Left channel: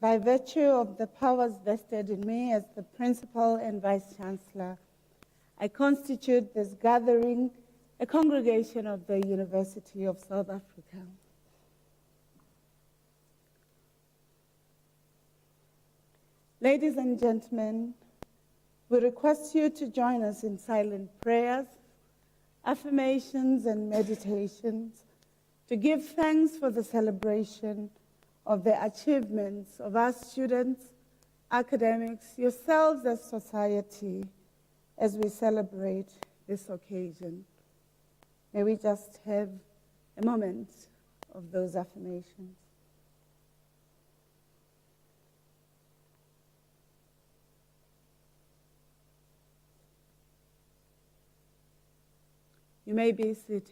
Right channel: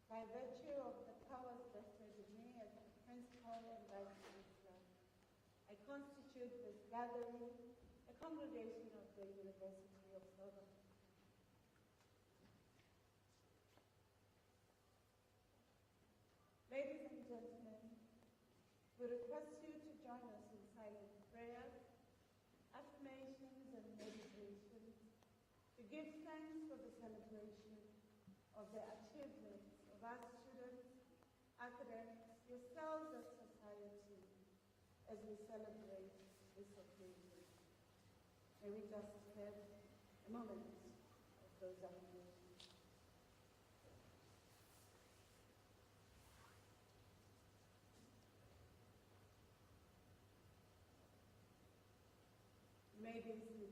By virtue of the powers vested in me as the Principal and Vice-Chancellor, I constitute this gathering a congregation of the University of South Africa. Ladies and gentlemen, we request you to join us in silent prayers, affirmations, and meditations to give thanks for the celebration of the achievements of our students, academics, yourselves as society, as we celebrate this occasion. May we just have a moment of those affirmations. You may be seated.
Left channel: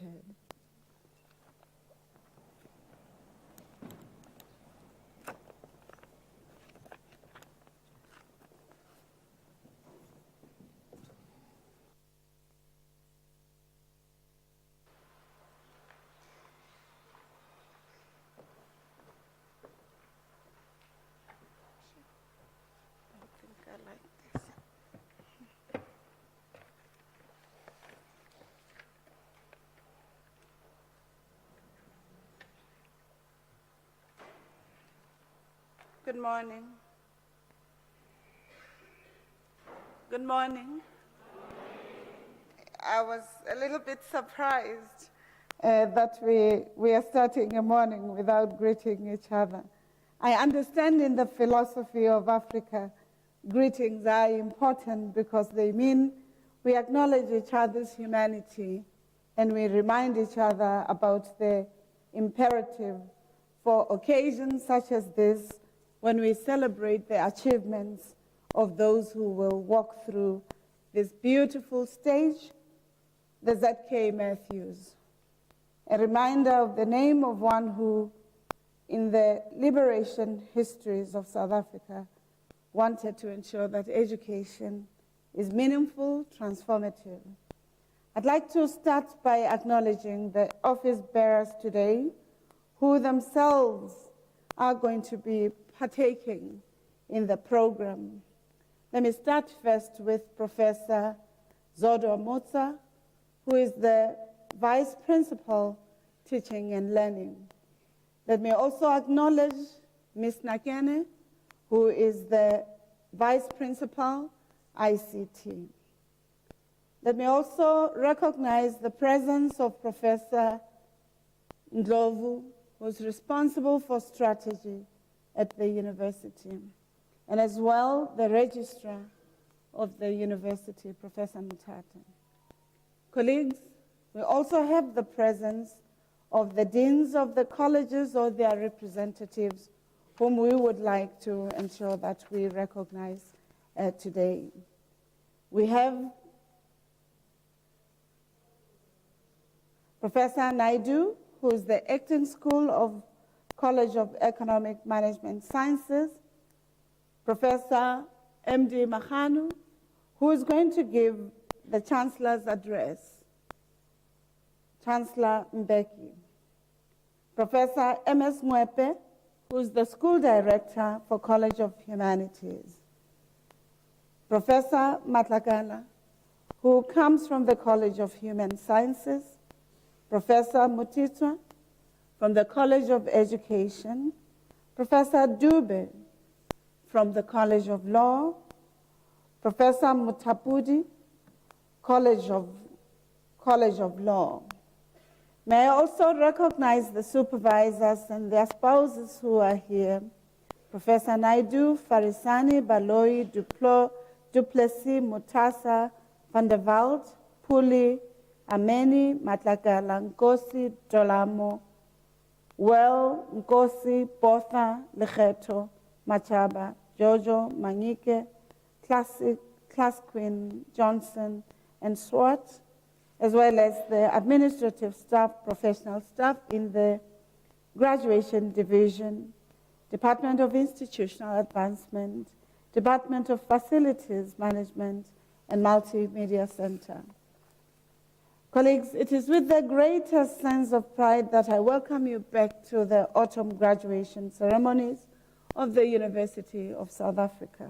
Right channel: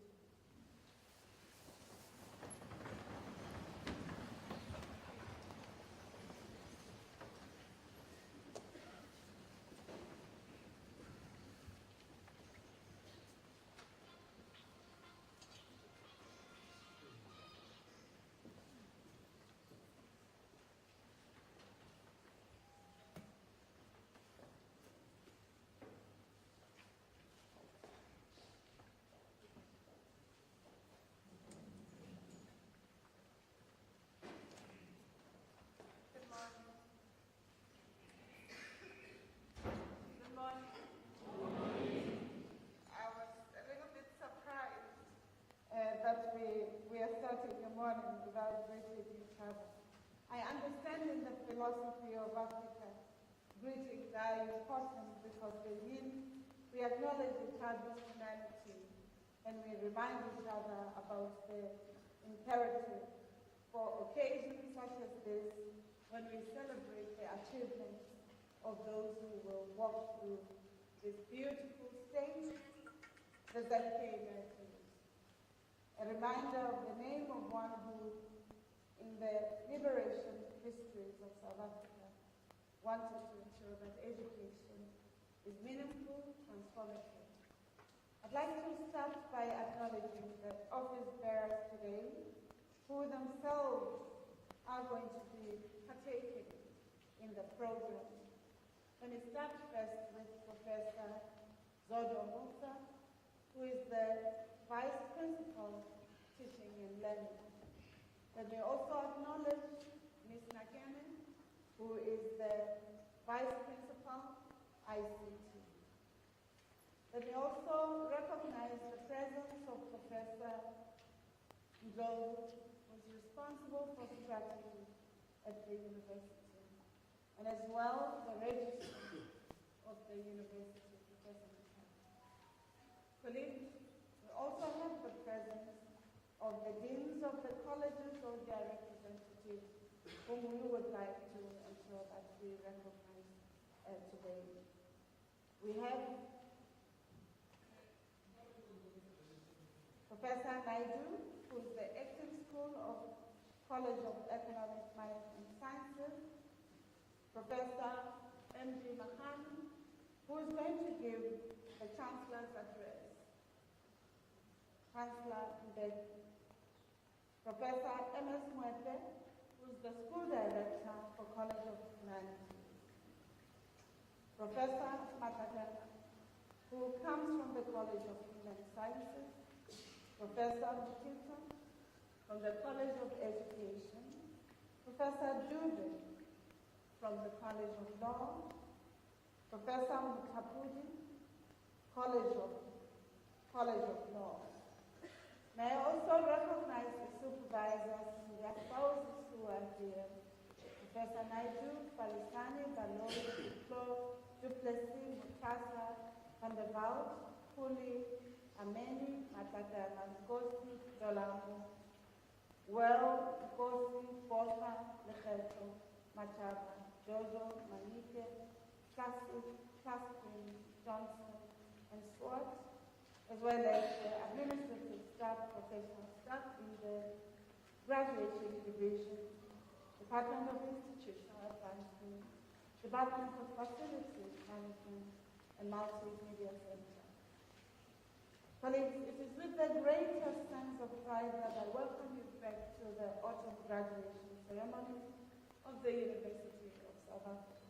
Good morning. Good morning. I was a little bit surprised that we are starting a morning without greeting each other. I understand in the philosophy of Africa, greetings are important because they mean we acknowledge each other's humanity and we remind each other about the imperative for occasions such as this, when we celebrate the achievements of those who will walk through this beautiful stage, the Z.K. Matthews. A reminder of the name of one who, in the liberation histories of South Africa, wanted to ensure that education is meaningful, transformative. I'd like to start by acknowledging the office bearers today, who themselves are going to be partaking in the program. Let me start first with Professor Zodo Motsa, who is the Vice Principal, Teaching and Learning. Let me also acknowledge Ms. Nakene, who is the Vice Principal, ICT. Let me also recognize the presence of Professor Ndlovu, who is responsible for strategy at the university, and as well the registrar of the university, Professor Mutata. Colleagues, we also have the presence of the deans of the colleges or their representatives, whom we would like to ensure that we recognize today. We have Professor Naidu, who is the Acton School of College of Economic Management Sciences, Professor M.D. Mahanu, who is going to give the Chancellor's address, Chancellor Mbeki, Professor M.S. Mwepe, who is the School Director for College of Humanities, Professor Matlakala, who comes from the College of Human Sciences, Professor Mutitwa, from the College of Education, Professor Dube from the College of Law, Professor Mutapudi, College of Law. May I also recognize the supervisors and their spouses who are here, Professor Naidu, Farisani, Baloi, Duplessis, Mutasa, Van der Walt, Puli, Ameni, Matlakala, Nkosi, Dolamo, Well, Nkosi, Botha, Lecheto, Machaba, Jojo, Mangike, Class Queen, Johnson, and Swart, as well as the administrative staff, professional staff in the Graduation Division, Department of Institutional Advancement, Department of Facilities Management, and Multimedia Center. Colleagues, it is with the greatest sense of pride that I welcome you back to the autumn graduation ceremonies of the University of South Africa.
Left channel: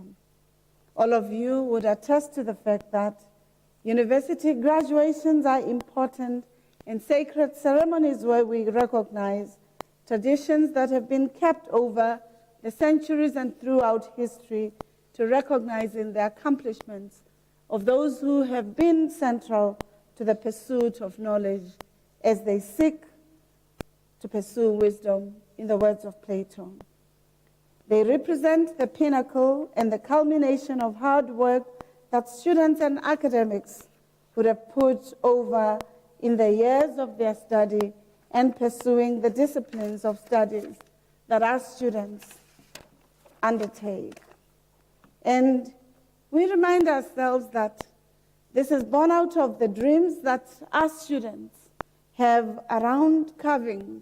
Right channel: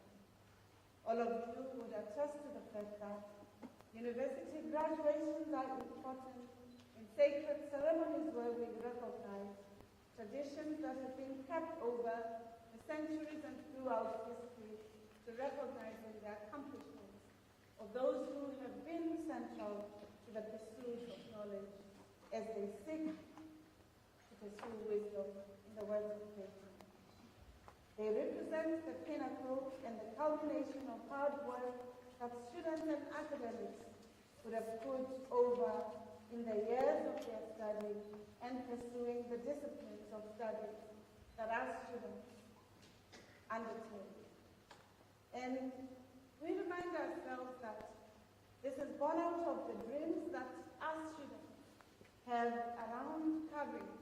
All of you would attest to the fact that university graduations are important and sacred ceremonies where we recognize traditions that have been kept over the centuries and throughout history to recognizing the accomplishments of those who have been central to the pursuit of knowledge as they seek to pursue wisdom, in the words of Plato. They represent the pinnacle and the culmination of hard work that students and academics would have put over in the years of their study and pursuing the disciplines of studies that our students undertake. And we remind ourselves that this is born out of the dreams that our students have around carving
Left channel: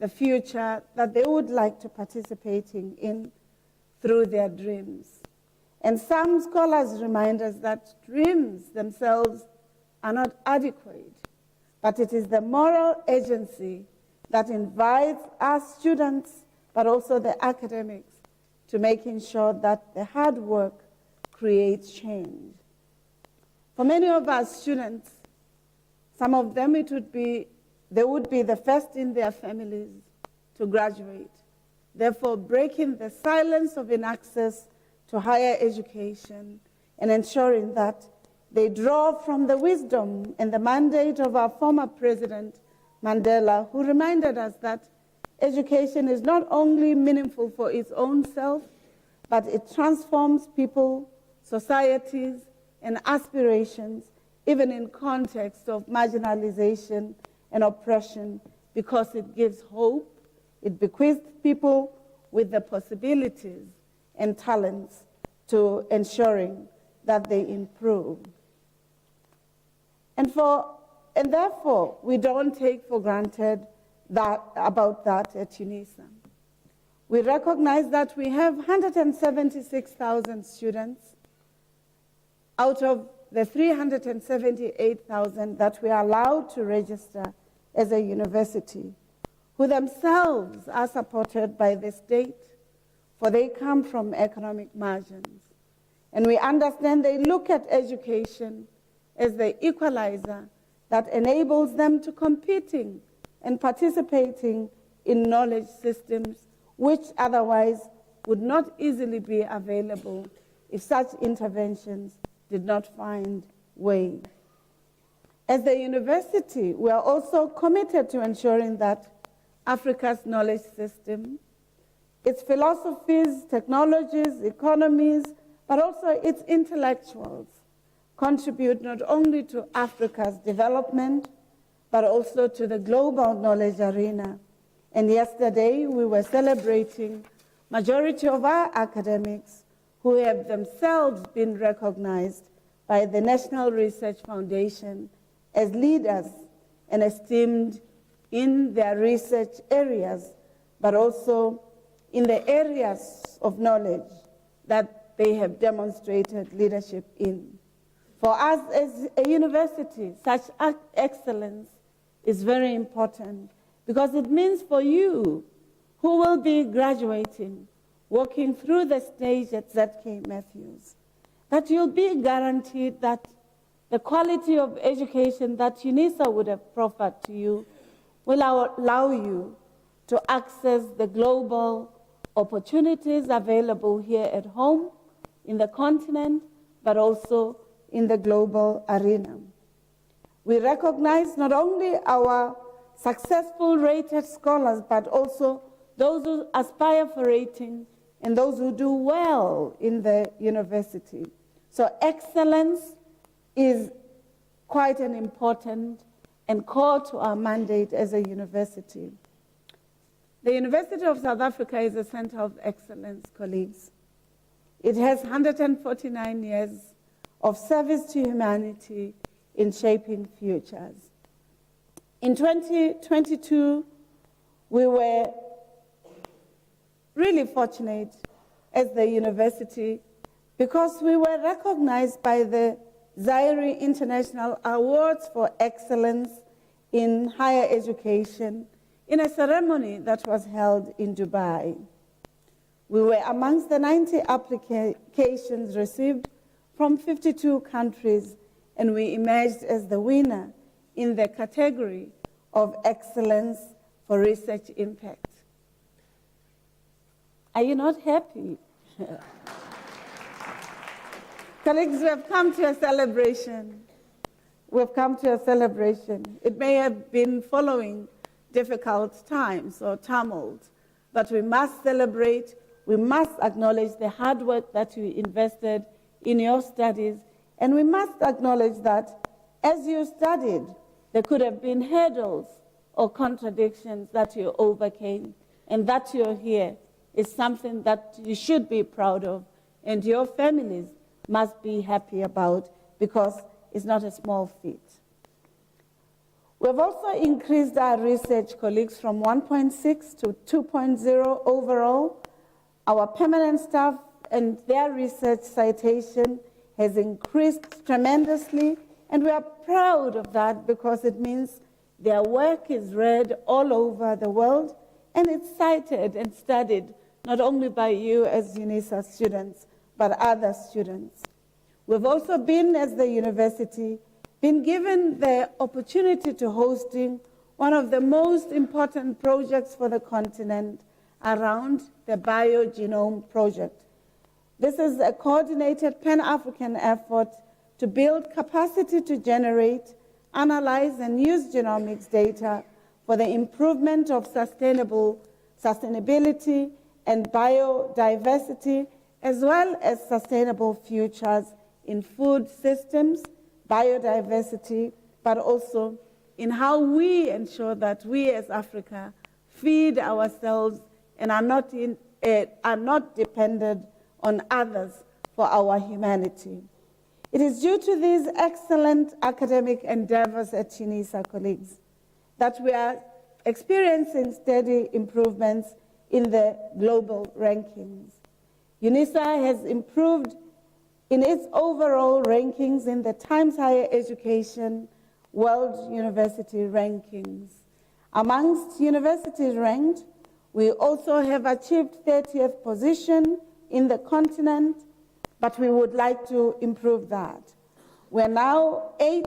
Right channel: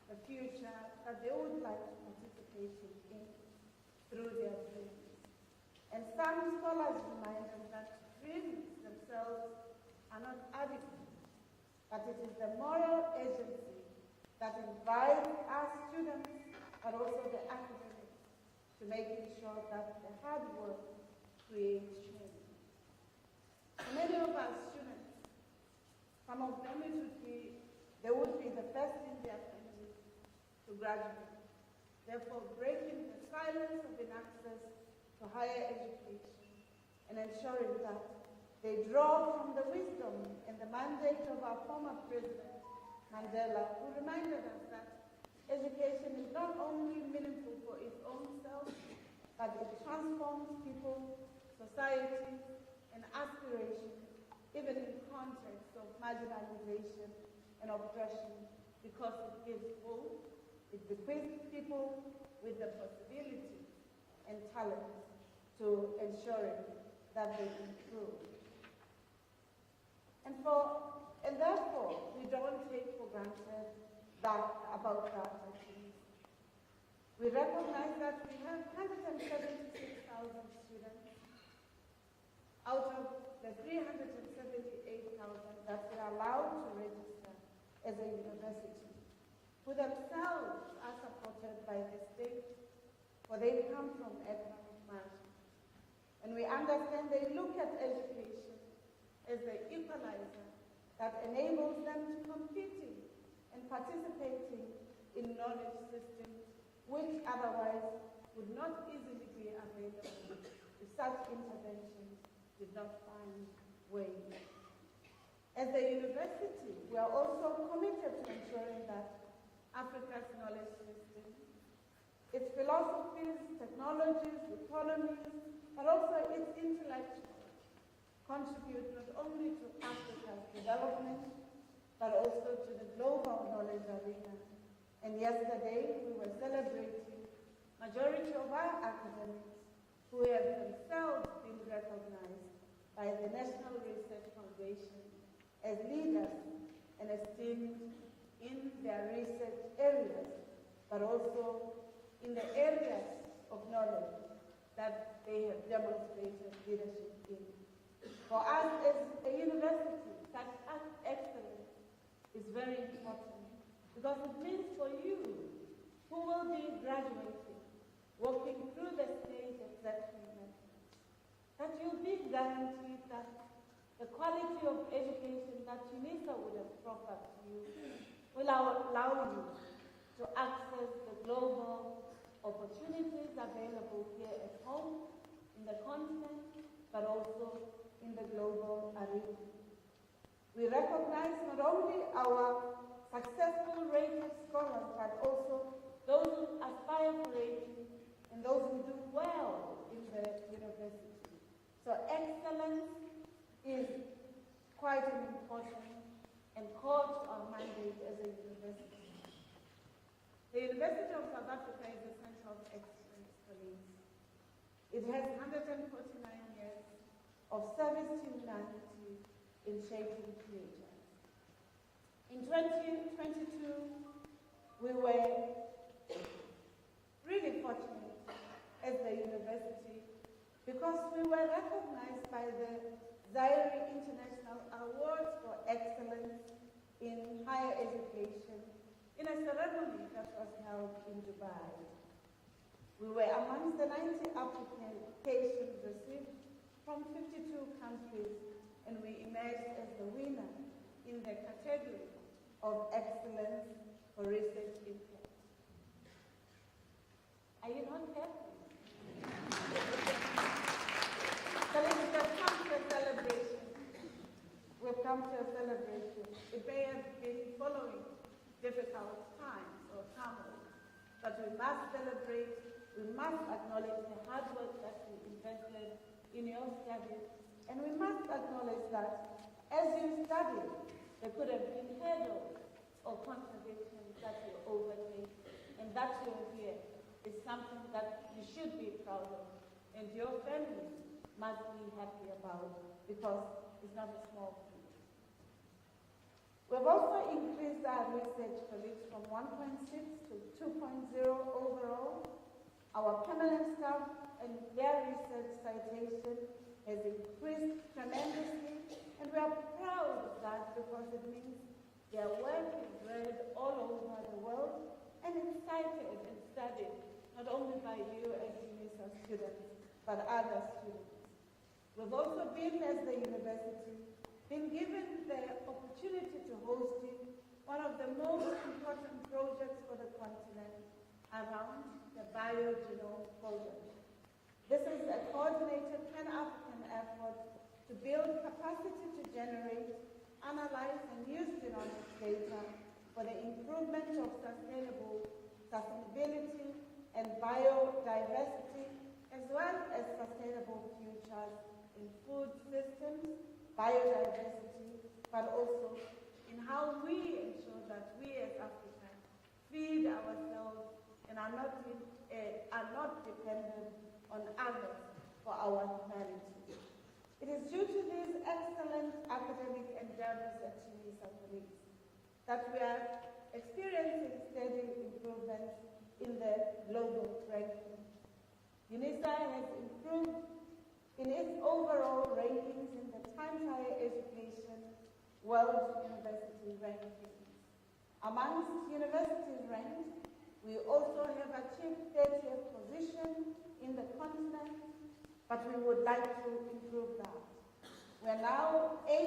the future that they would like to participate in through their dreams. And some scholars remind us that dreams themselves are not adequate, but it is the moral agency that invites our students, but also the academics, to making sure that the hard work creates change. For many of our students, some of them they would be the first in their families to graduate, therefore breaking the silence of inaccess to higher education and ensuring that they draw from the wisdom and the mandate of our former President Mandela, who reminded us that education is not only meaningful for its own self, but it transforms people, societies, and aspirations, even in context of marginalization and oppression, because it gives hope, it bequeaths people with the possibilities and talents to ensuring that they improve. And therefore, we don't take for granted about that at Unisa. We recognize that we have 176,000 students out of the 378,000 that we are allowed to register as a university, who themselves are supported by the state, for they come from economic margins. And we understand they look at education as the equalizer that enables them to competing and participating in knowledge systems which otherwise would not easily be available if such interventions did not find way. As the university, we are also committed to ensuring that Africa's knowledge system, its philosophies, technologies, economies, but also its intellectuals contribute not only to Africa's development, but also to the global knowledge arena. And yesterday, we were celebrating majority of our academics who have themselves been recognized by the National Research Foundation as leaders and esteemed in their research areas, but also in the areas of knowledge that they have demonstrated leadership in. For us as a university, such excellence is very important because it means for you who will be graduating, walking through the stage at ZK Matthews, that you'll be guaranteed that the quality of education that Unisa would have proffered to you will allow you to access the global opportunities available here at home, in the continent, but also in the global arena. We recognize not only our successful rated scholars, but also those who aspire for rating and those who do well in the university. So excellence is quite an important and core to our mandate as a university. The University of South Africa is a center of excellence, colleagues. It has 149 years of service to humanity in shaping futures. In 2022, we were really fortunate as the university because we were recognized by the Zaire International Awards for Excellence in Higher Education in a ceremony that was held in Dubai. We were amongst the 90 applications received from 52 countries, and we emerged as the winner in the category of excellence for research impact. Are you not happy? Colleagues, we have come to a celebration. We've come to a celebration. It may have been following difficult times or tumult, but we must celebrate. We must acknowledge the hard work that you invested in your studies, and we must acknowledge that as you studied, there could have been hurdles or contradictions that you overcame, and that you're here is something that you should be proud of, and your families must be happy about, because it's not a small feat. We've also increased our research colleagues from 1.6 to 2.0 overall. Our permanent staff and their research citation has increased tremendously, and we are proud of that because it means their work is read all over the world, and it's cited and studied not only by you as Unisa students, but other students. We've also been, as the university, been given the opportunity to hosting one of the most important projects for the continent around the Biogenome Project. This is a coordinated Pan-African effort to build capacity to generate, analyze, and use genomics data for the improvement of sustainability and biodiversity, as well as sustainable futures in food systems, biodiversity, but also in how we ensure that we as Africa feed ourselves and are not dependent on others for our humanity. It is due to these excellent academic endeavors at Unisa, colleagues, that we are experiencing steady improvements in the global rankings. Unisa has improved in its overall rankings in the Times Higher Education World University Rankings. Amongst universities ranked, we also have achieved 30th position in the continent, but we would like to improve that. We're now 8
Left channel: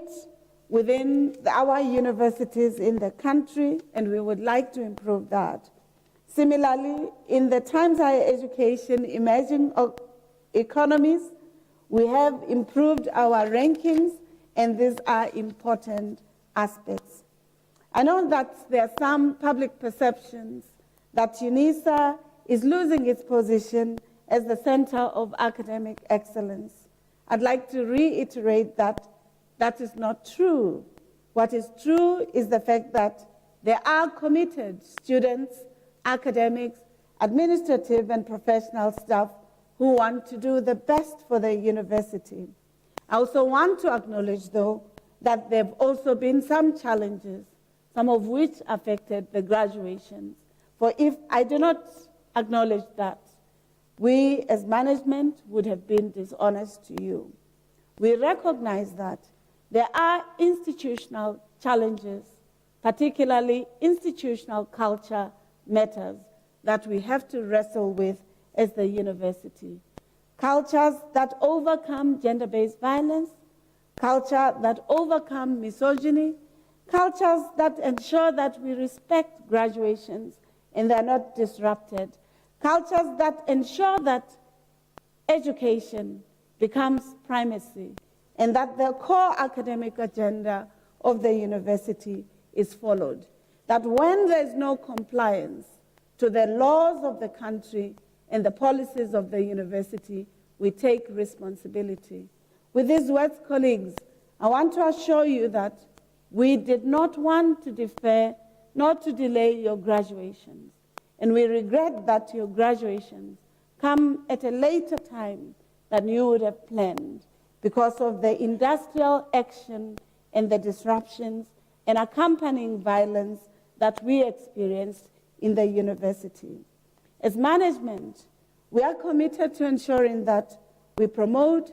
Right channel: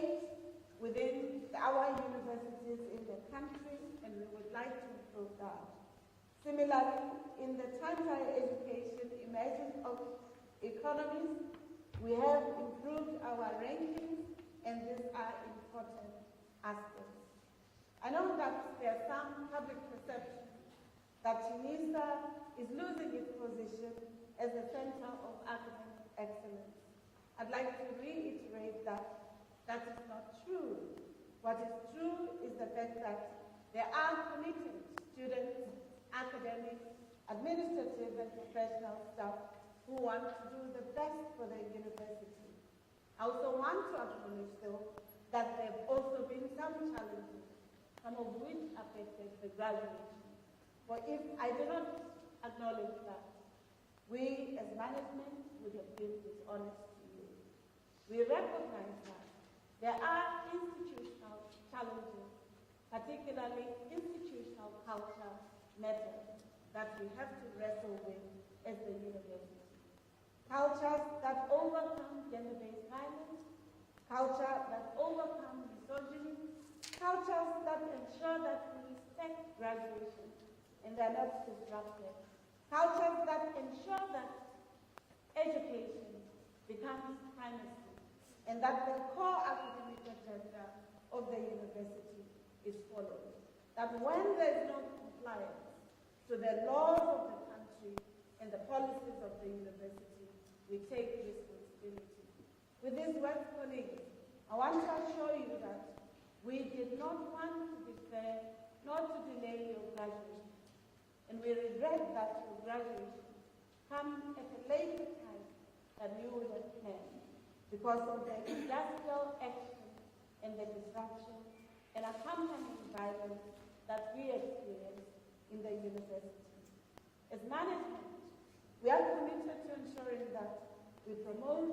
within our universities in the country, and we would like to improve that. Similarly, in the Times Higher Education Emerging Economies, we have improved our rankings, and these are important aspects. I know that there are some public perceptions that Unisa is losing its position as the center of academic excellence. I'd like to reiterate that that is not true. What is true is the fact that there are committed students, academics, administrative and professional staff who want to do the best for the university. I also want to acknowledge, though, that there have also been some challenges, some of which affected the graduations. For if I do not acknowledge that, we as management would have been dishonest to you. We recognize that there are institutional challenges, particularly institutional culture matters, that we have to wrestle with as the university. Cultures that overcome gender-based violence, culture that overcome misogyny, cultures that ensure that we respect graduations and they're not disrupted, cultures that ensure that education becomes primacy and that the core academic agenda of the university is followed. That when there is no compliance to the laws of the country and the policies of the university, we take responsibility. With these words, colleagues, I want to assure you that we did not want to defer nor to delay your graduations. And we regret that your graduations come at a later time than you would have planned because of the industrial action and the disruptions and accompanying violence that we experienced in the university. As management, we are committed to ensuring that we promote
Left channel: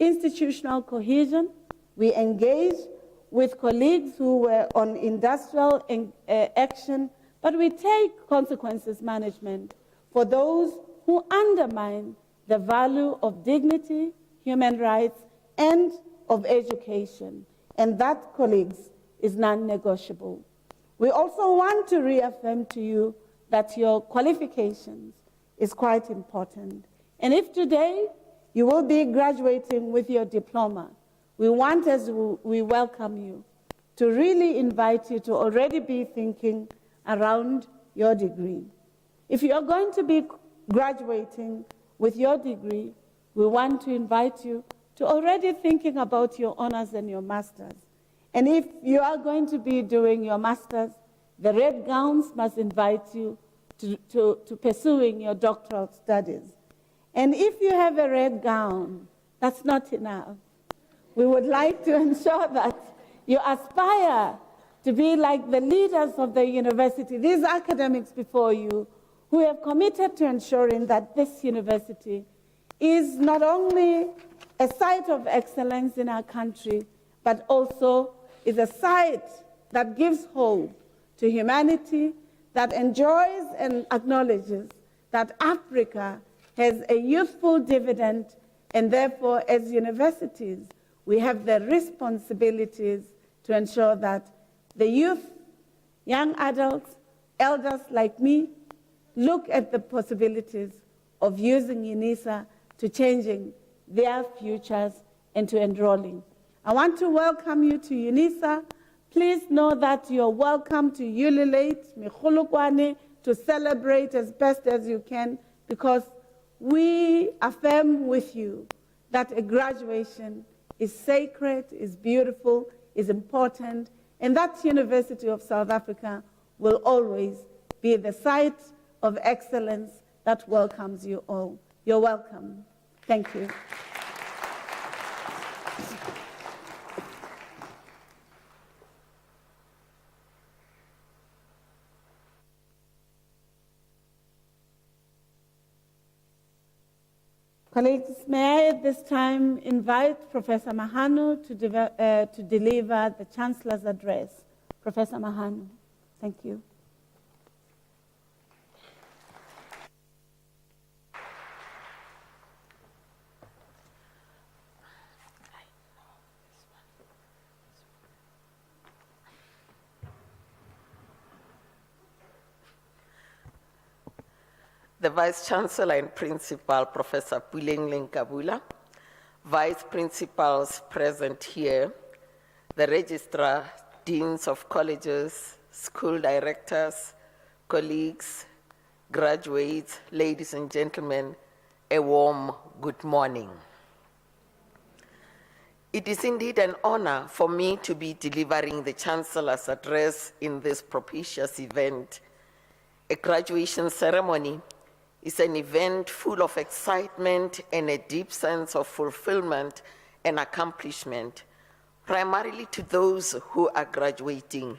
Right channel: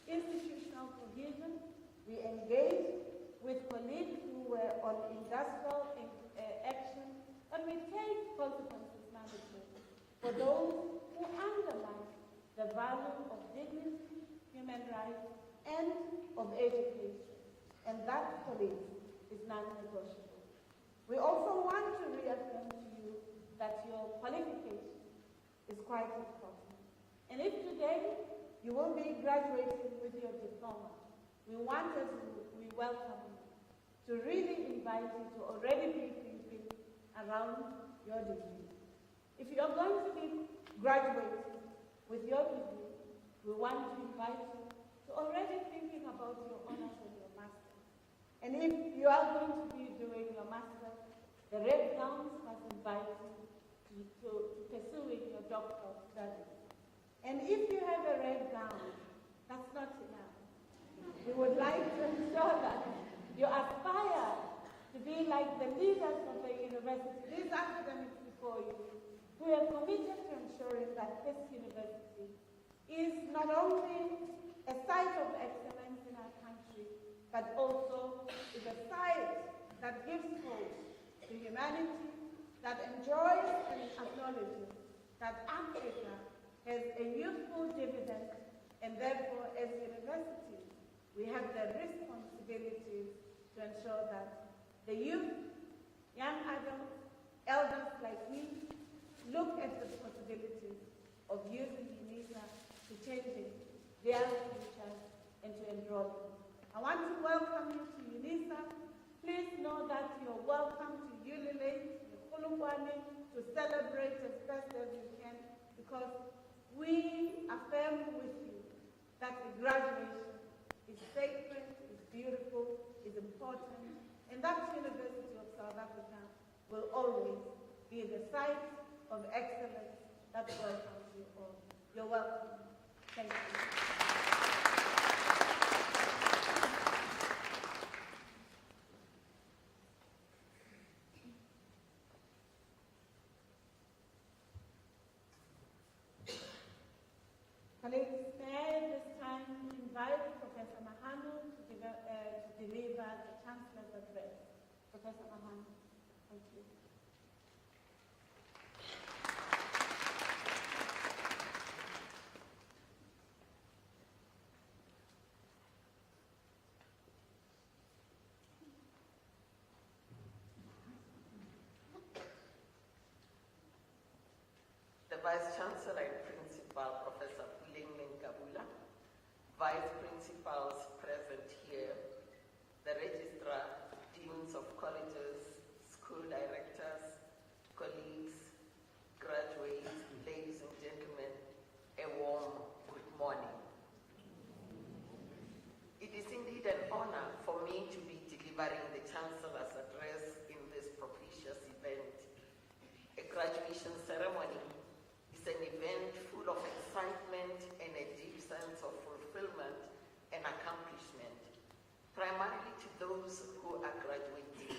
institutional cohesion, we engage with colleagues who were on industrial action, but we take consequences management for those who undermine the value of dignity, human rights, and of education. And that, colleagues, is non-negotiable. We also want to reaffirm to you that your qualifications is quite important. And if today you will be graduating with your diploma, we want, as we welcome you, to really invite you to already be thinking around your degree. If you are going to be graduating with your degree, we want to invite you to already thinking about your honors and your masters. And if you are going to be doing your masters, the red gowns must invite you to pursuing your doctoral studies. And if you have a red gown, that's not enough. We would like to ensure that you aspire to be like the leaders of the university, these academics before you, who have committed to ensuring that this university is not only a site of excellence in our country, but also is a site that gives hope to humanity, that enjoys and acknowledges that Africa has a youthful dividend, and therefore, as universities, we have the responsibilities to ensure that the youth, young adults, elders like me, look at the possibilities of using Unisa to changing their futures and to enrolling. I want to welcome you to Unisa. Please know that you're welcome to ululate, Mikhulukwane, to celebrate as best as you can, because we affirm with you that a graduation is sacred, is beautiful, is important, and that University of South Africa will always be the site of excellence that welcomes you all. You're welcome. Thank you. Colleagues, may I at this time invite Professor Mahano to deliver the Chancellor's address. Professor Mahano, thank you. The Vice-Chancellor and Principal, Professor Puleng Kabula, Vice Principals present here, the Registrar, Deans of Colleges, School Directors, colleagues, graduates, ladies and gentlemen, a warm good morning. It is indeed an honor for me to be delivering the Chancellor's address in this propitious event. A graduation ceremony is an event full of excitement and a deep sense of fulfillment and accomplishment, primarily to those who are graduating,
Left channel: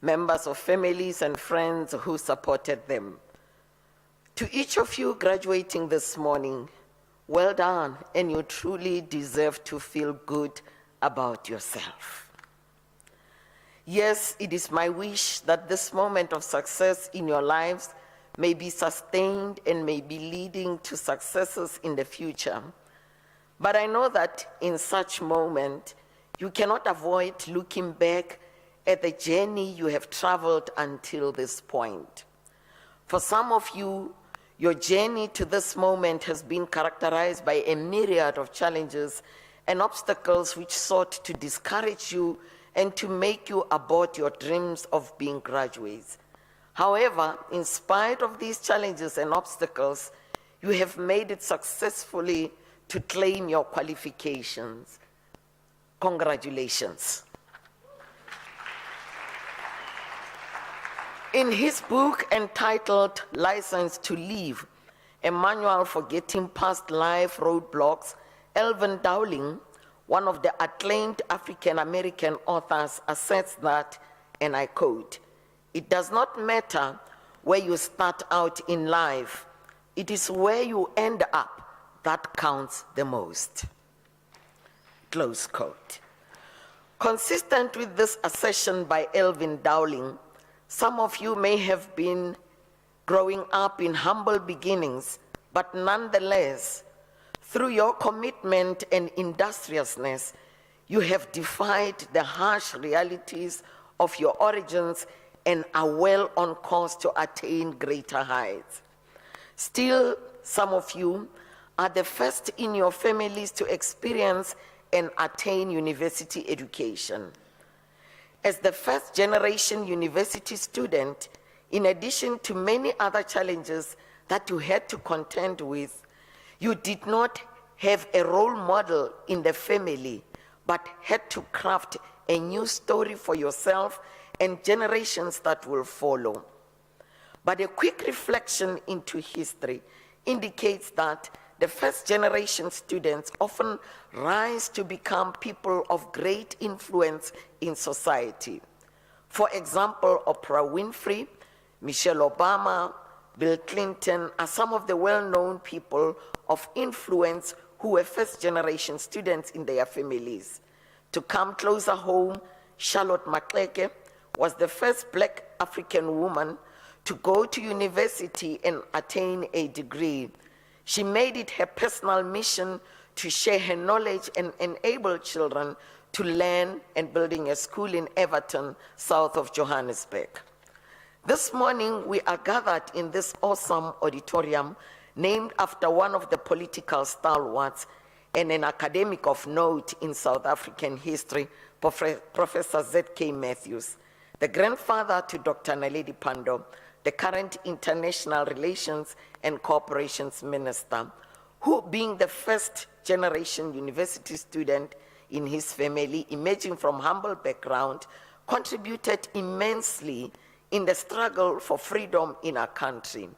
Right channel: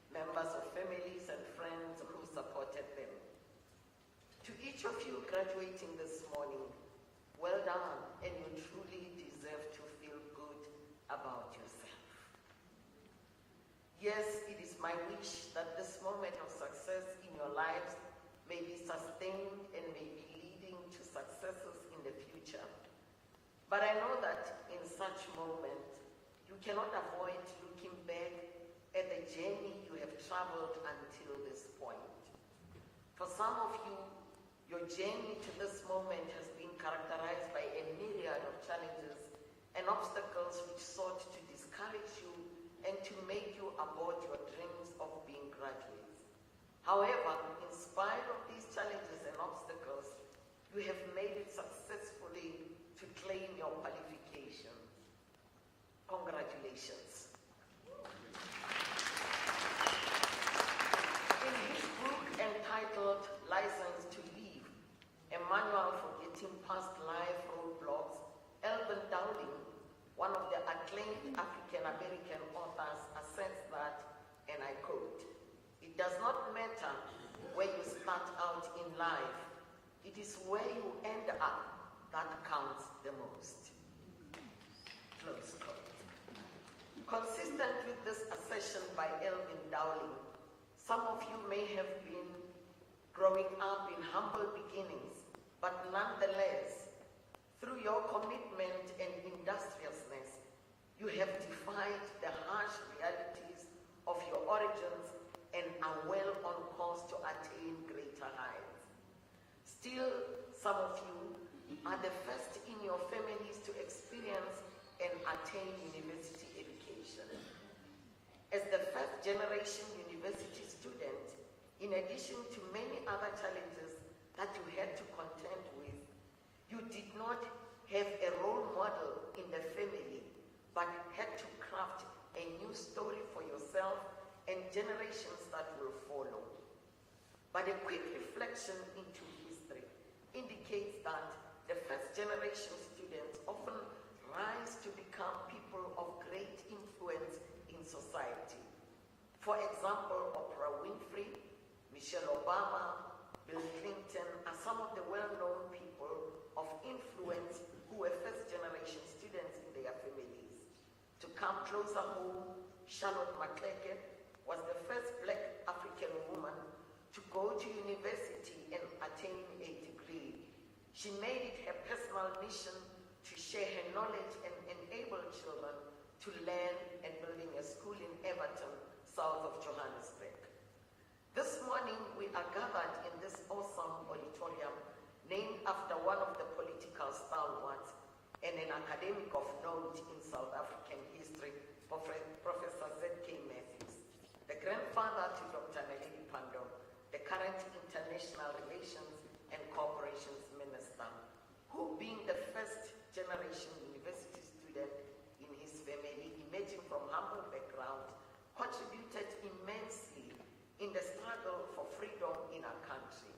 members of families and friends who supported them. To each of you graduating this morning, well done, and you truly deserve to feel good about yourself. Yes, it is my wish that this moment of success in your lives may be sustained and may be leading to successes in the future. But I know that in such moment, you cannot avoid looking back at the journey you have traveled until this point. For some of you, your journey to this moment has been characterized by a myriad of challenges and obstacles which sought to discourage you and to make you abort your dreams of being graduates. However, in spite of these challenges and obstacles, you have made it successfully to claim your qualifications. Congratulations. In his book entitled License to Live, a manual for getting past life roadblocks, Elvin Dowling, one of the acclaimed African-American authors, asserts that, and I quote, "It does not matter where you start out in life. It is where you end up that counts the most." Close quote. Consistent with this assertion by Elvin Dowling, some of you may have been growing up in humble beginnings, but nonetheless, through your commitment and industriousness, you have defied the harsh realities of your origins and are well on course to attain greater heights. Still, some of you are the first in your families to experience and attain university education. As the first generation university student, in addition to many other challenges that you had to contend with, you did not have a role model in the family, but had to craft a new story for yourself and generations that will follow. But a quick reflection into history indicates that the first generation students often rise to become people of great influence in society. For example, Oprah Winfrey, Michelle Obama, Bill Clinton are some of the well-known people of influence who were first-generation students in their families. To come closer home, Charlotte Maxeke was the first Black African woman to go to university and attain a degree. She made it her personal mission to share her knowledge and enable children to learn, and building a school in Everton, south of Johannesburg. This morning, we are gathered in this awesome auditorium named after one of the political stalwarts and an academic of note in South African history, Professor Z.K. Matthews, the grandfather to Dr. Naledi Pandor, the current International Relations and Cooperations Minister, who, being the first generation university student in his family, emerging from humble background, contributed immensely in the struggle for freedom in our country.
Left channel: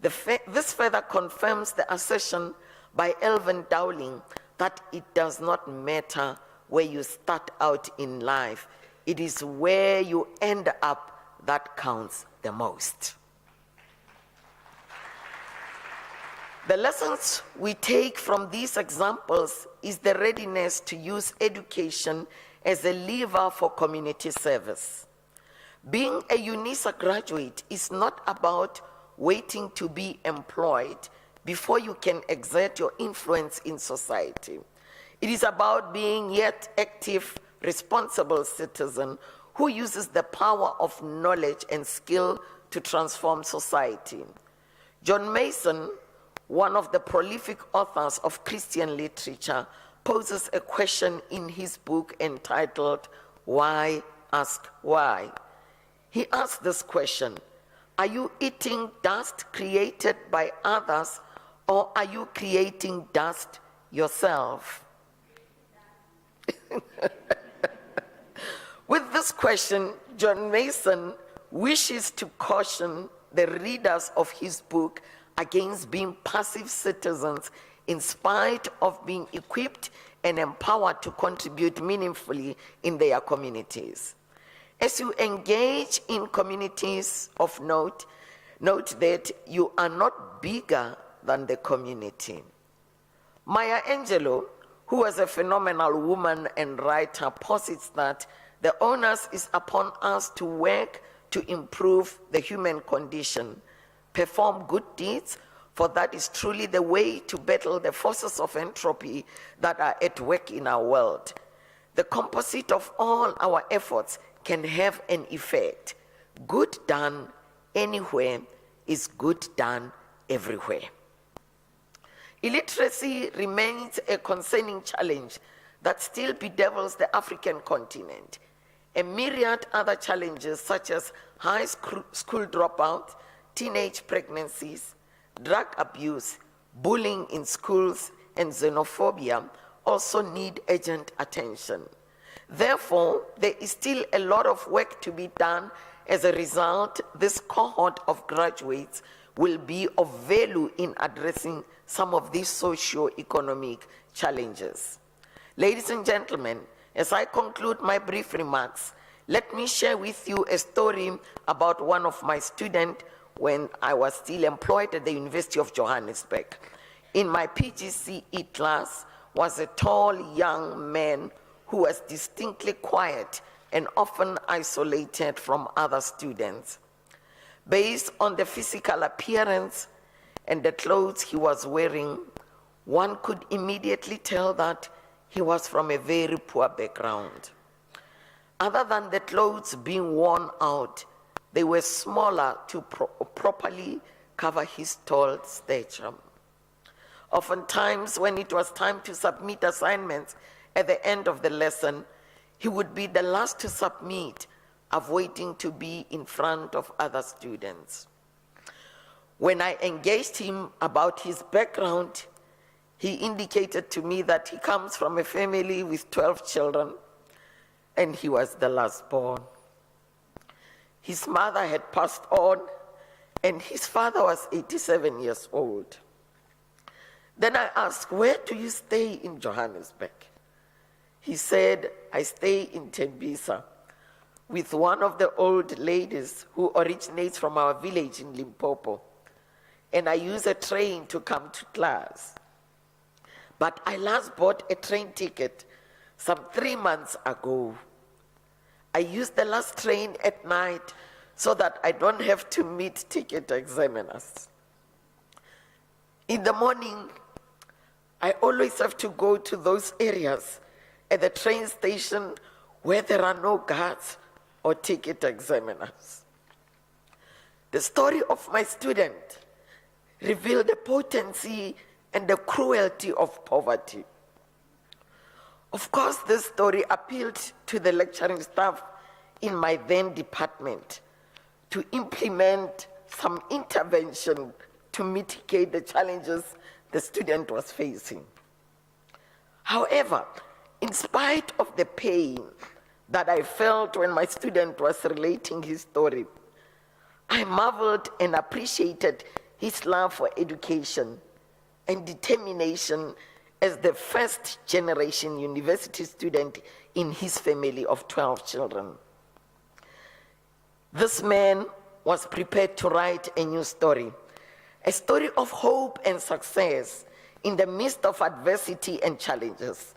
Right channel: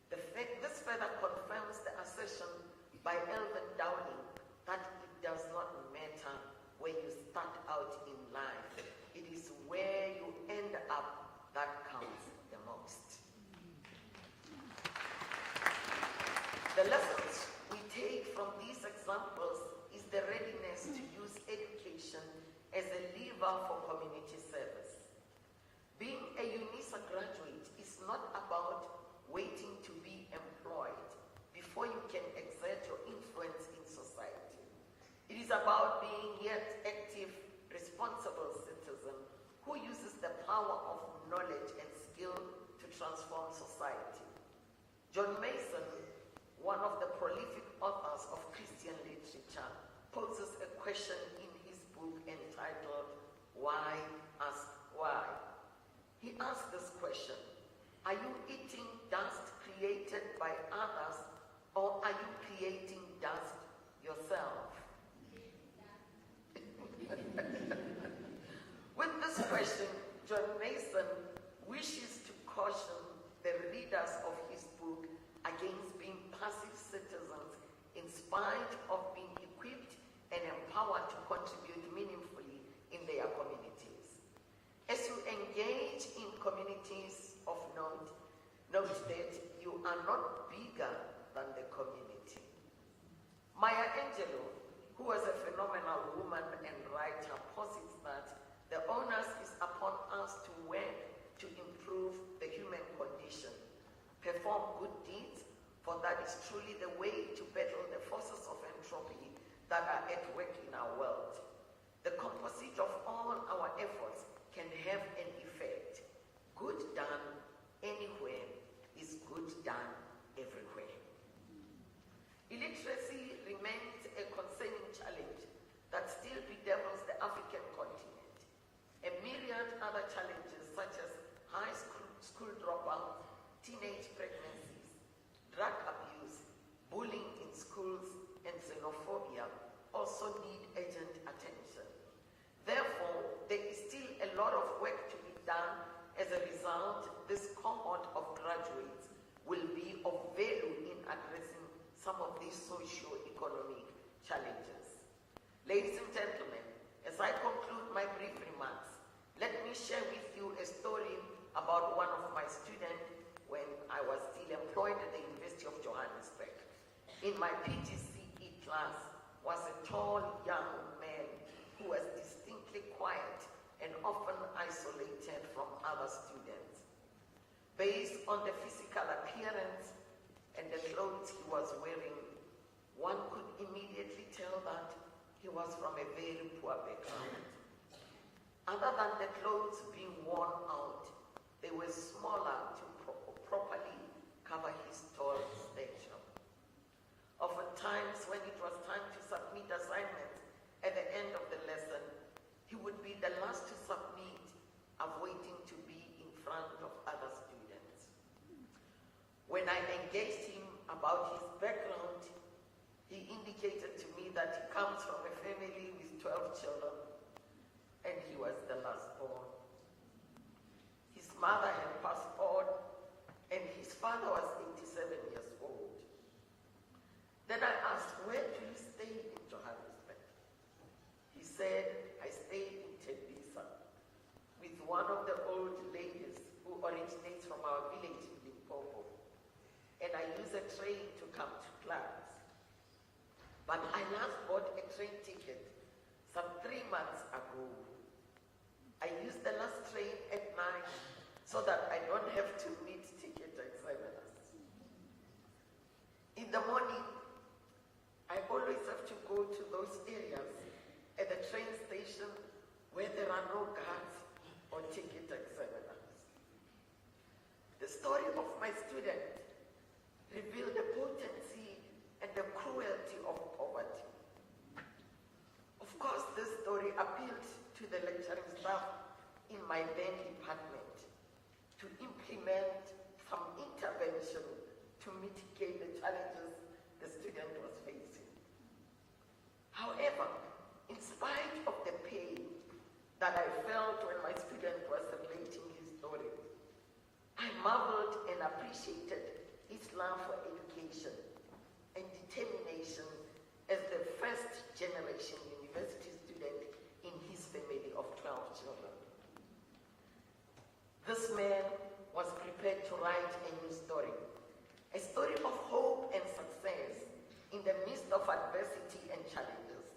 This further confirms the assertion by Elvin Dowling that it does not matter where you start out in life, it is where you end up that counts the most. The lessons we take from these examples is the readiness to use education as a lever for community service. Being a Unisa graduate is not about waiting to be employed before you can exert your influence in society. It is about being yet active, responsible citizen who uses the power of knowledge and skill to transform society. John Mason, one of the prolific authors of Christian literature, poses a question in his book entitled, Why Ask Why? He asks this question: are you eating dust created by others, or are you creating dust yourself? With this question, John Mason wishes to caution the readers of his book against being passive citizens in spite of being equipped and empowered to contribute meaningfully in their communities. As you engage in communities of note, note that you are not bigger than the community. Maya Angelou, who was a phenomenal woman and writer, posits that the onus is upon us to work to improve the human condition, perform good deeds, for that is truly the way to battle the forces of entropy that are at work in our world. The composite of all our efforts can have an effect. Good done anywhere is good done everywhere. Illiteracy remains a concerning challenge that still bedevils the African continent. A myriad other challenges such as high school dropout, teenage pregnancies, drug abuse, bullying in schools, and xenophobia also need urgent attention. Therefore, there is still a lot of work to be done. As a result, this cohort of graduates will be of value in addressing some of these socio-economic challenges. Ladies and gentlemen, as I conclude my brief remarks, let me share with you a story about one of my students when I was still employed at the University of Johannesburg. In my PGCE class was a tall young man who was distinctly quiet and often isolated from other students. Based on the physical appearance and the clothes he was wearing, one could immediately tell that he was from a very poor background. Other than the clothes being worn out, they were smaller to properly cover his tall stature. Oftentimes, when it was time to submit assignments at the end of the lesson, he would be the last to submit, avoiding to be in front of other students. When I engaged him about his background, he indicated to me that he comes from a family with 12 children, and he was the last born. His mother had passed on, and his father was 87 years old. Then I asked, where do you stay in Johannesburg? He said, I stay in Tembisa with one of the old ladies who originates from our village in Limpopo, and I use a train to come to class. But I last bought a train ticket some 3 months ago. I use the last train at night so that I don't have to meet ticket examiners. In the morning, I always have to go to those areas at the train station where there are no guards or ticket examiners. The story of my student revealed the potency and the cruelty of poverty. Of course, this story appealed to the lecturing staff in my then department to implement some intervention to mitigate the challenges the student was facing. However, in spite of the pain that I felt when my student was relating his story, I marveled and appreciated his love for education and determination as the first generation university student in his family of 12 children. This man was prepared to write a new story, a story of hope and success in the midst of adversity and challenges.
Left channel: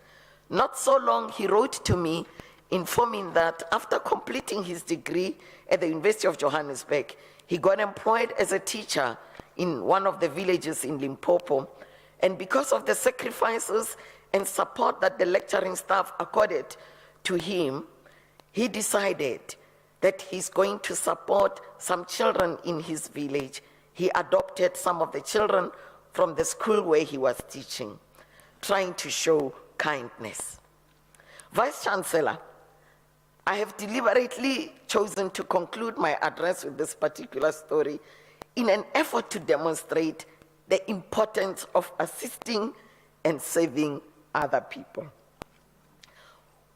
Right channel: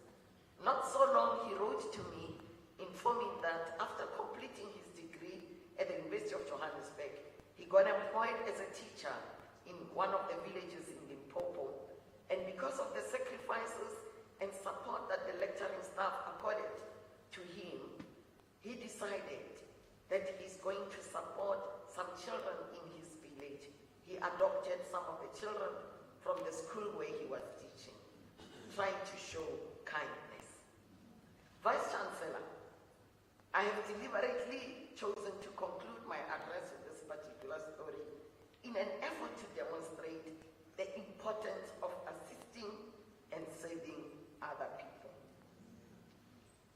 Not so long, he wrote to me informing that after completing his degree at the University of Johannesburg, he got employed as a teacher in one of the villages in Limpopo. And because of the sacrifices and support that the lecturing staff accorded to him, he decided that he's going to support some children in his village. He adopted some of the children from the school where he was teaching, trying to show kindness. Vice Chancellor, I have deliberately chosen to conclude my address with this particular story in an effort to demonstrate the importance of assisting and saving other people.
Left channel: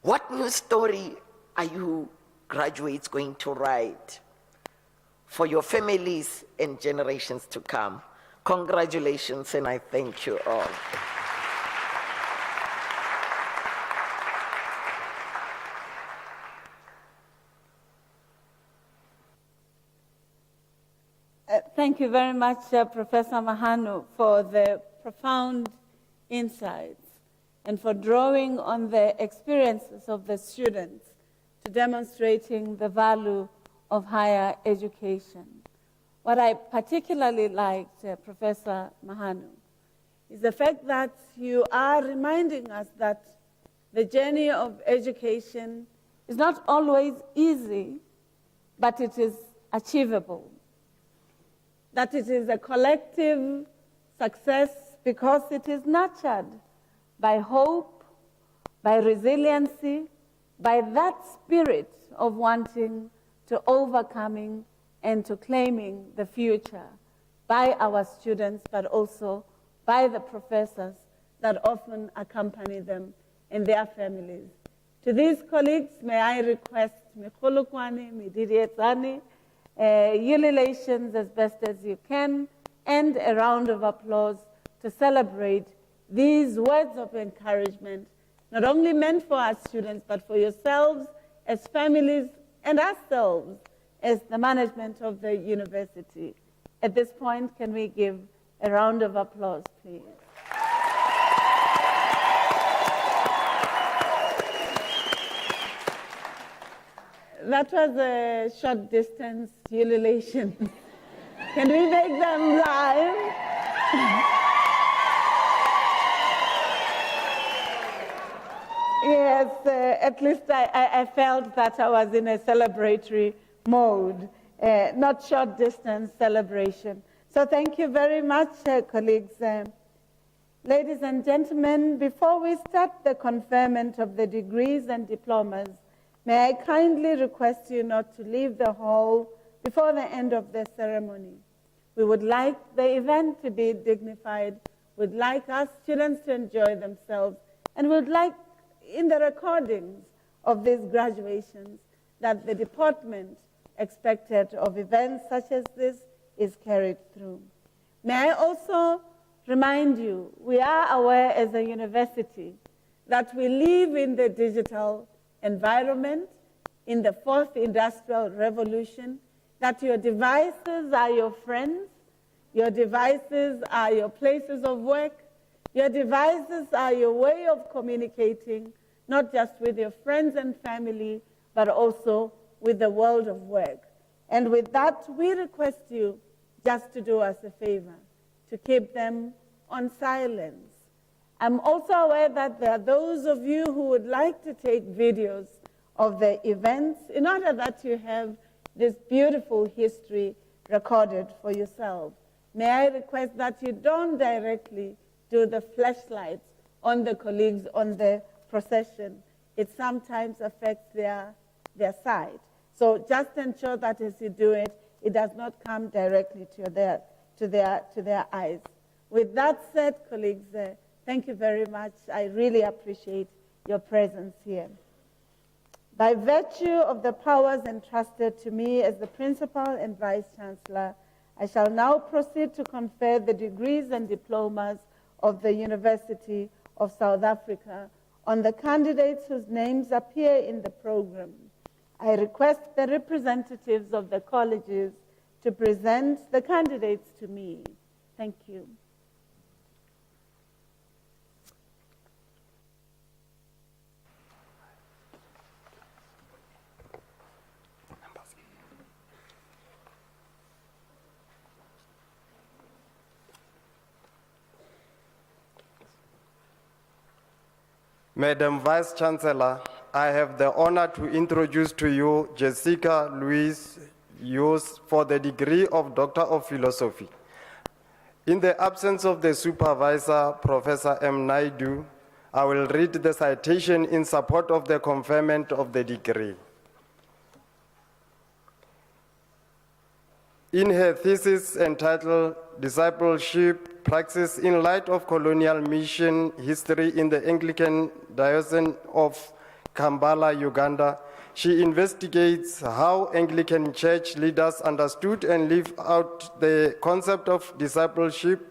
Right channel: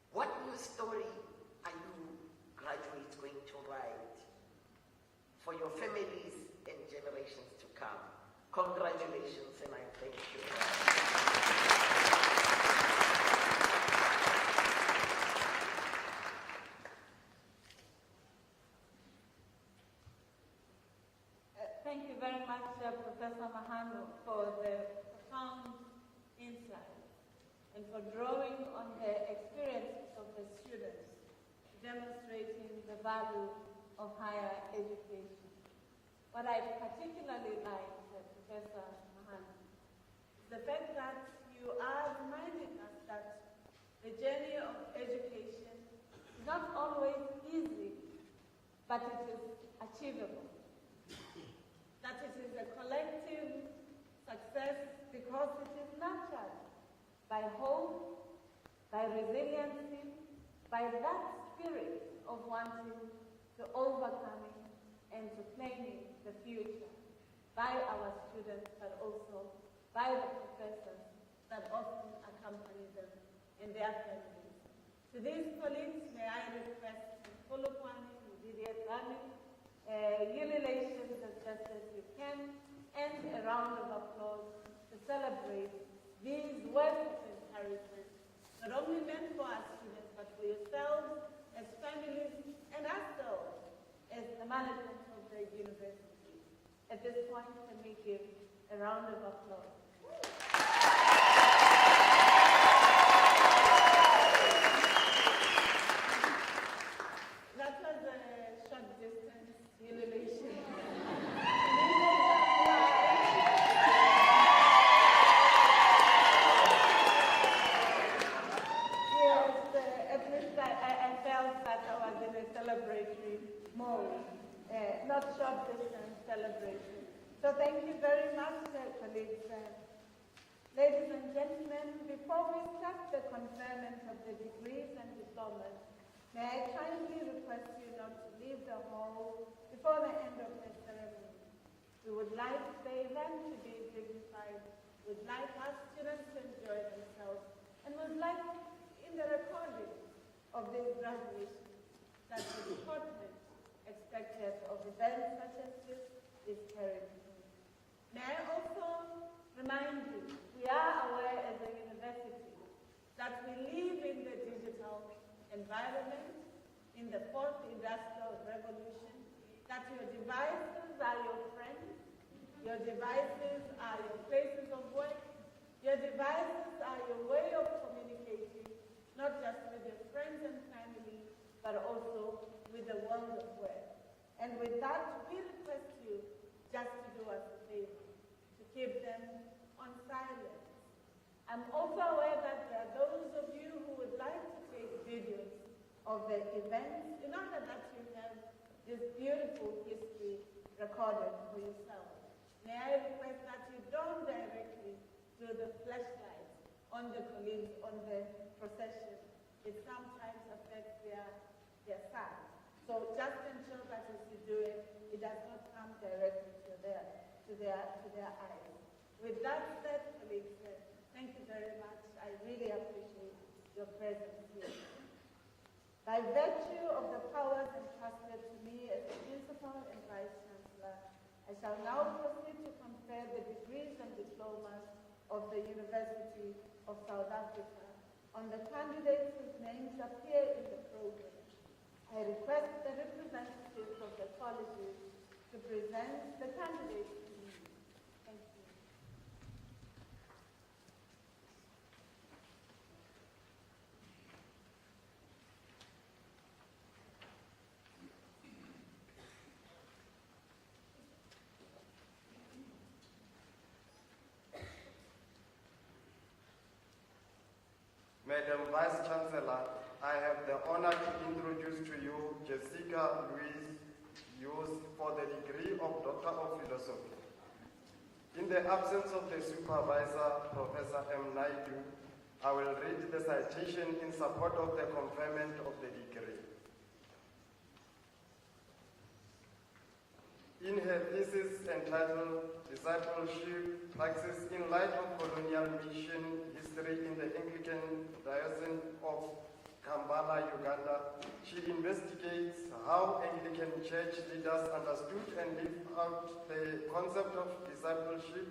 What new story are you graduates going to write for your families and generations to come? Congratulations, and I thank you all. Thank you very much, Professor Mahanu, for the profound insights and for drawing on the experiences of the students to demonstrating the value of higher education. What I particularly liked, Professor Mahanu, is the fact that you are reminding us that the journey of education is not always easy, but it is achievable. That it is a collective success because it is nurtured by hope, by resiliency, by that spirit of wanting to overcoming and to claiming the future by our students, but also by the professors that often accompany them and their families. To these colleagues, may I request Mkhulukwani, Midirietsani, ululations as best as you can, and a round of applause to celebrate these words of encouragement, not only meant for our students, but for yourselves as families and ourselves as the management of the university. At this point, can we give a round of applause, please? That was a short distance ululation. Can we make them live? at least I felt that I was in a celebratory mode, not short distance celebration. So thank you very much, colleagues. Ladies and gentlemen, before we start the conferment of the degrees and diplomas, may I kindly request you not to leave the hall before the end of the ceremony. We would like the event to be dignified, would like our students to enjoy themselves, and would like, in the recordings of these graduations, that the department expected of events such as this is carried through. May I also remind you, we are aware as a university that we live in the digital environment, in the fourth industrial revolution, that your devices are your friends, your devices are your places of work, your devices are your way of communicating, not just with your friends and family, but also with the world of work. And with that, we request you just to do us a favor, to keep them on silence. I'm also aware that there are those of you who would like to take videos of the events in order that you have this beautiful history recorded for yourself. May I request that you don't directly do the flashlights on the colleagues on the procession. It sometimes affects their sight. So just ensure that as you do it, it does not come directly to their eyes. With that said, colleagues, thank you very much. I really appreciate your presence here. By virtue of the powers entrusted to me as the Principal and Vice Chancellor, I shall now proceed to confer the degrees and diplomas of the University of South Africa on the candidates whose names appear in the program. I request the representatives of the colleges to present the candidates to me. Thank you. Madam Vice Chancellor, I have the honor to introduce to you Jessica Louise Hughes for the degree of Doctor of Philosophy. In the absence of the supervisor, Professor M. Naidu, I will read the citation in support of the conferment of the degree. In her thesis entitled Discipleship Praxis in Light of Colonial Mission History in the Anglican Diocese of Kampala, Uganda, she investigates how Anglican Church leaders understood and lived out the concept of discipleship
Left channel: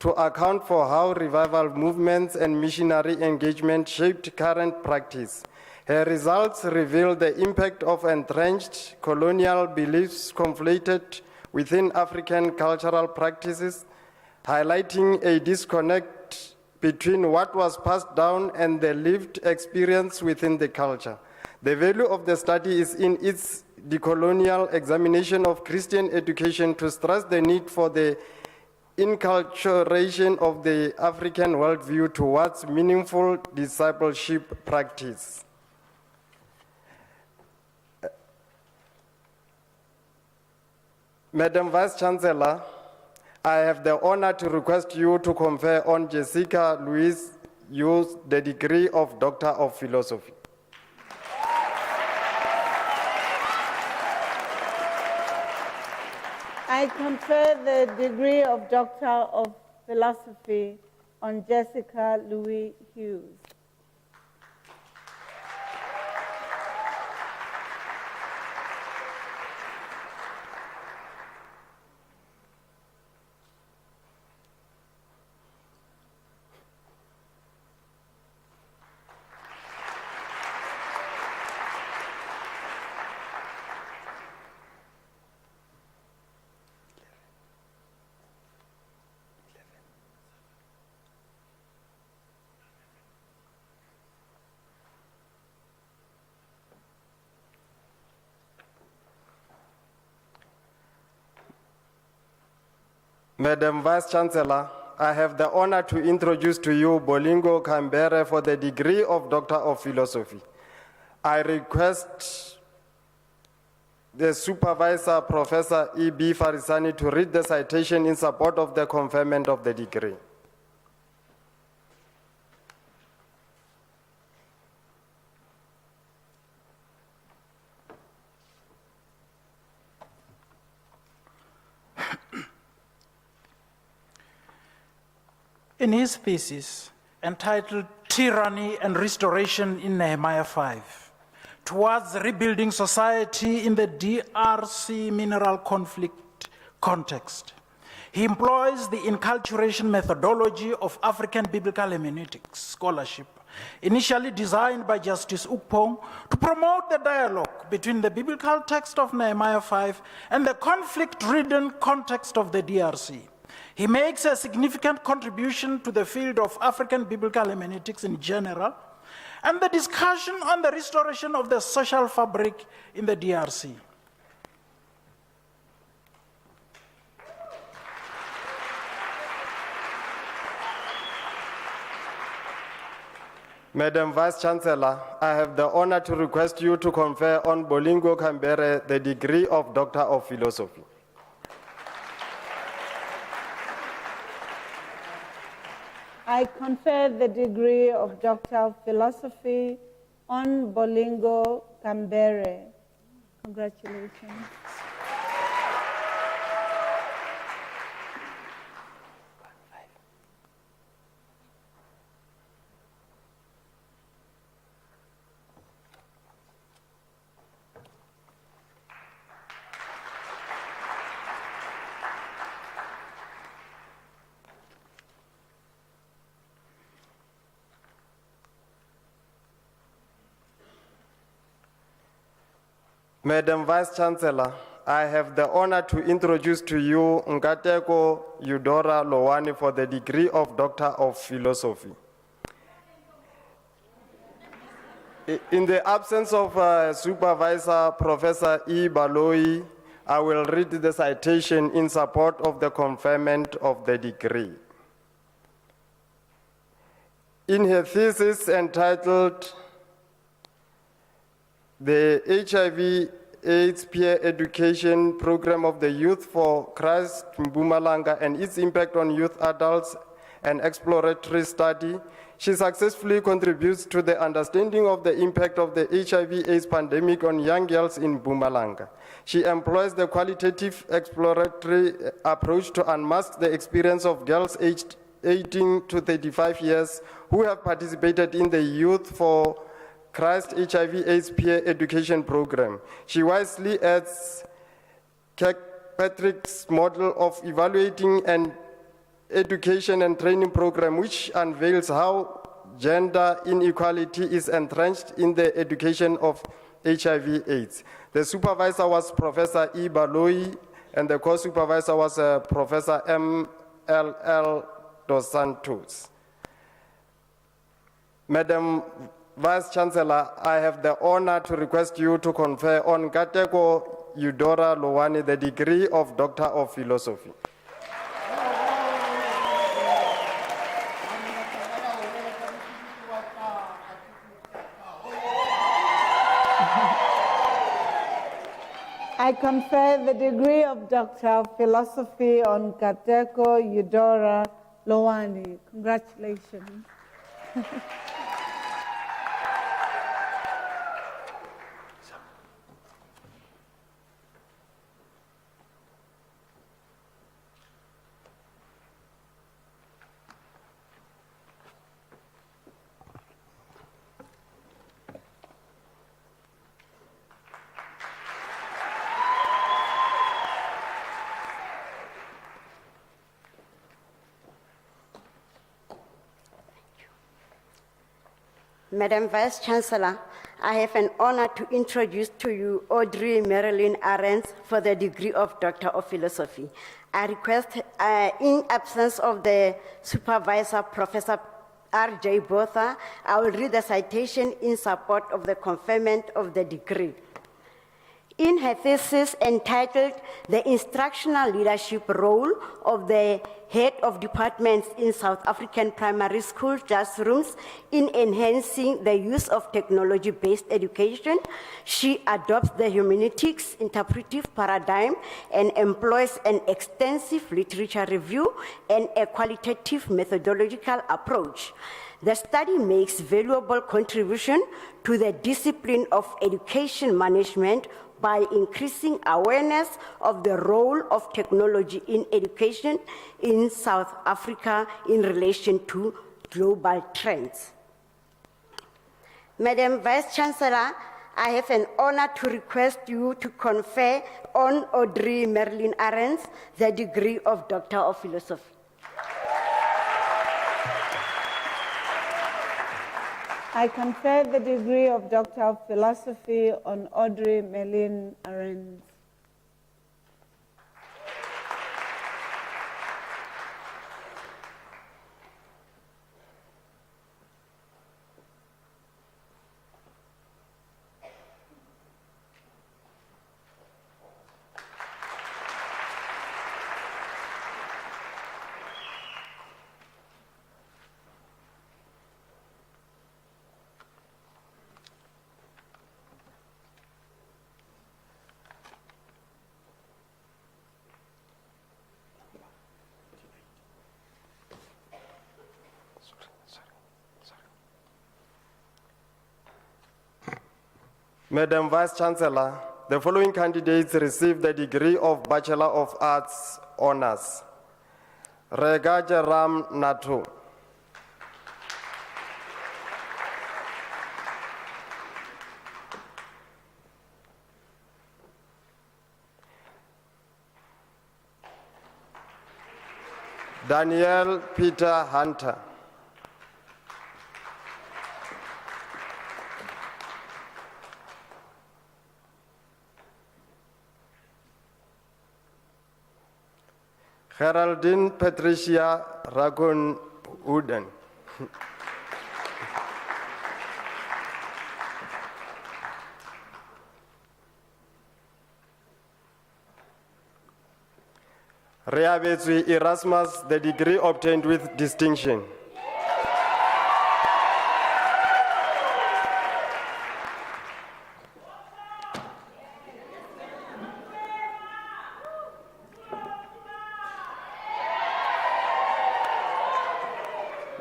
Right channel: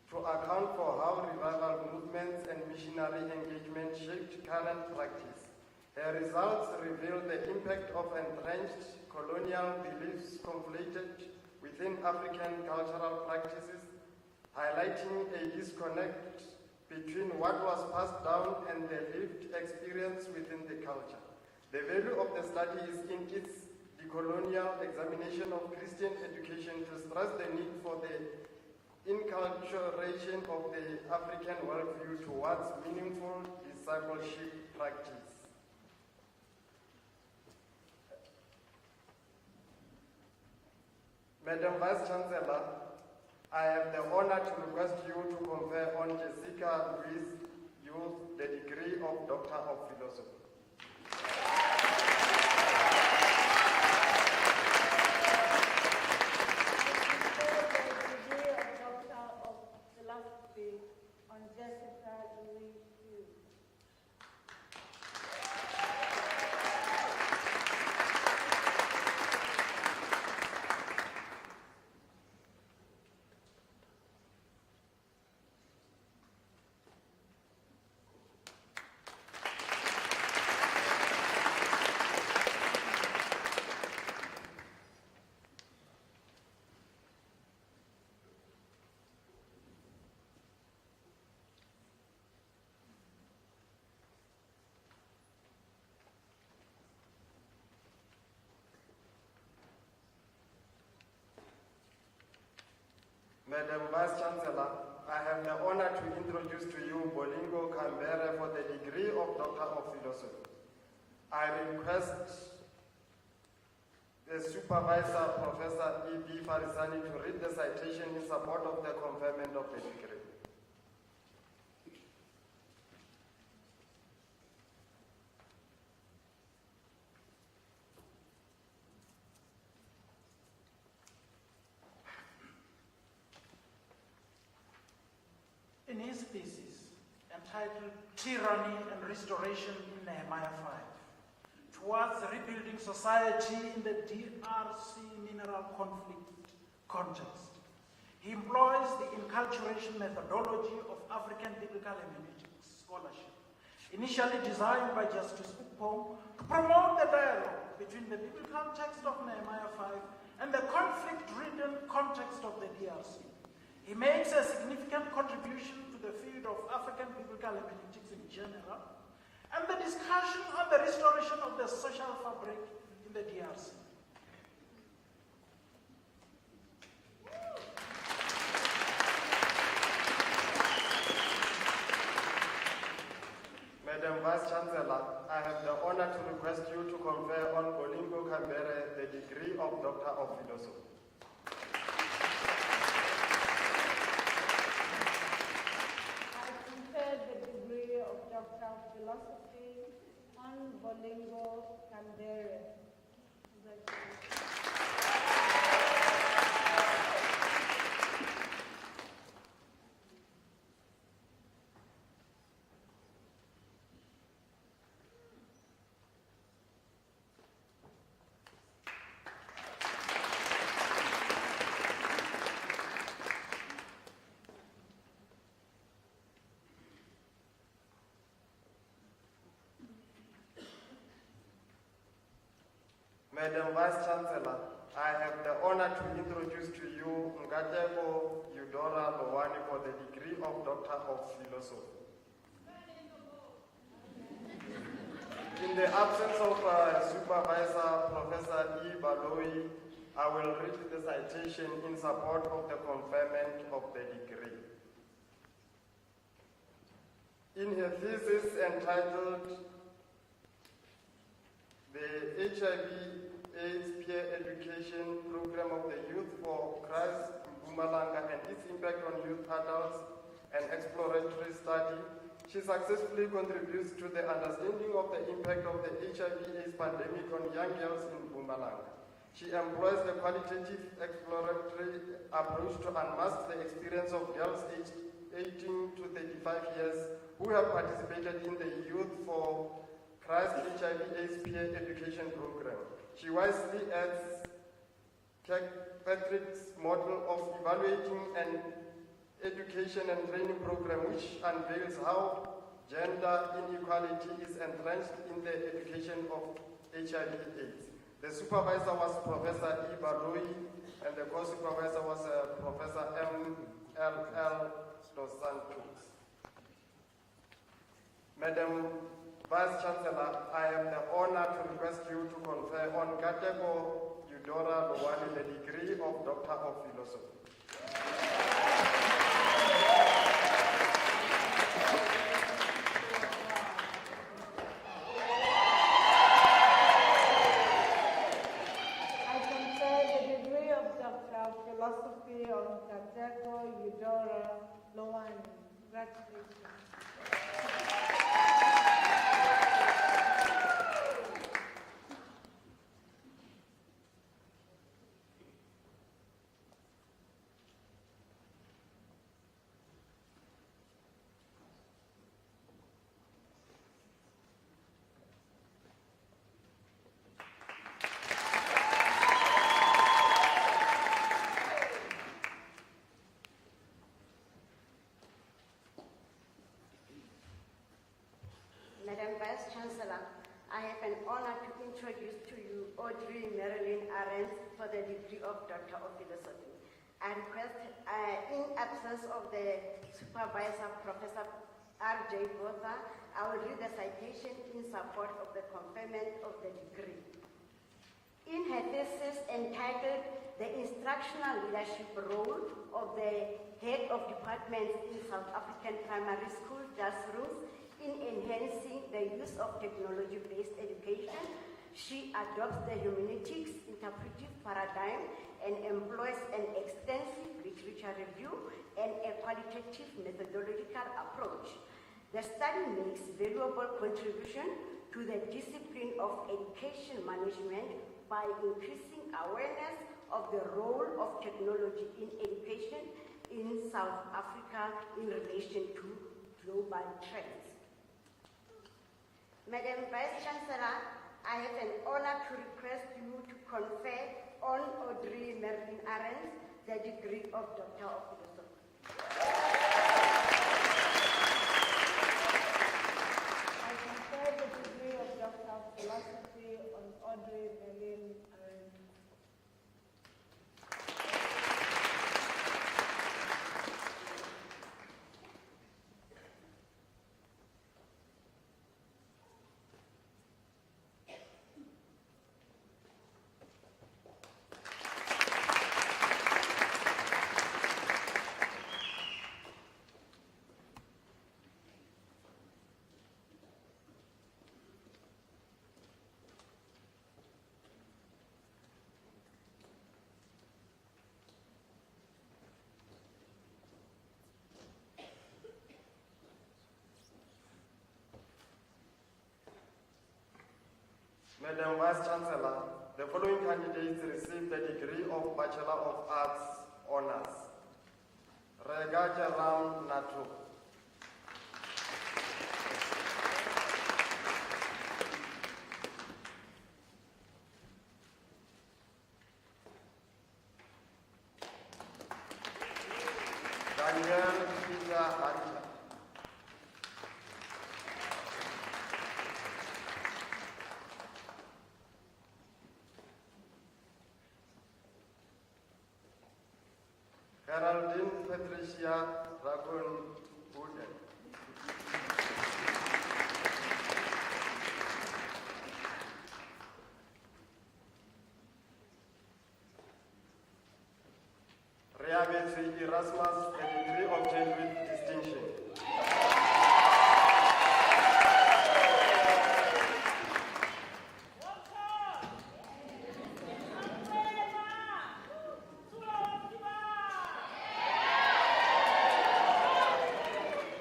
to account for how revival movements and missionary engagement shaped current practice. Her results reveal the impact of entrenched colonial beliefs conflated within African cultural practices, highlighting a disconnect between what was passed down and the lived experience within the culture. The value of the study is in its decolonial examination of Christian education to stress the need for the inculturation of the African worldview towards meaningful discipleship practice. Madam Vice Chancellor, I have the honor to request you to confer on Jessica Louise Hughes the degree of Doctor of Philosophy. I confer the degree of Doctor of Philosophy on Jessica Louise Hughes. Madam Vice Chancellor, I have the honor to introduce to you Bolingo Kambere for the degree of Doctor of Philosophy. I request the supervisor, Professor E.B. Farisani, to read the citation in support of the conferment of the degree. In his thesis entitled Tyranny and Restoration in Nehemiah 5, towards rebuilding society in the DRC mineral conflict context, he employs the inculturation methodology of African biblical hermeneutics scholarship, initially designed by Justice Ukpong to promote the dialogue between the biblical text of Nehemiah 5 and the conflict-ridden context of the DRC. He makes a significant contribution to the field of African biblical hermeneutics in general and the discussion on the restoration of the social fabric in the DRC. Madam Vice Chancellor, I have the honor to request you to confer on Bolingo Kambere the degree of Doctor of Philosophy. I confer the degree of Doctor of Philosophy on Bolingo Kambere. Congratulations. Madam Vice Chancellor, I have the honor to introduce to you Nkateko Eudora Lowani for the degree of Doctor of Philosophy. In the absence of Supervisor Professor E. Baloi, I will read the citation in support of the conferment of the degree. In her thesis entitled The HIV/AIDS Peer Education Program of the Youth for Christ Mpumalanga and its impact on youth adults, an exploratory study, she successfully contributes to the understanding of the impact of the HIV/AIDS pandemic on young girls in Mpumalanga. She employs the qualitative exploratory approach to unmask the experience of girls aged 18 to 35 years who have participated in the Youth for Christ HIV/AIDS Peer Education Program. She wisely adds Kirkpatrick's model of evaluating an education and training program, which unveils how gender inequality is entrenched in the education of HIV/AIDS. The supervisor was Professor E. Baloi, and the co-supervisor was Professor M.L.L. Dos Santos. Madam Vice Chancellor, I have the honor to request you to confer on Nkateko Eudora Lowani the degree of Doctor of Philosophy. I confer the degree of Doctor of Philosophy on Nkateko Eudora Lowani. Congratulations. Madam Vice Chancellor, I have an honor to introduce to you Audrey Marilyn Arends for the degree of Doctor of Philosophy. I request, in absence of the supervisor, Professor R.J. Botha, I will read the citation in support of the conferment of the degree. In her thesis entitled The Instructional Leadership Role of the head of departments in South African primary school classrooms in enhancing the use of technology-based education. She adopts the humanistics interpretive paradigm and employs an extensive literature review and a qualitative methodological approach. The study makes valuable contribution to the discipline of education management by increasing awareness of the role of technology in education in South Africa in relation to global trends. Madam Vice Chancellor, I have an honor to request you to confer on Audrey Marilyn Arends the degree of Doctor of Philosophy. I confer the degree of Doctor of Philosophy on Audrey Marilyn Arends. Madam Vice Chancellor, the following candidates received the degree of Bachelor of Arts Honours. Rega Ram Natu. Daniel Peter Hunter. Geraldine Patricia Ragon Uden. Reabetswe Erasmus, the degree obtained with distinction.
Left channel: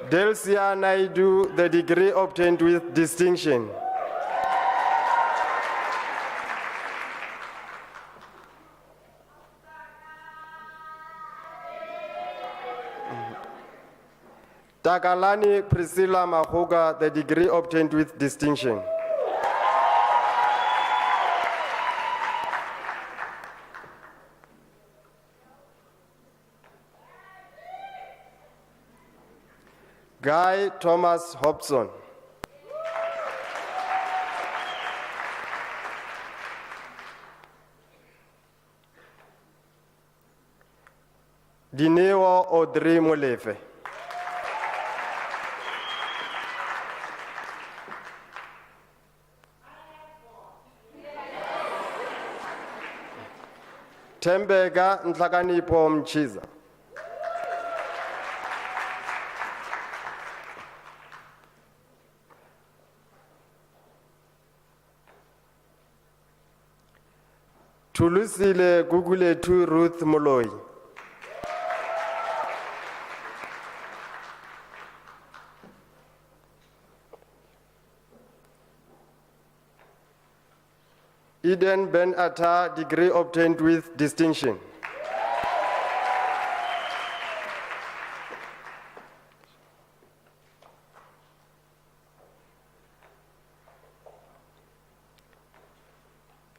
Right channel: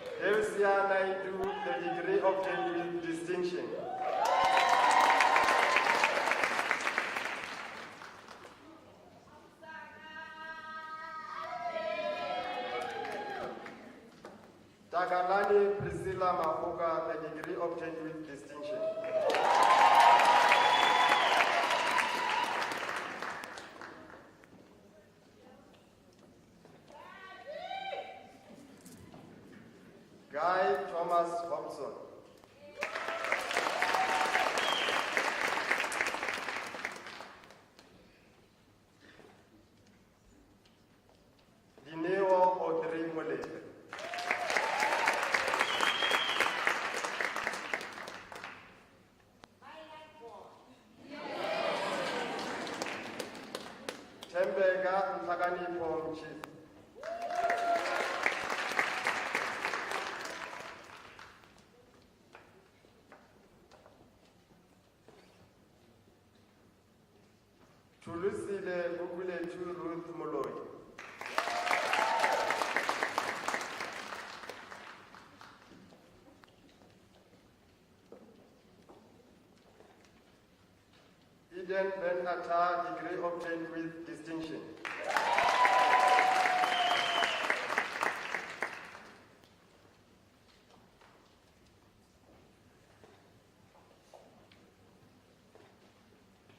Delcia Naidu, the degree obtained with distinction. Takalani Priscilla Mahoga, the degree obtained with distinction. Guy Thomas Hobson. Dineo Audrey Molefe. Tembega Ntlakanipo Mchiza. Tulusile Guguletu Ruth Moloi. Eden Ben Atta, degree obtained with distinction.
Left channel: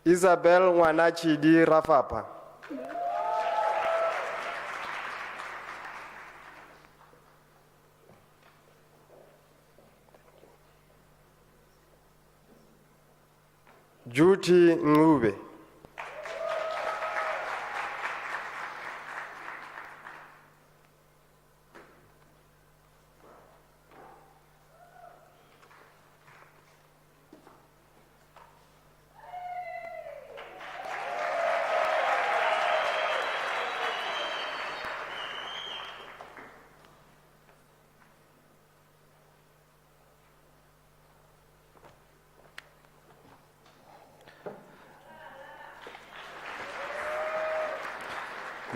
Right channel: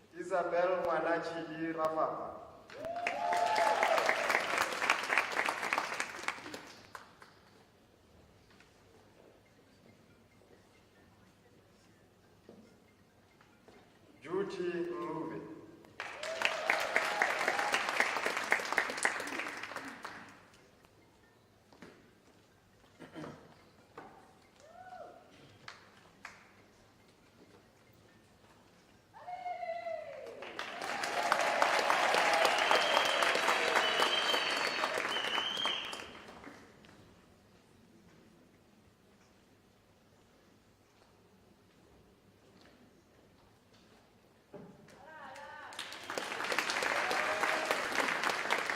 Isabel Wanachidi Rafapa. Juti Ngube.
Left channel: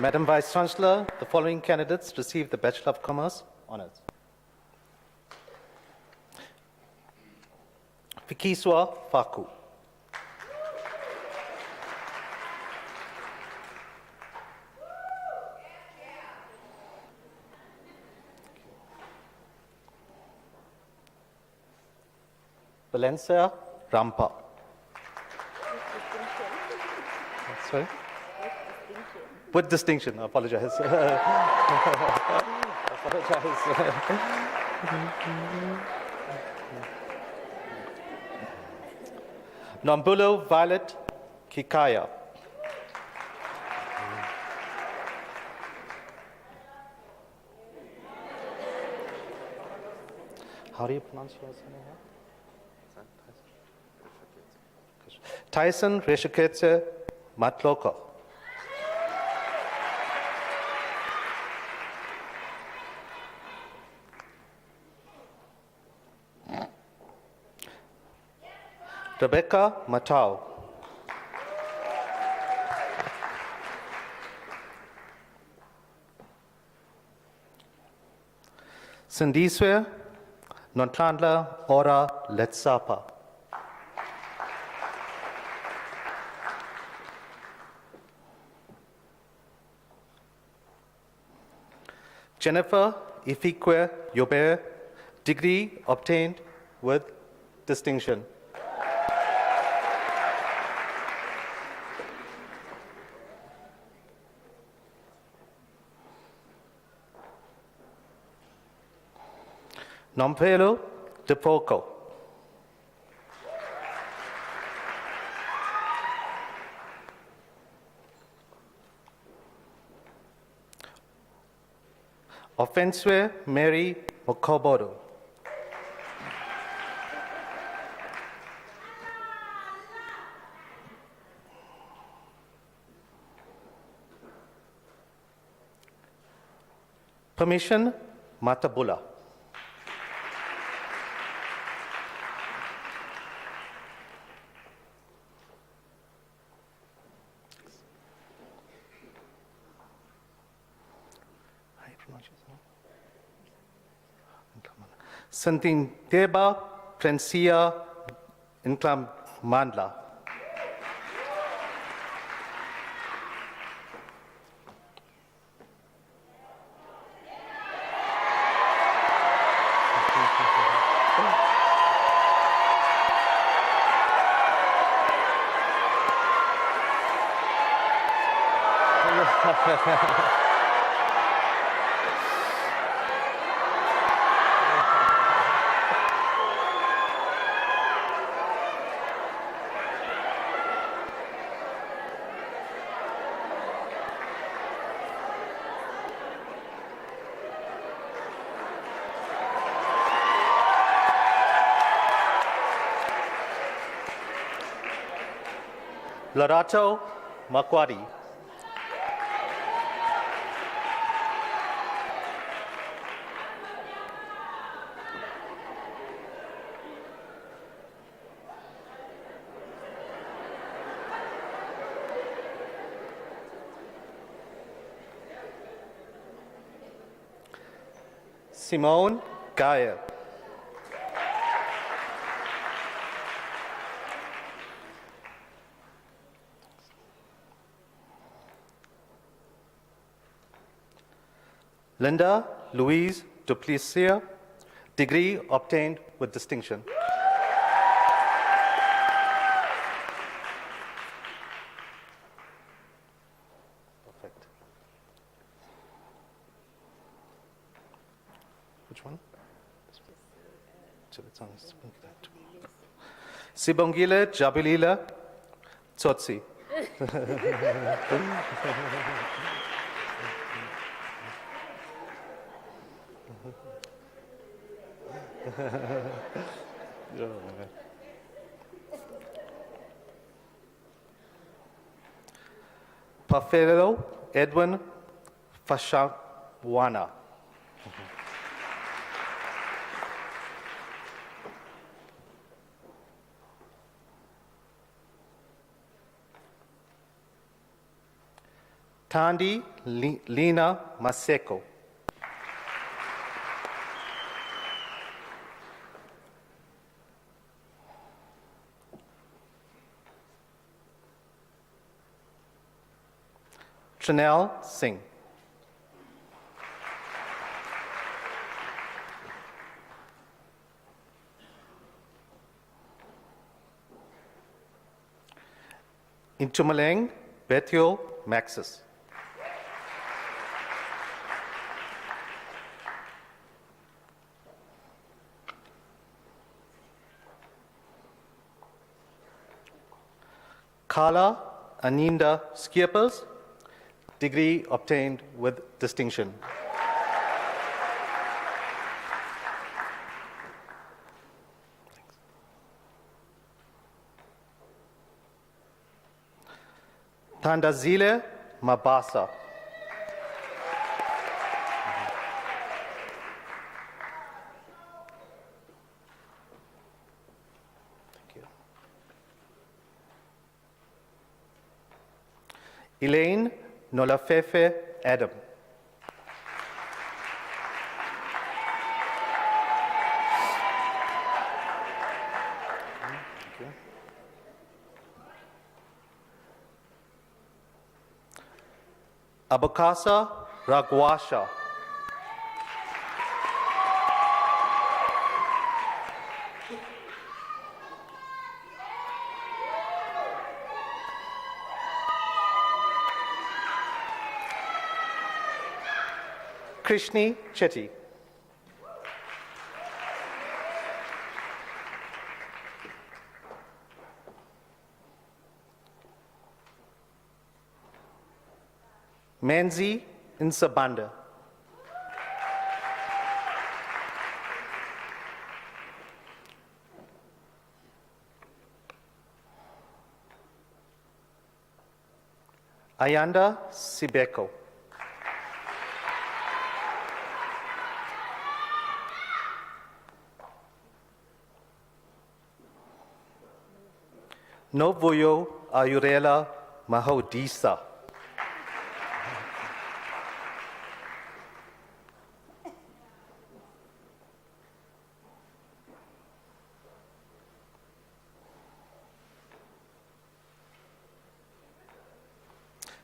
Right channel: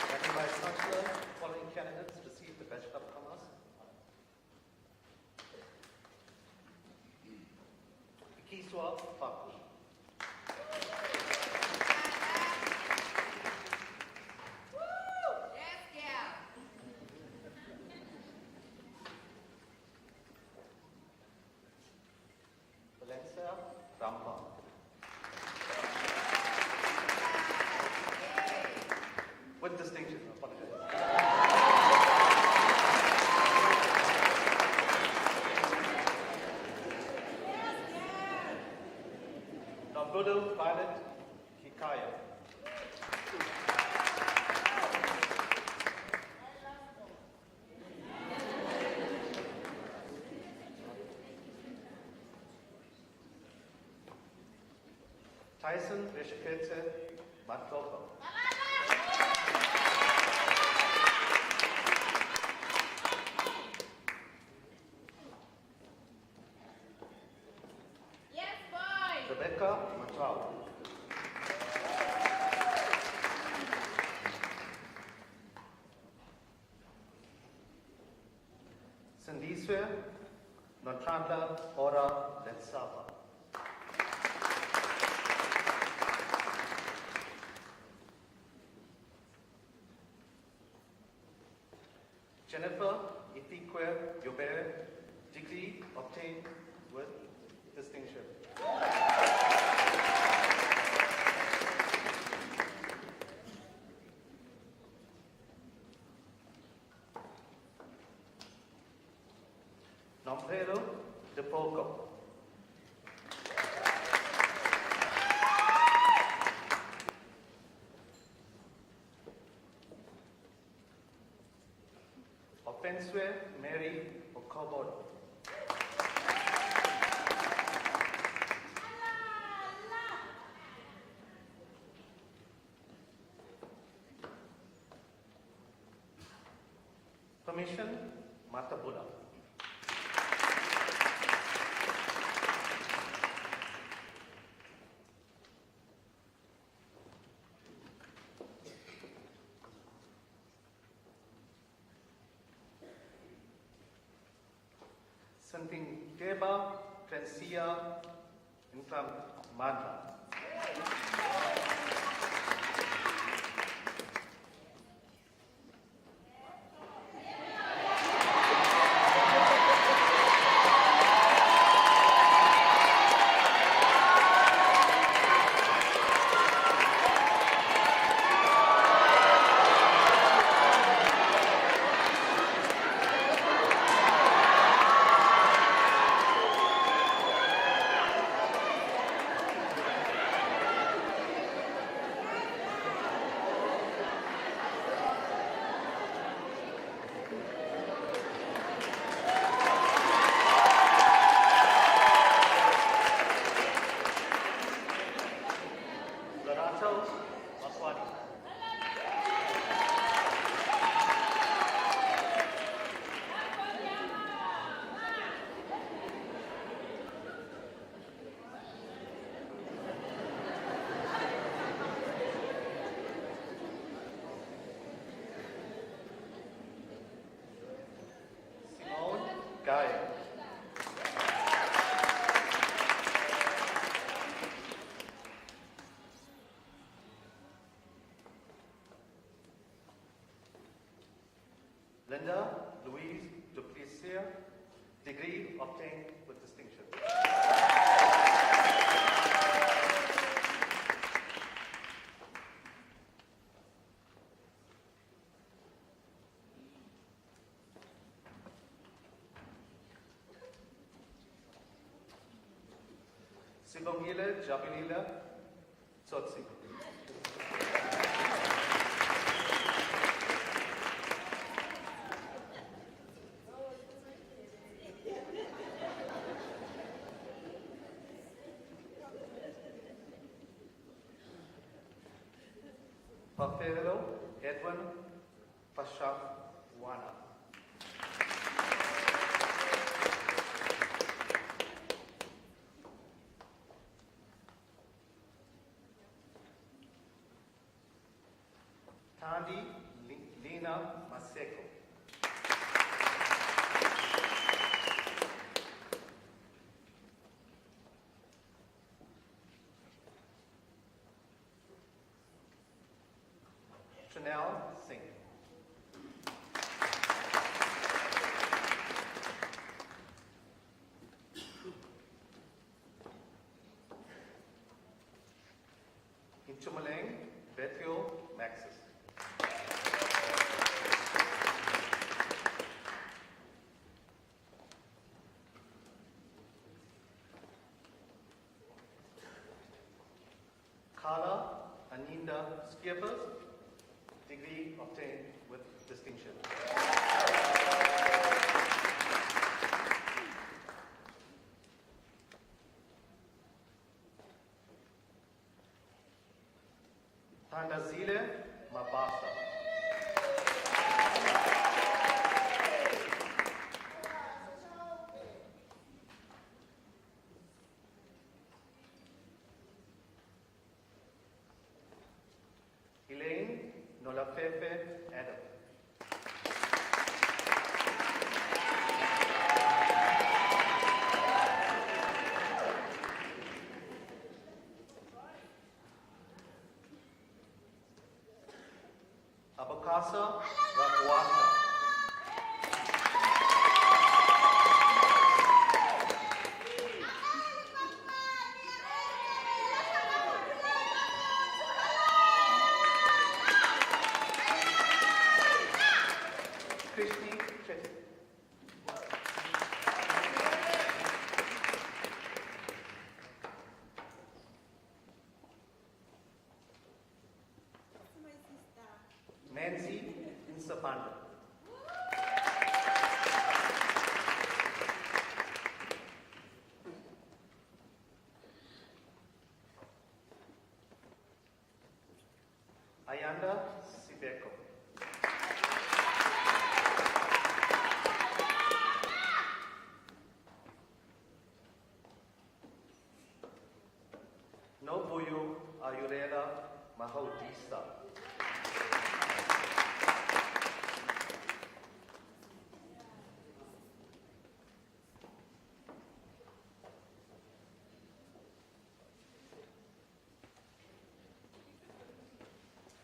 Madam Vice Chancellor, the following candidates received the Bachelor of Commerce honors. Fikiswa Faku. Valencia Rampa. Sorry? With distinction, I apologize. Nombulo Violet Kikaya. How do you pronounce your name? Tyson Reshiketse Matloko. Rebecca Matau. Sindiswe Nontlandla Ora Letsapa. Jennifer Ifikwe Yobe, degree obtained with distinction. Nompelo Depoco. Offenswe Mary Mokobodo. Permission Matabula. Santin Deba Francia Inclam Mandla. Lorato Makwadi. Simone Gaia. Linda Louise Duplessis, degree obtained with distinction. Perfect. Which one? Sibongile Jabilila Tsotsi. Pafelo Edwin Fashawana. Tandi Lina Maseko. Trinell Singh. Intumaleng Bethuel Maxis. Kala Aninda Skiepers, degree obtained with distinction. Thandazile Mabasa. Elaine Nolafefe Adam. Abakasa Ragwasha. Krishni Chetty. Manzi Nsabanda. Ayanda Sibeko. Novuyo Ayurela Mahodisa.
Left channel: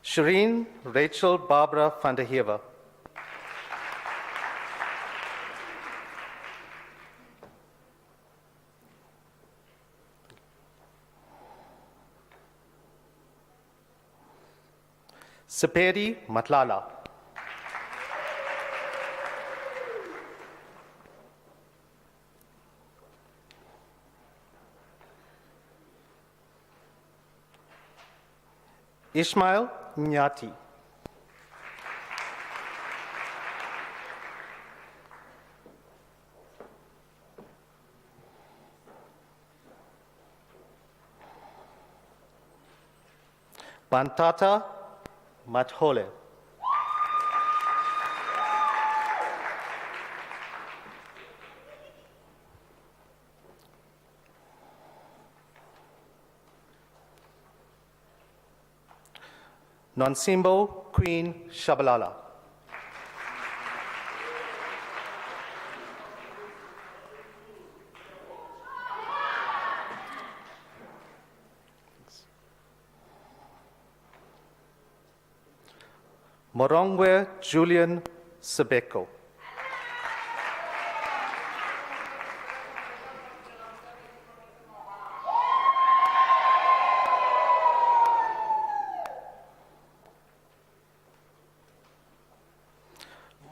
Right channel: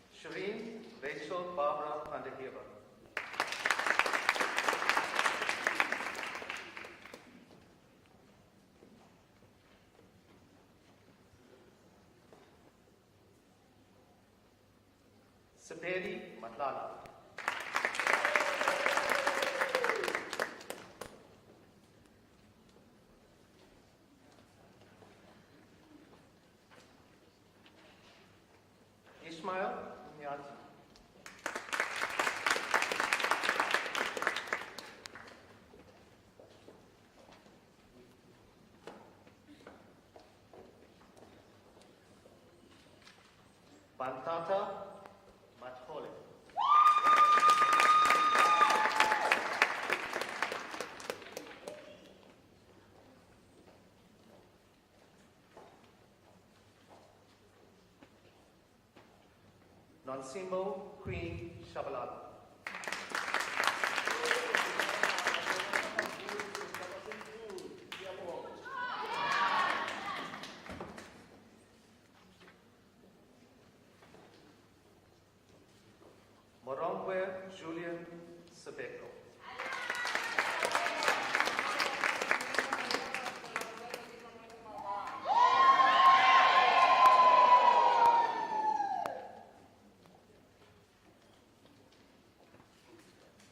Shireen Rachel Barbara van der Heever. Saperi Matlala. Ishmael Nyati. Bantata Mathole. Nonsimbo Queen Shabalala. Morongwe Julian Sebeko.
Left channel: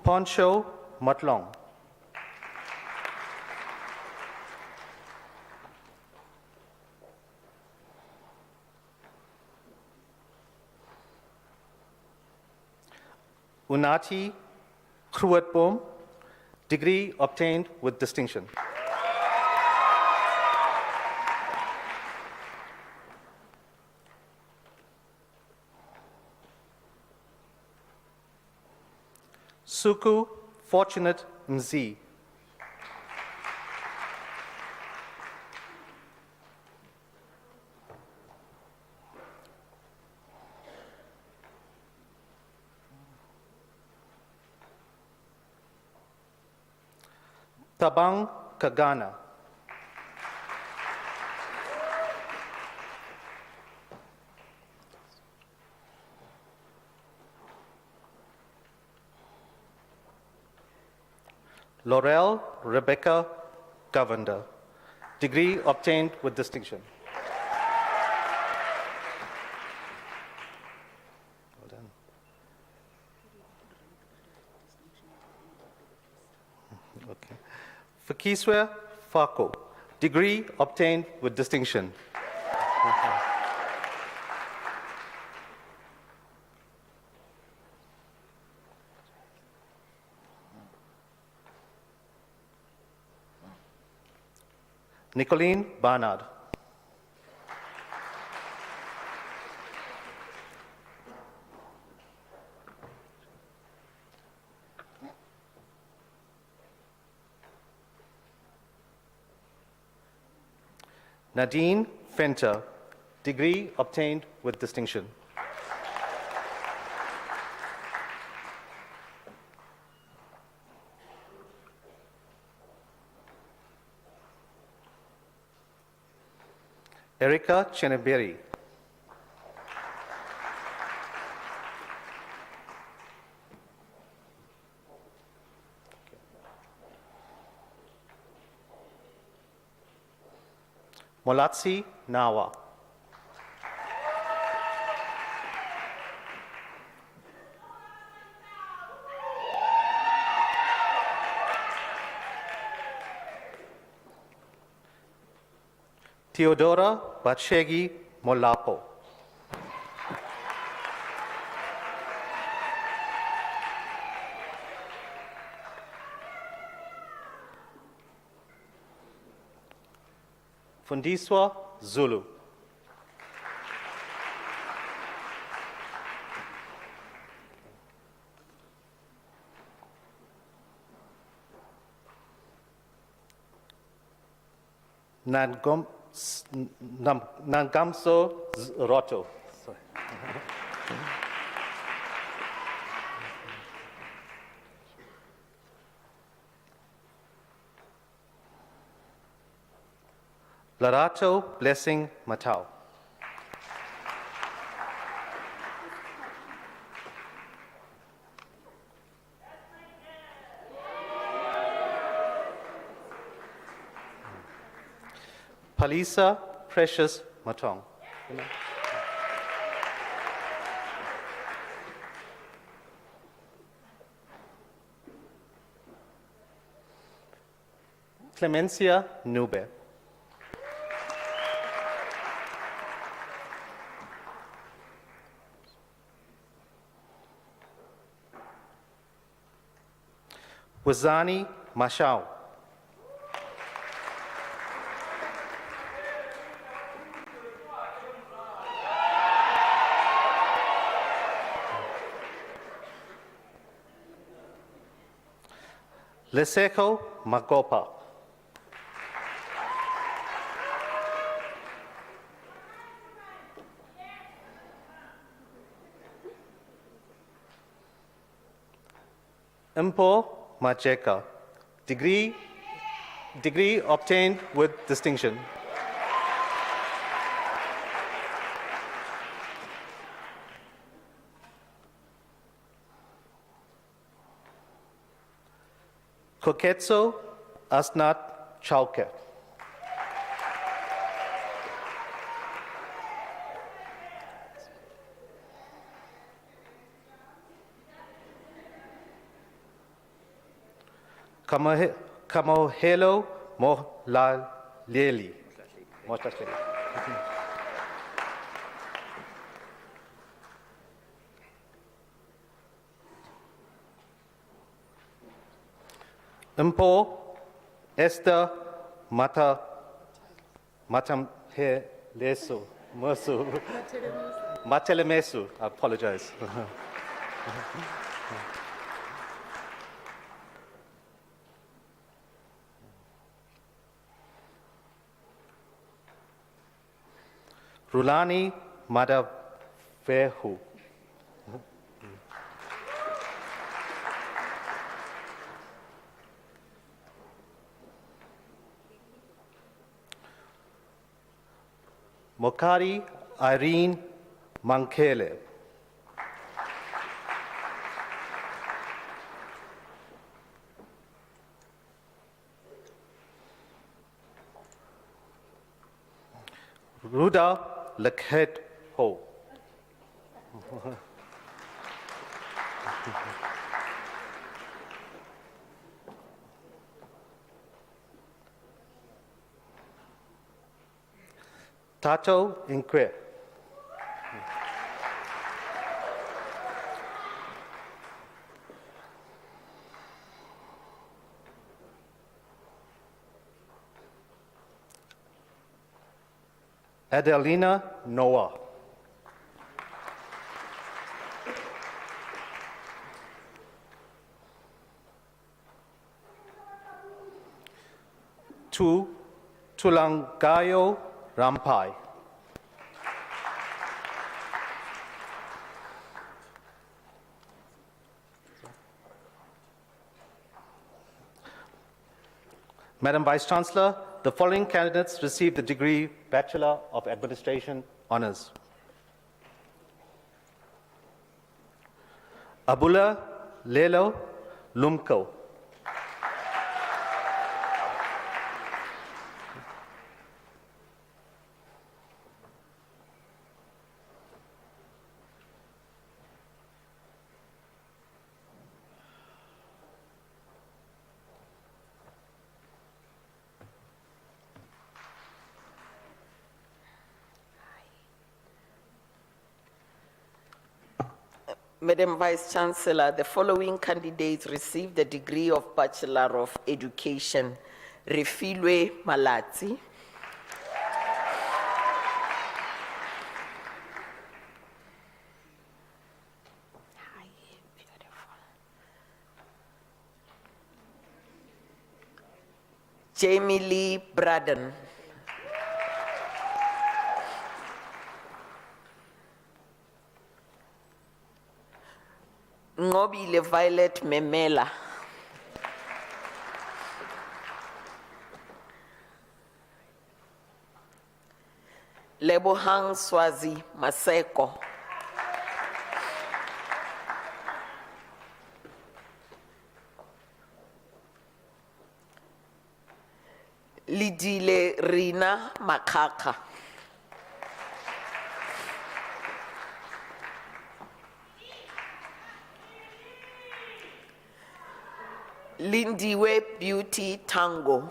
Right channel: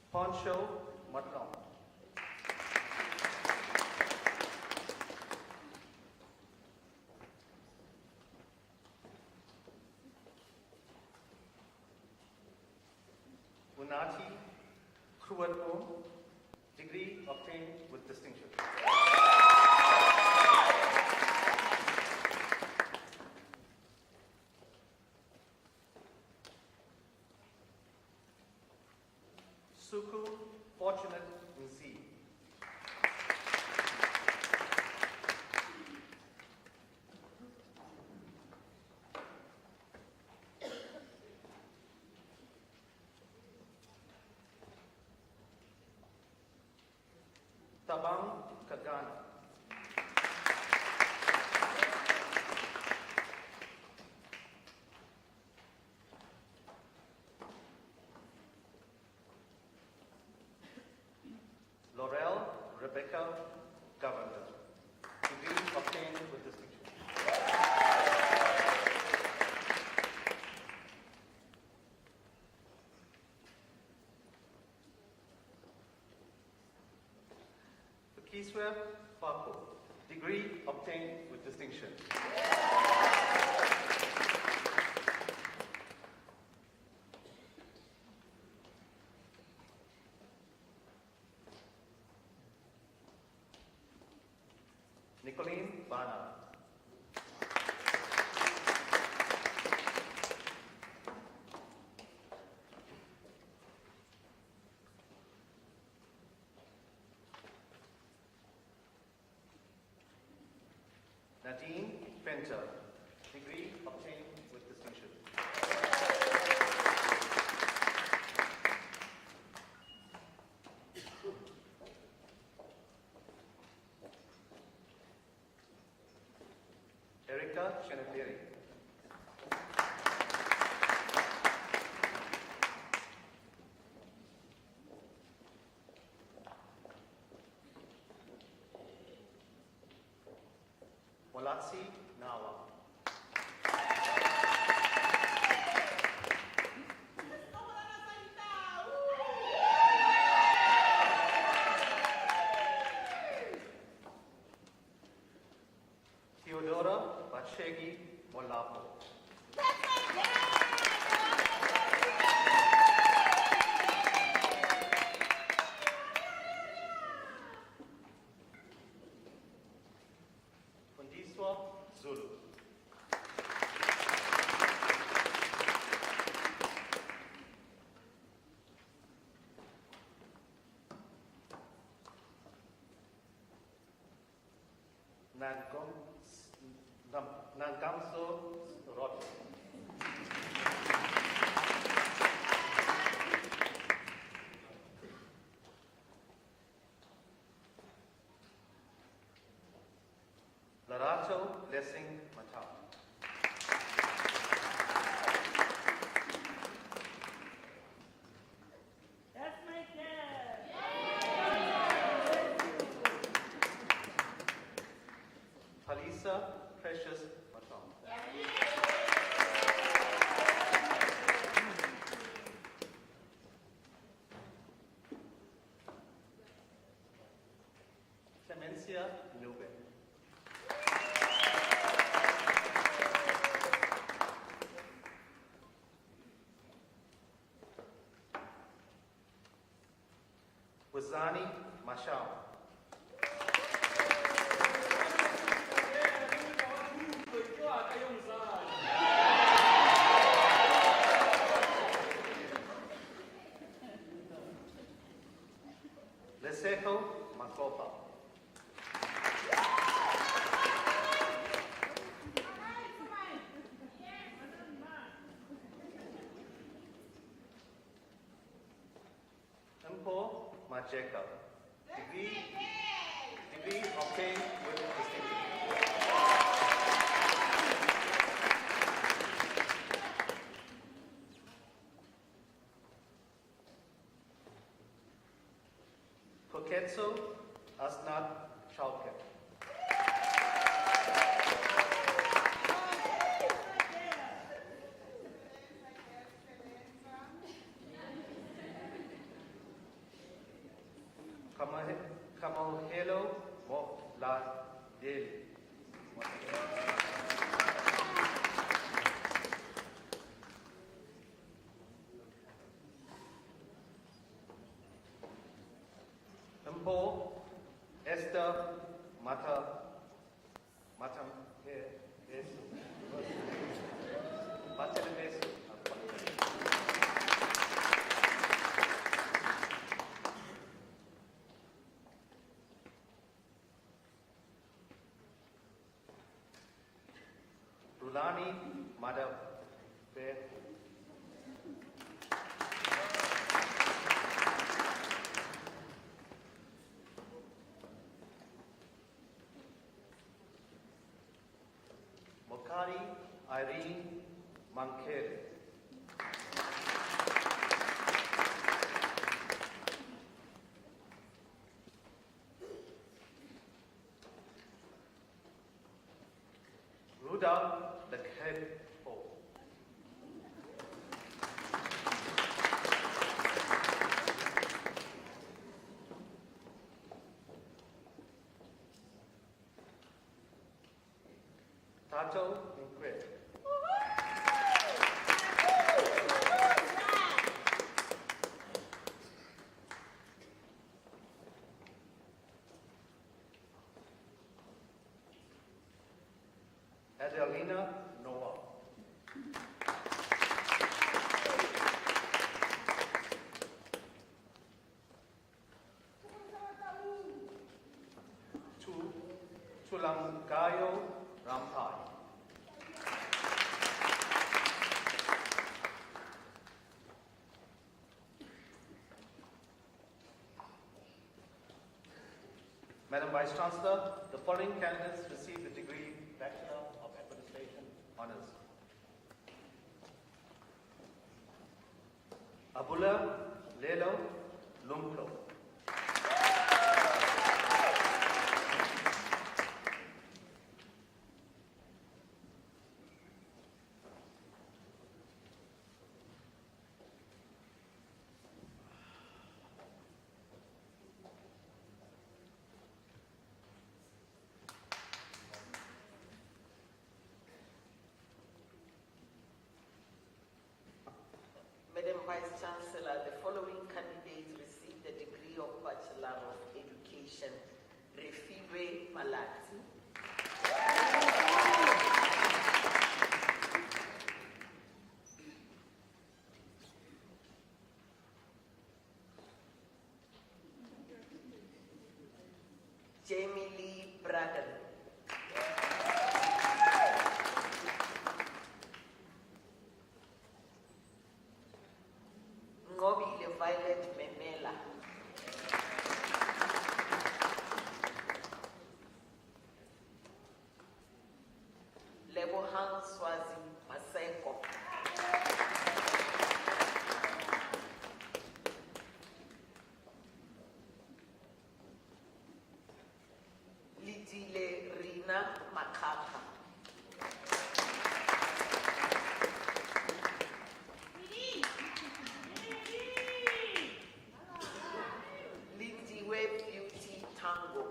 Poncho Matlong. Unati Kruatboom, degree obtained with distinction. Suku Fortunate Nzi. Tabang Kagana. Laurel Rebecca Govender. Degree obtained with distinction. Well done. Okay. Fakiswe Fako. Degree obtained with distinction. Nicolene Barnard. Nadine Fenter. Degree obtained with distinction. Erica Cheneberi. Molatsi Nawa. Theodora Batshegi Molapo. Fundiswa Zulu. Nangamso Roto. Sorry. Larato Blessing Matau. Palisa Precious Matong. Clemencia Nube. Wazani Mashao. Leseko Magopa. Impo Macheka. Degree obtained with distinction. Koketso Asnat Chauke. Kamohelo Mohlaleli. Impo Esther Matamhelesu Mersu Matelemesu. I apologize. Rulani Madavehu. Mokari Irene Mankele. Ruda Lakhet Ho. Tato Inque. Adelina Noah. Tulangayo Rampai. Madam Vice Chancellor, the following candidates received the degree Bachelor of Administration Honours. Abula Lelo Lumko. Madam Vice Chancellor, the following candidates received the degree of Bachelor of Education. Refilwe Malatsi. Jamie Lee Braden. Ngobile Violet Memela. Lebohang Swazi Maseko. Lidile Rina Makaka. Lindiwe Beauty Tango.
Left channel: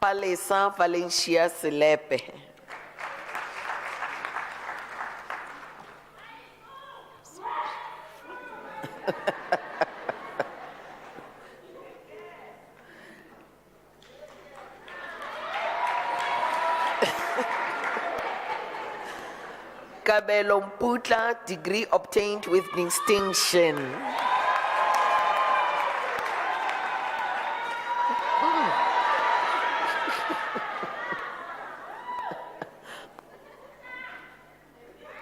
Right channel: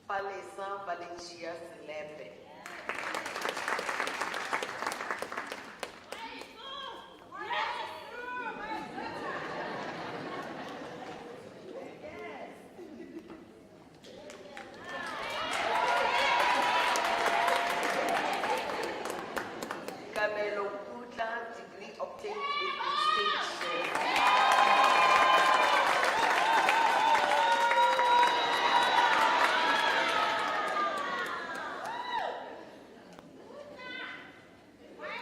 Palesa Valencia Selepe. Kabelo Mputla, degree obtained with distinction.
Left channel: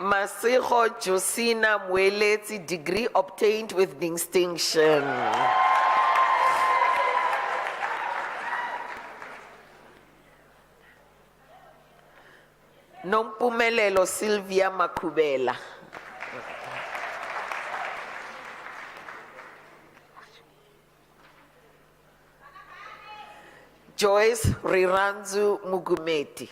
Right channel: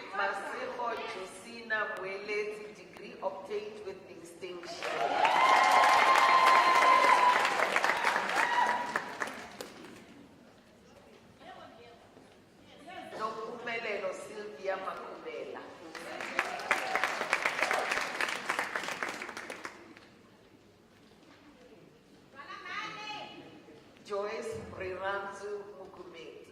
Masego Josina Mwelezi, degree obtained with distinction. Nompumelelo Sylvia Makubela. Joyce Riranzu Mugumeti.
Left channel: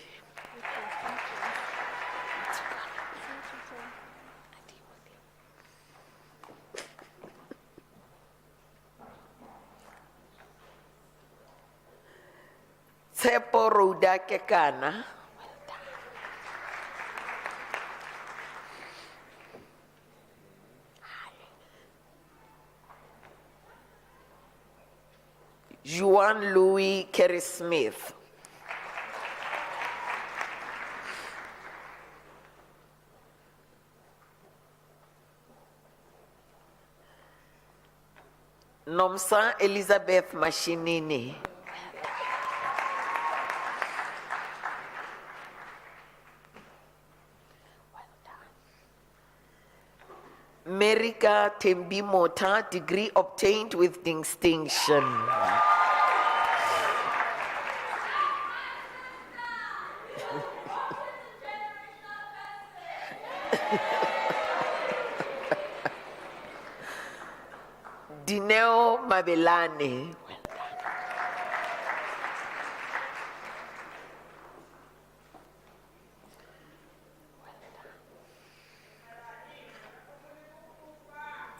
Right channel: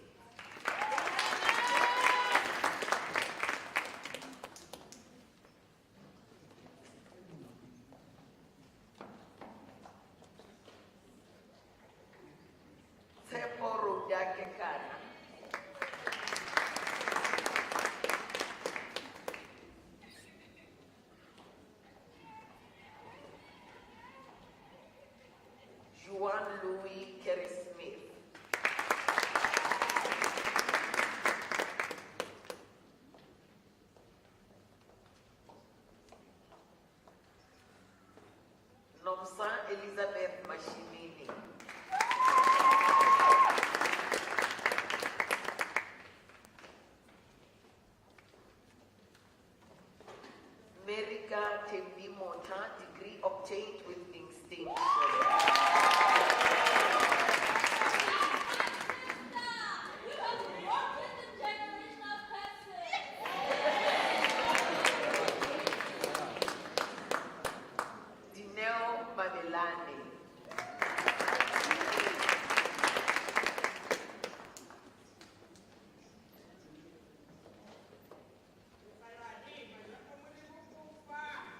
Tsepo Roda Kekana. Juan Louis Kerry Smith. Nomsa Elizabeth Mashinini. Merika Tembi Mota, degree obtained with distinction. Dineo Mabelane.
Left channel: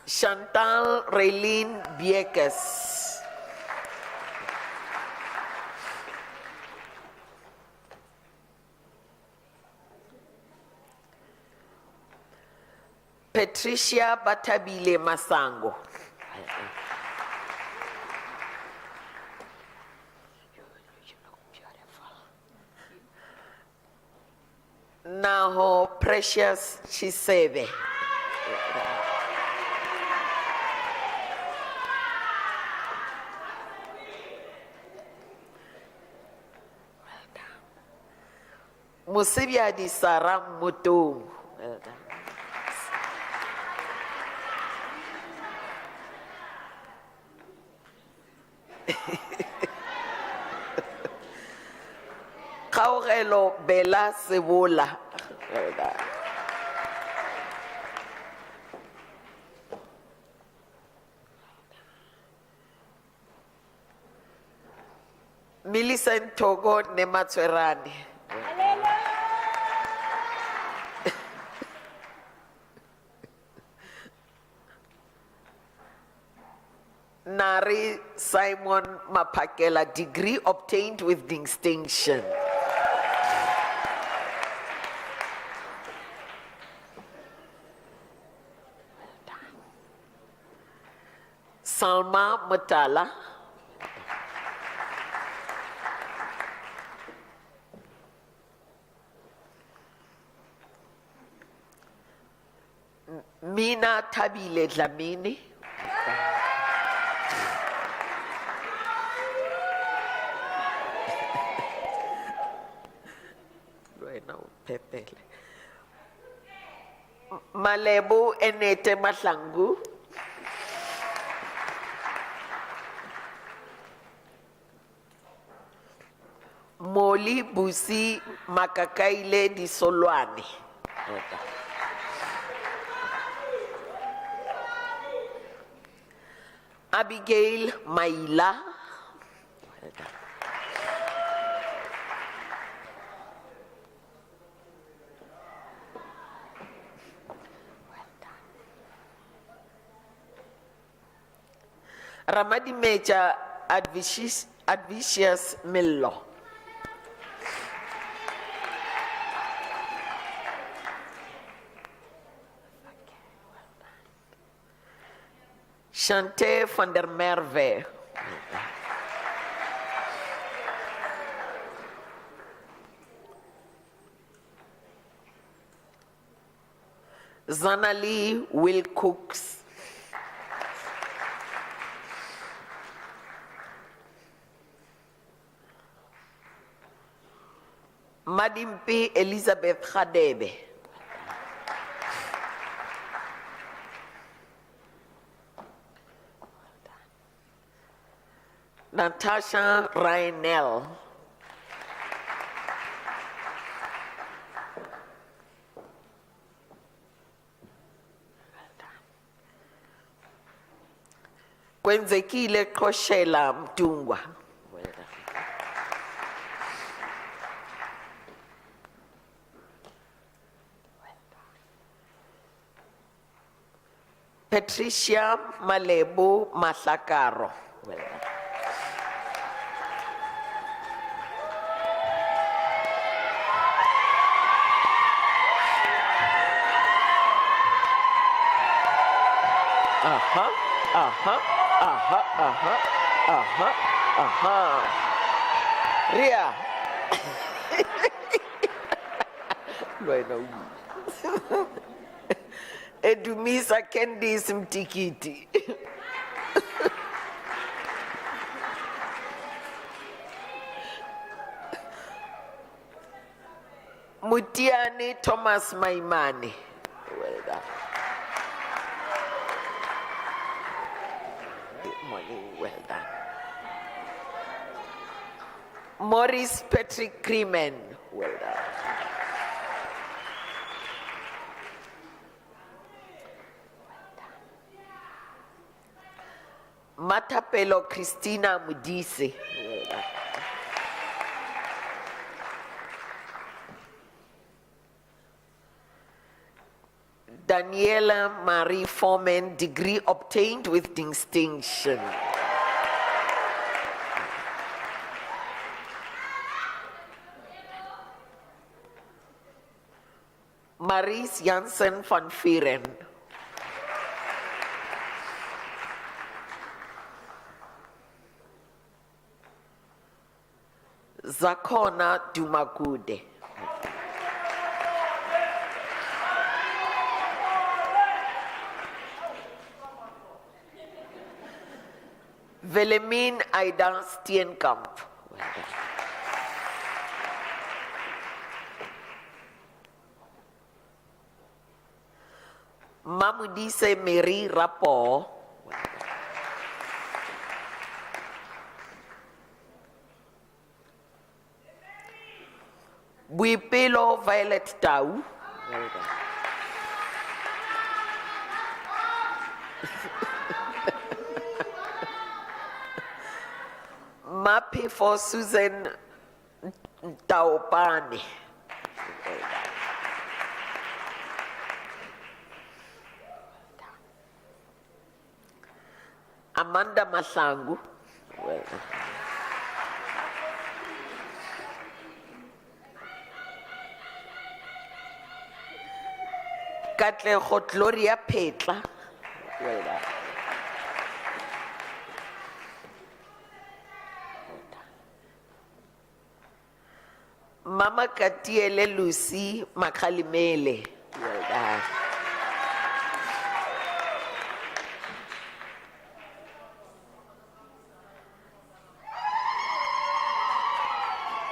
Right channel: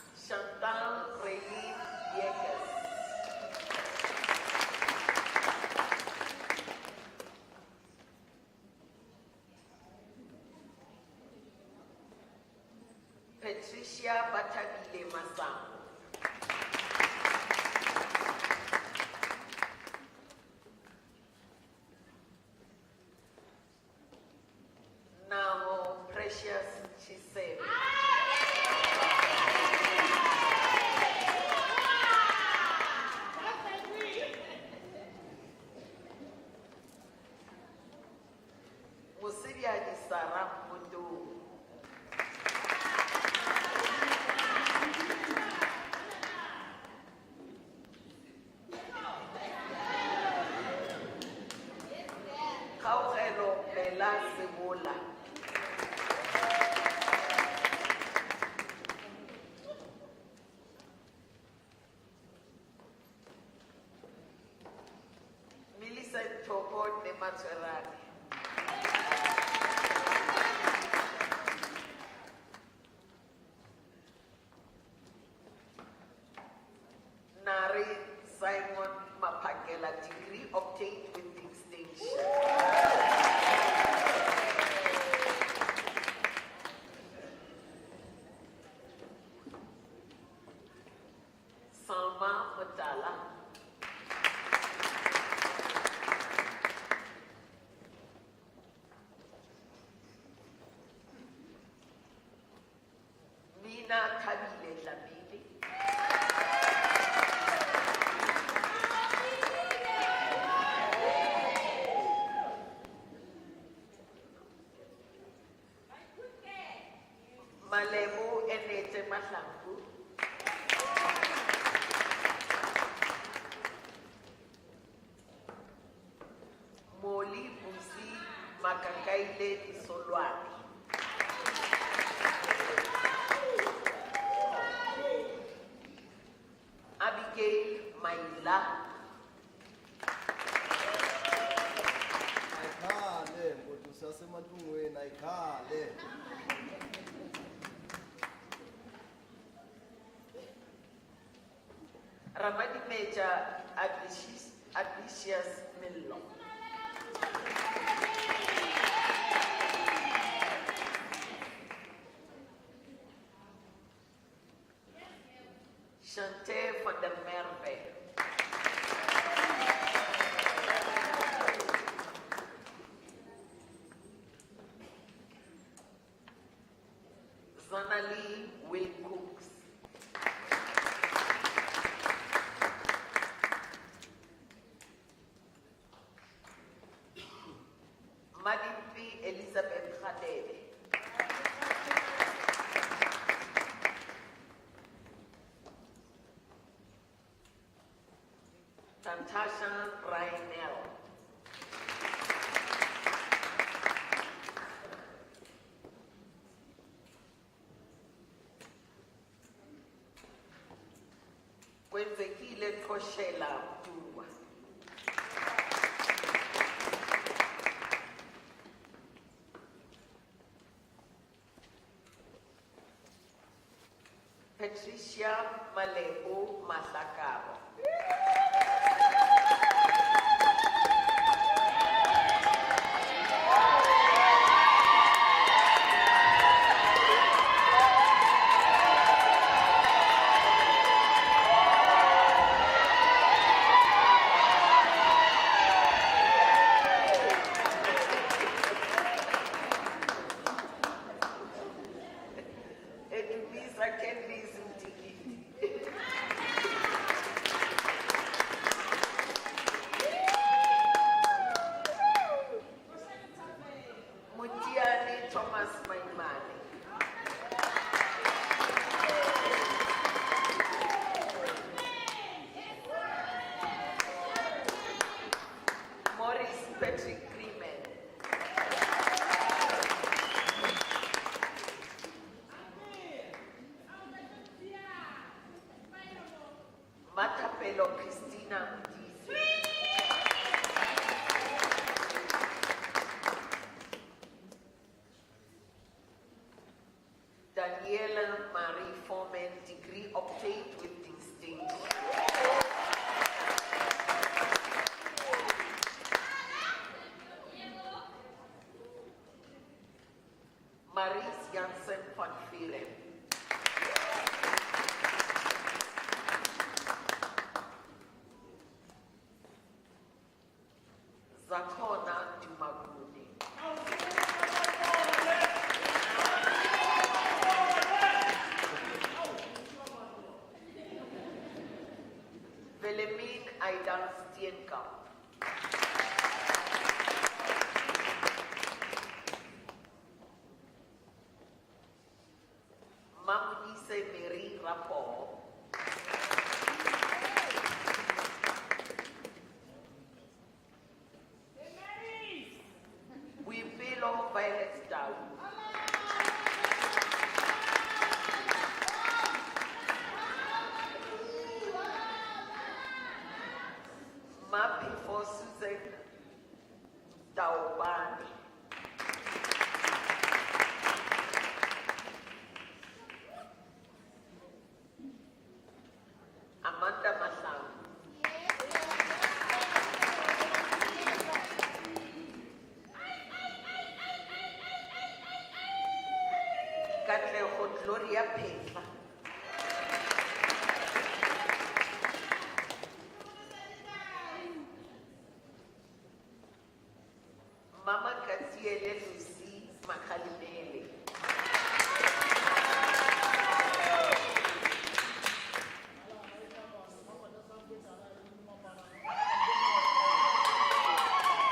Chantal Raylene Biekes. Patricia Batabile Masango. Naho Precious Chisebe. Musibiadi Sarah Mutu. Kaurelo Bella Sebola. Millicent Togo Nematswerani. Nari Simon Mapakela, degree obtained with distinction. Salma Mutala. Mina Tabile Dlamini. Malebu Enete Maslangu. Moli Busi Makakaile di Solwani. Abigail Maila. Ramadi Meja Advicious Millo. Chante van der Merwe. Zanali Wilcox. Madimpi Elizabeth Khadebe. Natasha Rainel. Kwenzekile Koshela Mtungwa. Patricia Malebu Mahlakaro. Ria. Edumisa Candice Mtikiti. Mutiani Thomas Maimani. Maurice Patrick Creeman. Matapelo Christina Mudise. Daniela Marie Foreman, degree obtained with distinction. Maries Jansen van Vieren. Zakona Dumagude. Wilhelmine Aida Steenkamp. Mamudise Mary Rapo. Buipelo Violet Tau. Mappy for Susan Taupani. Amanda Masangu. Katlego Gloria Petla. Mama Katiele Lucy Makalimele.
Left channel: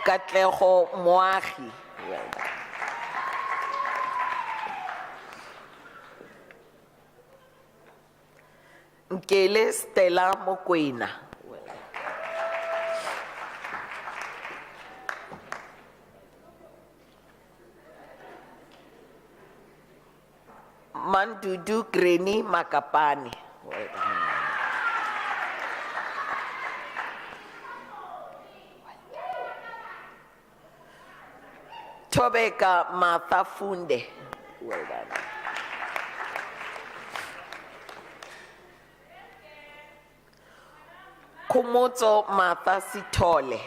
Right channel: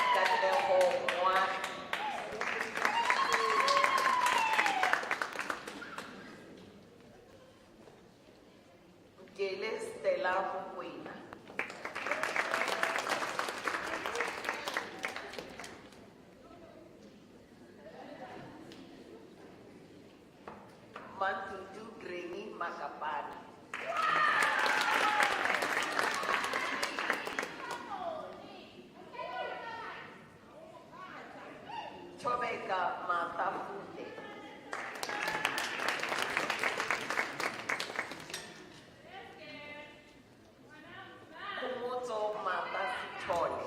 Katlego Moagi. Nkele Stella Mokwena. Mandudu Greni Makapani. Tobeka Matafunde. Kumotso Mata Sitole.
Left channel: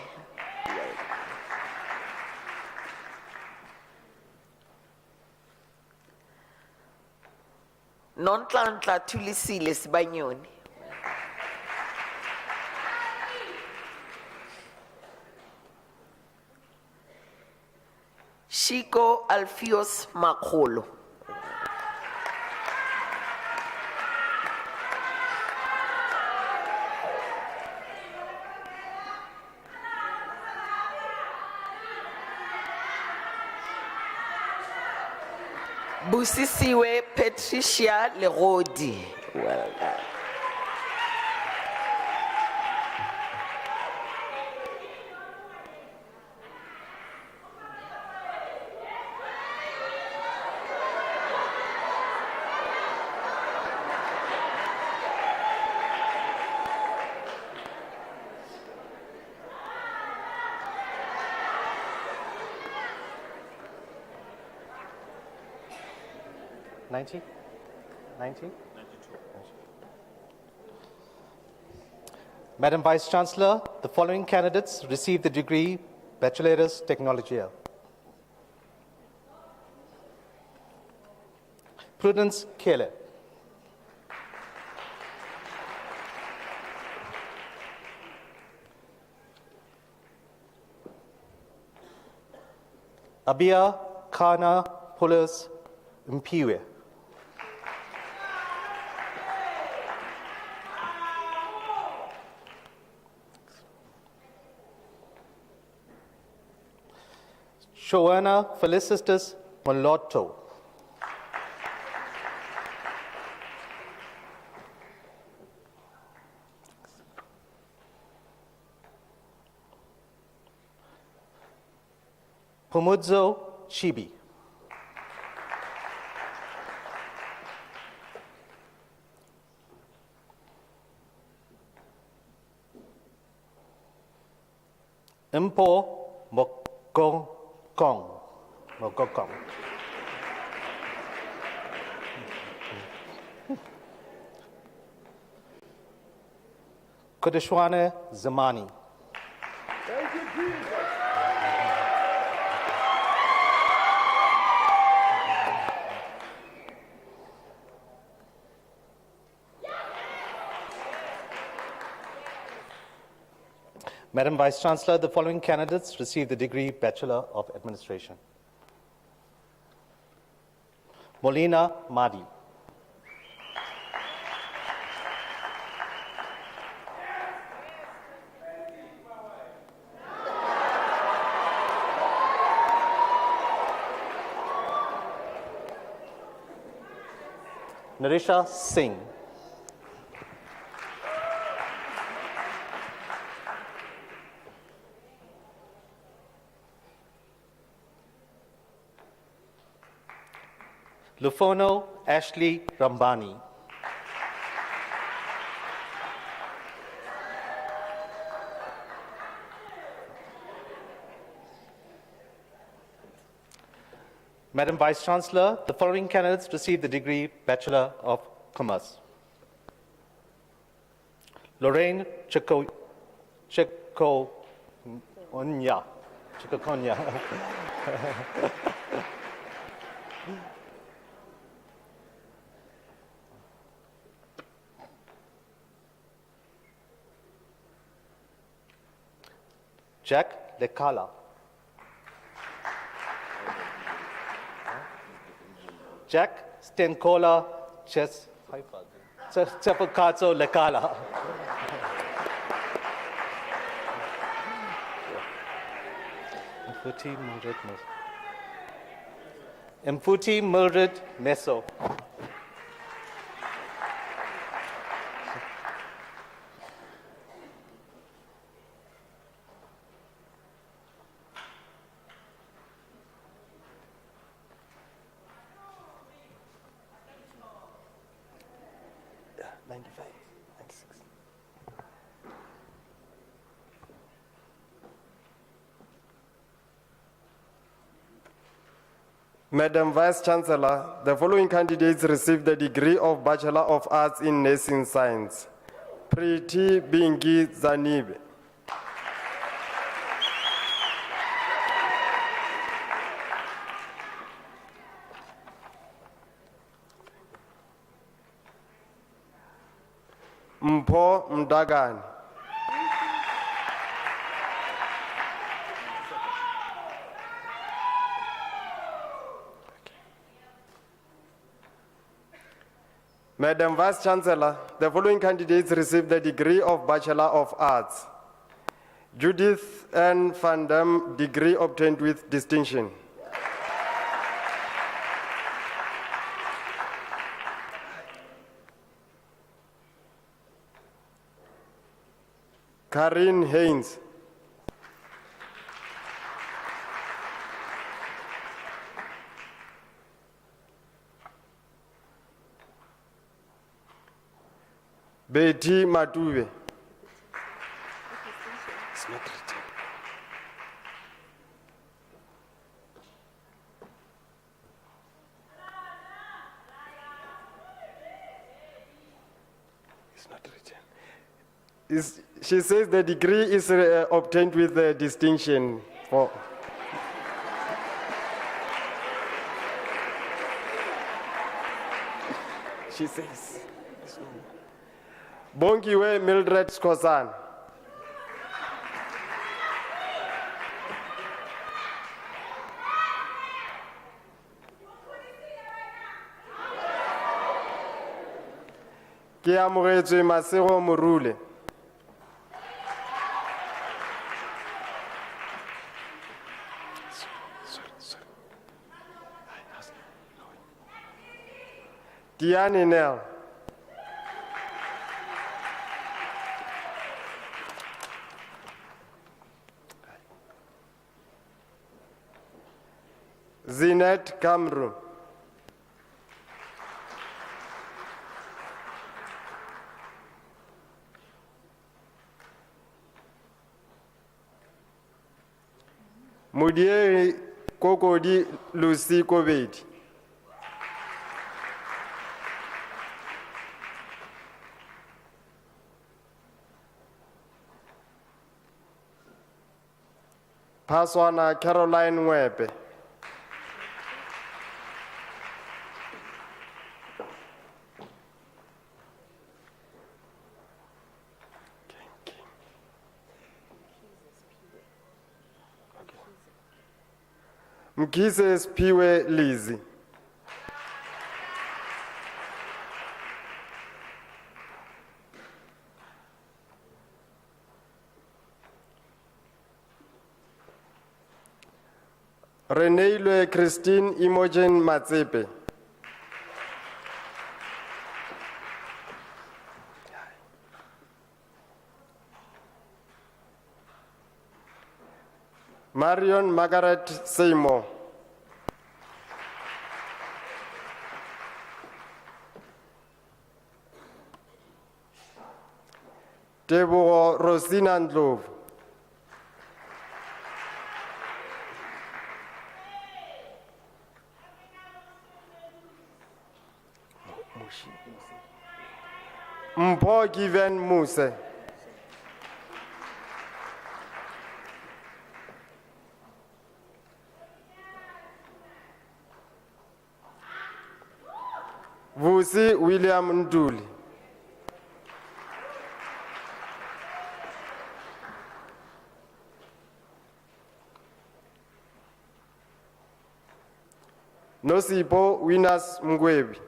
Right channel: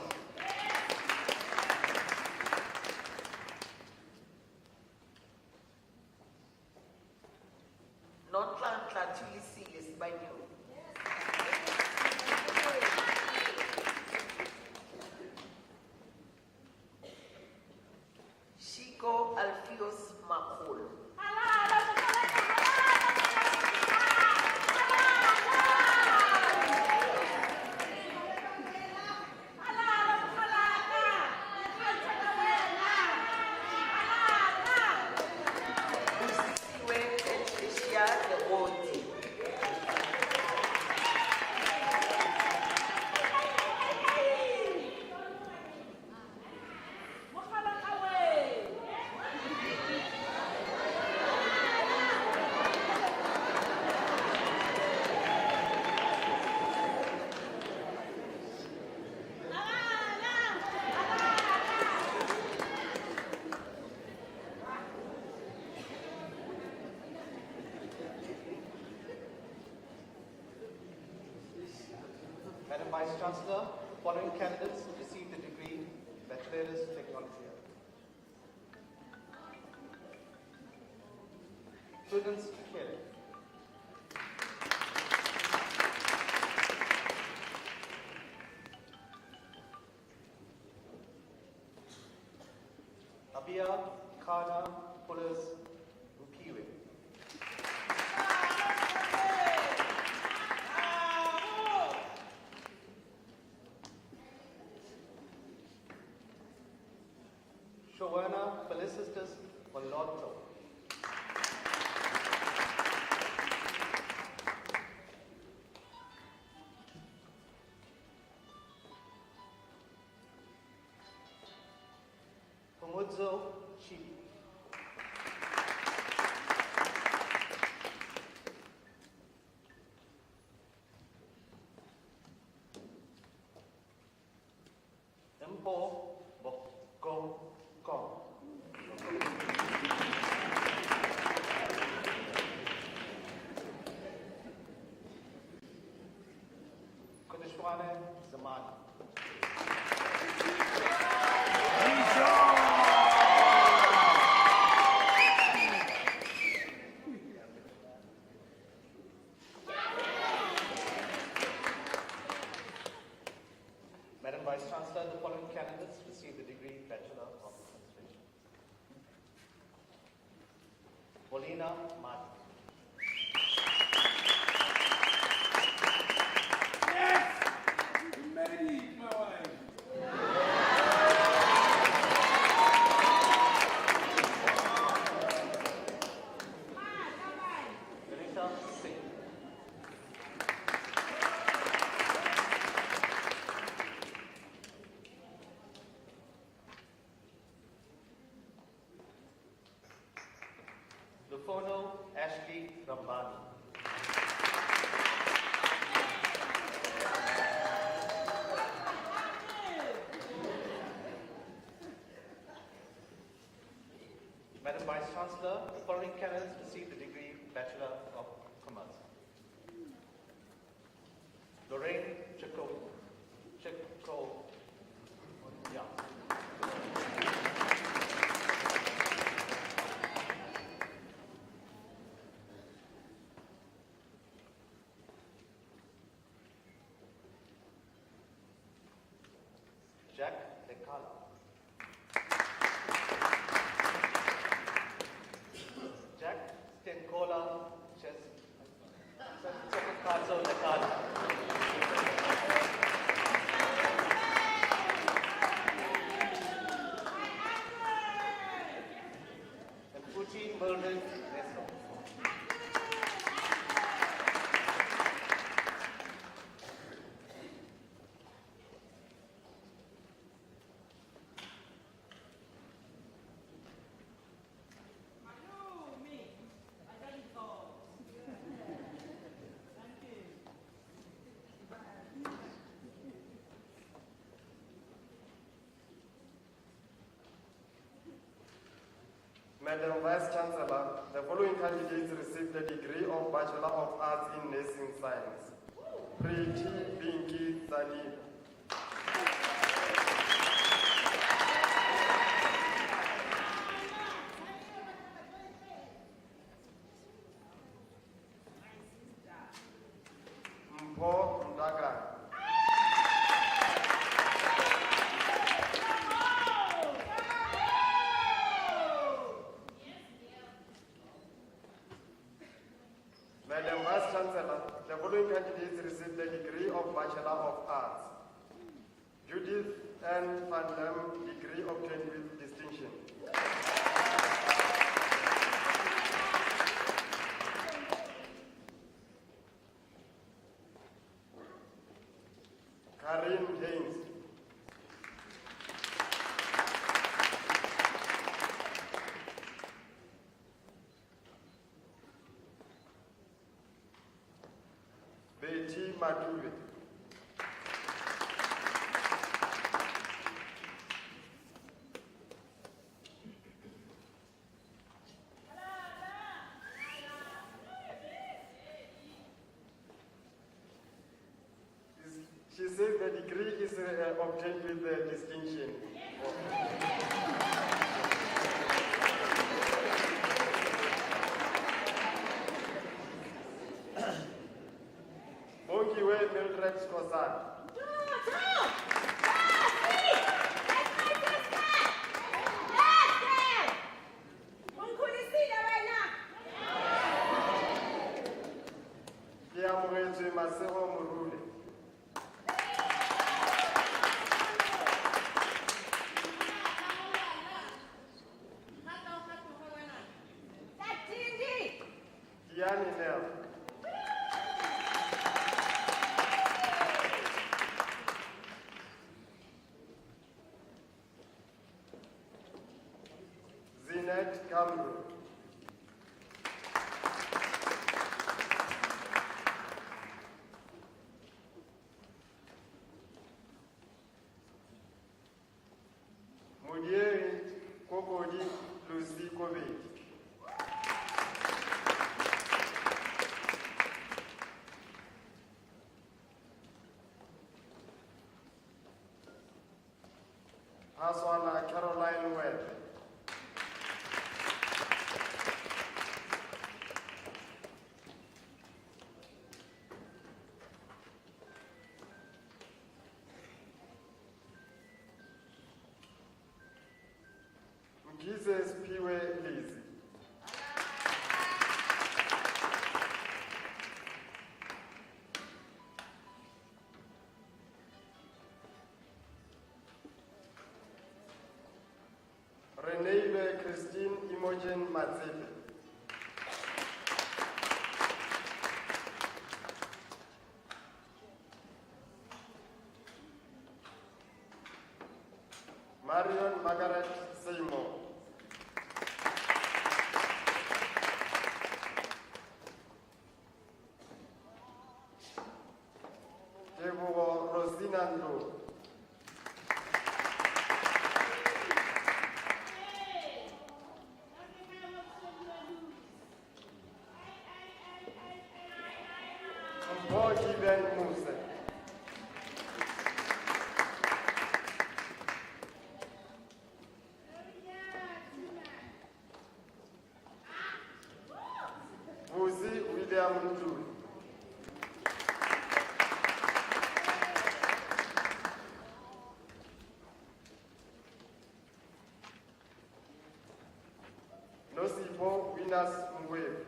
Nontlanhla Tulisile Sibanyoni. Shiko Alfios Makolo. Busisiwe Patricia Lerodi. Madam Vice Chancellor, the following candidates received the degree Baccalaureus Technologia. Prudence Kele. Abia Kana Pulis Mpiwe. Joanna Felicitas Molotto. Pumudzo Chibi. Impo Mokokong. Mokokong. Kodeshwane Zamani. Madam Vice Chancellor, the following candidates received the degree Bachelor of Administration. Molina Madi. Narisha Singh. Lufono Ashley Rambani. Madam Vice Chancellor, the following candidates received the degree Bachelor of Commerce. Lorraine Chikonya. Jack Lekala. Jack Stenkola Chepakazo Lekala. Mfuti Mildred Neso. Madam Vice Chancellor, the following candidates received the degree of Bachelor of Arts in Nursing Science. Priti Bingi Zanibe. Mpho Mdagani. Madam Vice Chancellor, the following candidates received the degree of Bachelor of Arts. Judith N. Van Dam, degree obtained with distinction. Karin Haynes. Betty Matube. She says the degree is obtained with distinction. She says. Bongiwe Mildred Skozan. Ke amogetswe Masego Morule. Diane Nell. Kenneth Kamru. Mudieri Kokodi Lucy Kobedi. Paswana Caroline Webe. Mkise Spiwe Lizzy. Reneilwe Christine Imogen Matsepe. Marion Margaret Seymour. Tebogo Rosina Ndlovu. Mpo Given Muse. Vusi William Nduli. Nosipo Winners Mgwebi.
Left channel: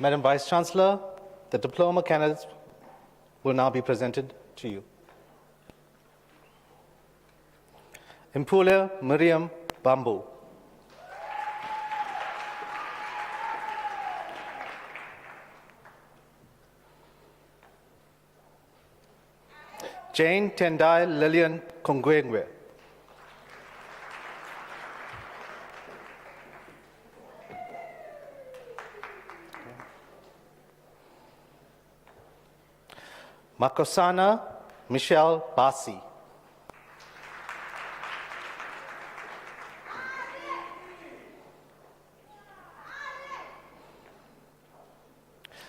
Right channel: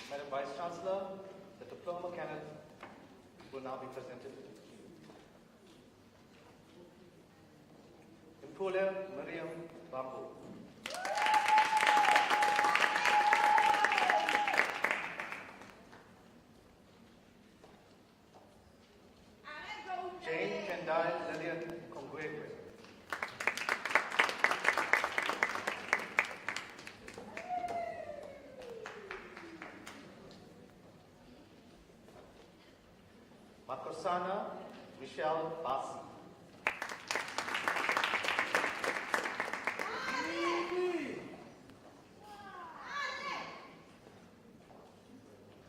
Madam Vice Chancellor, the diploma candidates will now be presented to you. Impule Miriam Bambu. Jane Tendai Lillian Kongwengwe. Makosana Michelle Basi.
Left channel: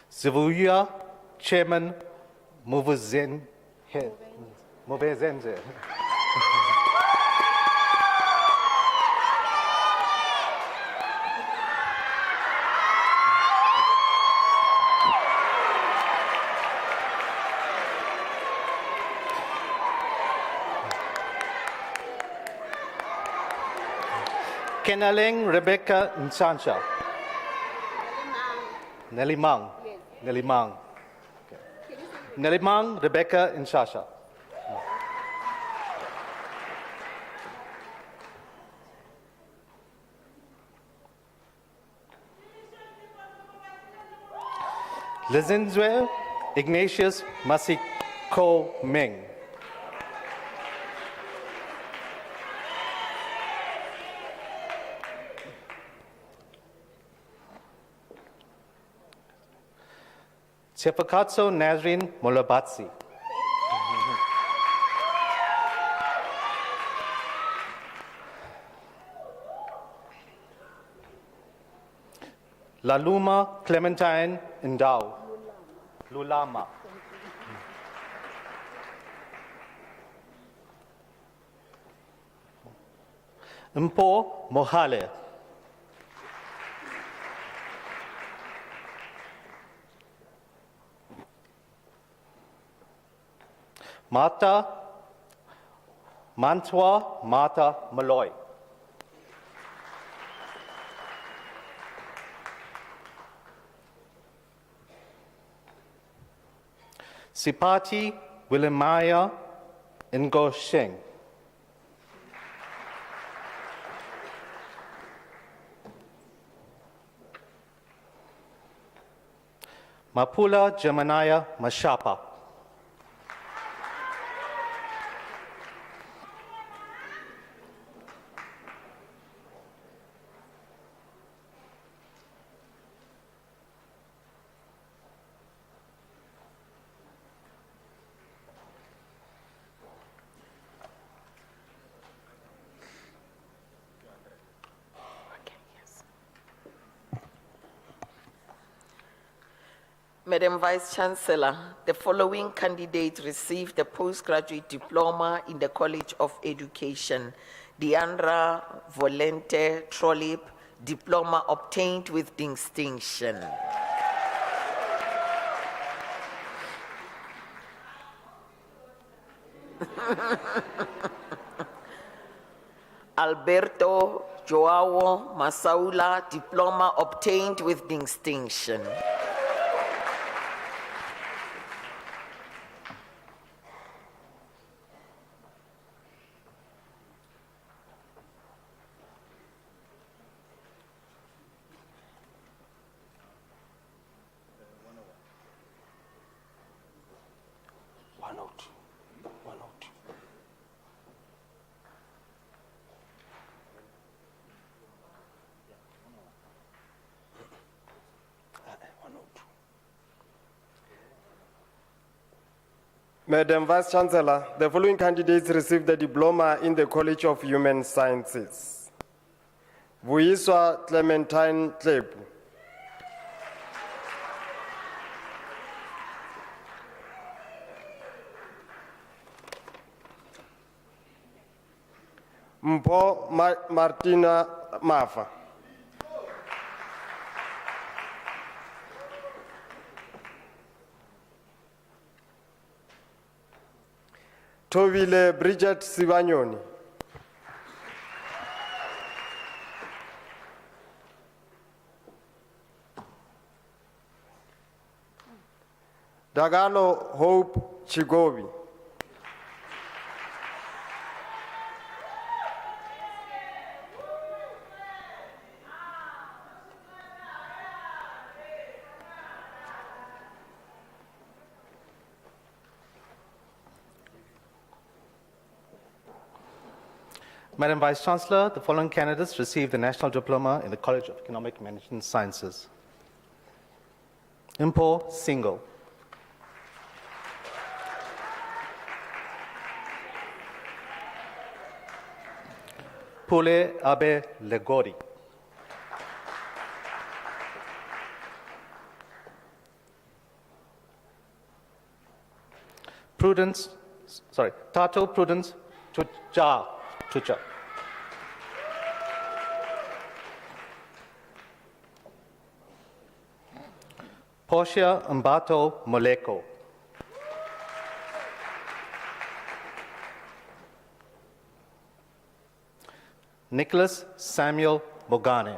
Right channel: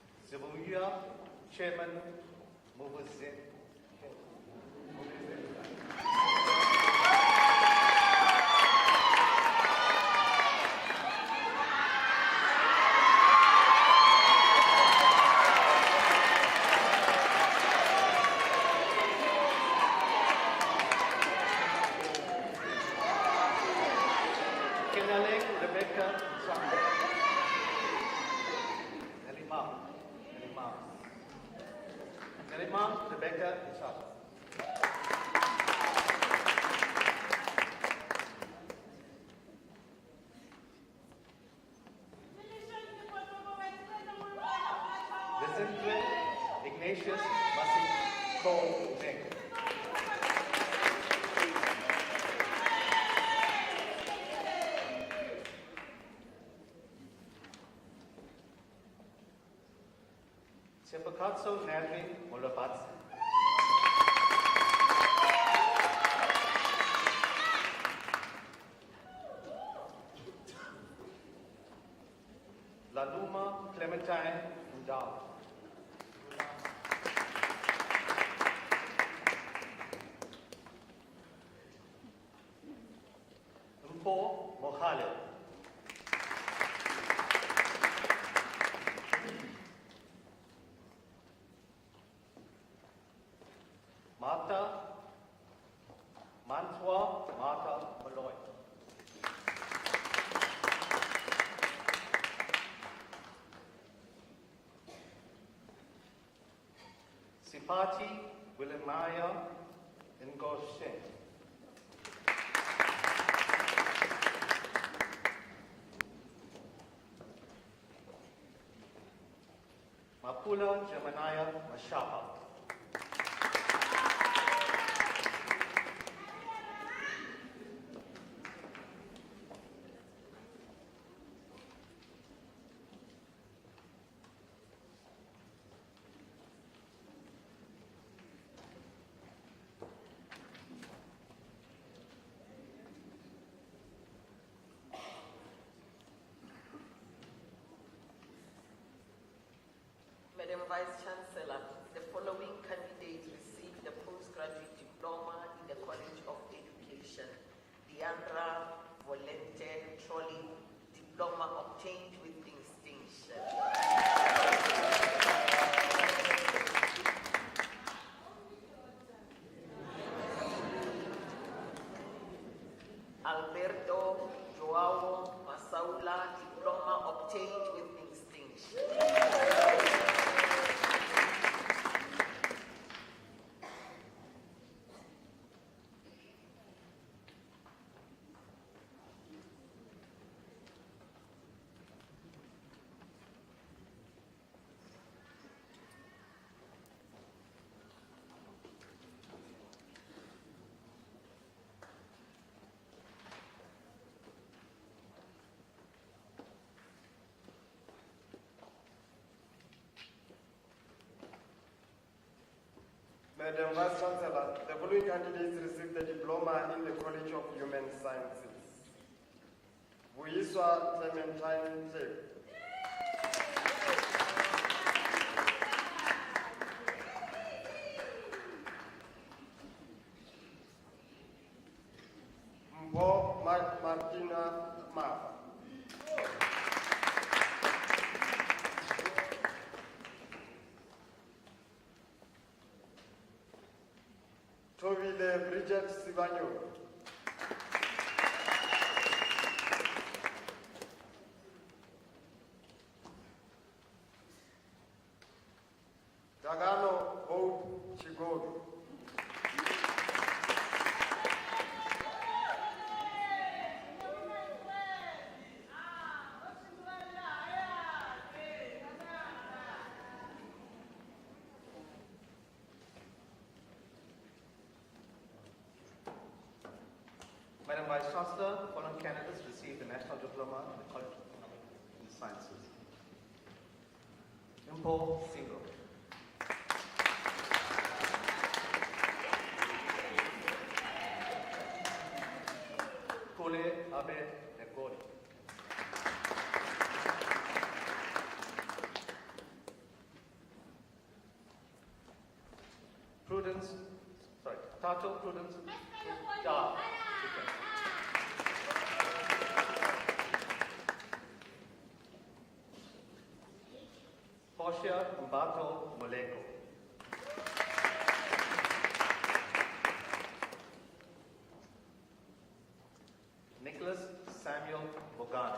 Zivuya Chairman Muvuzenze. Kenaling Rebecca Nsansha. Nelly Mang. Nelly Mang Rebecca Nsansha. Lizinzwe Ignatius Masiko Ming. Chepakatso Nazrin Molabatsi. Laluma Clementine Ndau. Lulama. Mpo Mohale. Mata Mantwa Mata Malloy. Sipati Willemaya Ngo Sheng. Mapula Jemaniah Mashapa. Madam Vice Chancellor, the following candidate received a postgraduate diploma in the College of Education. Deandra Volente Trolip, diploma obtained with distinction. Alberto Joao Masaula, diploma obtained with distinction. Madam Vice Chancellor, the following candidates received the diploma in the College of Human Sciences. Vuyiswa Clementine Klepu. Mpho Martina Mafa. Tobile Bridget Sibanyoni. Dagalo Hope Chigobi. Madam Vice Chancellor, the following candidates received the National Diploma in the College of Economic Management Sciences. Impo Single. Pule Abe Legori. Tato Prudence Tucha. Portia Mbato Moleko. Nicholas Samuel Bogane.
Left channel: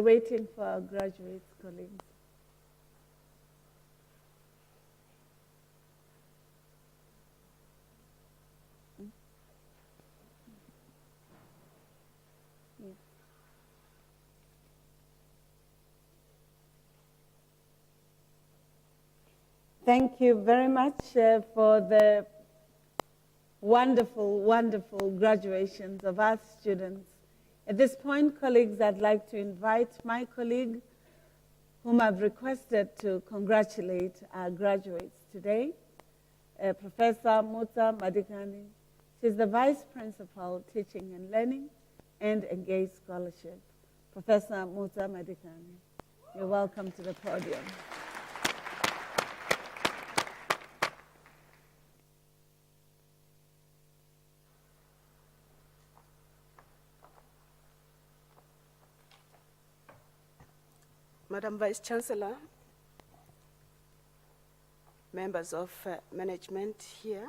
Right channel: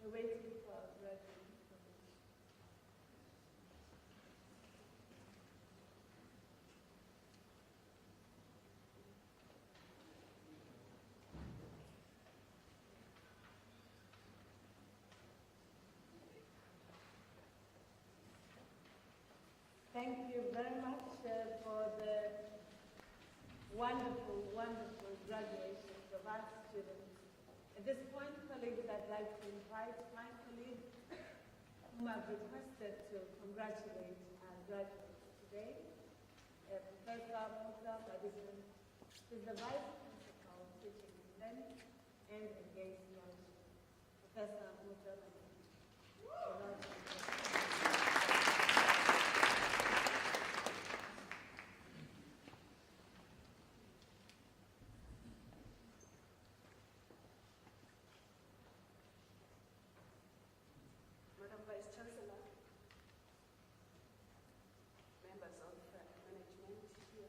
We're waiting for our graduate colleagues. Thank you very much for the wonderful, wonderful graduations of our students. At this point, colleagues, I'd like to invite my colleague, whom I've requested to congratulate our graduates today, Professor Muta Madikani. She's the Vice Principal, Teaching and Learning and Engaged Scholarship. Professor Muta Madikani, you're welcome to the podium. Madam Vice Chancellor, members of management here,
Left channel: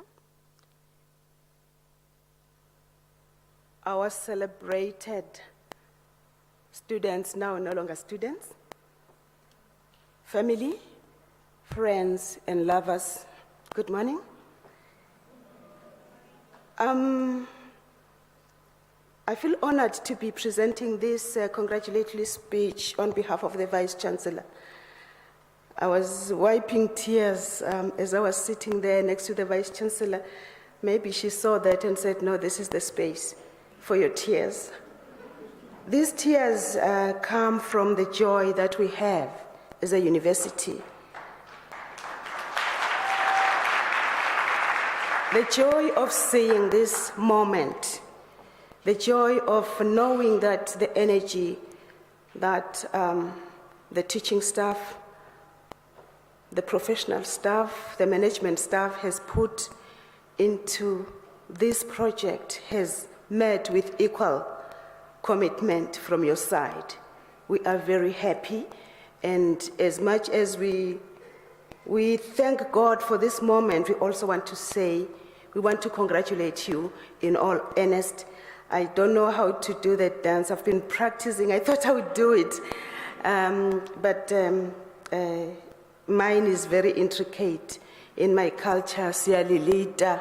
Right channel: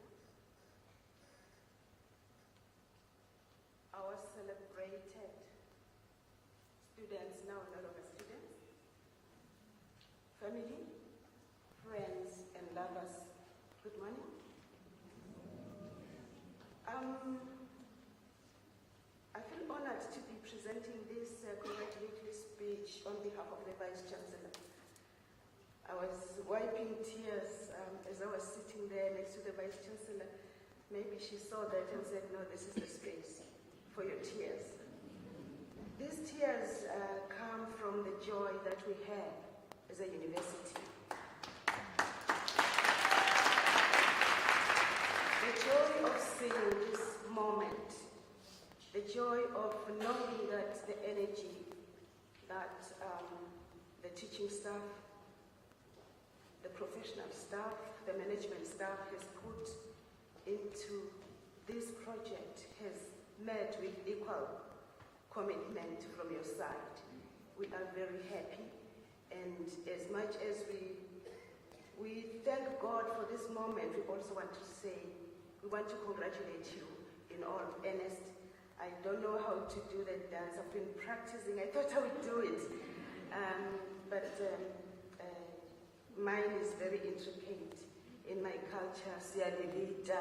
our celebrated students, now no longer students, family, friends, and lovers, good morning. I feel honored to be presenting this congratulatory speech on behalf of the Vice Chancellor. I was wiping tears as I was sitting there next to the Vice Chancellor. Maybe she saw that and said, no, this is the space for your tears. These tears come from the joy that we have as a university. The joy of seeing this moment, the joy of knowing that the energy that the teaching staff, the professional staff, the management staff has put into this project has met with equal commitment from your side. We are very happy, and as much as we thank God for this moment, we also want to say, we want to congratulate you in all earnest. I don't know how to do that dance. I've been practicing. I thought I would do it. But mine is very intricate. In my culture, siyalilita,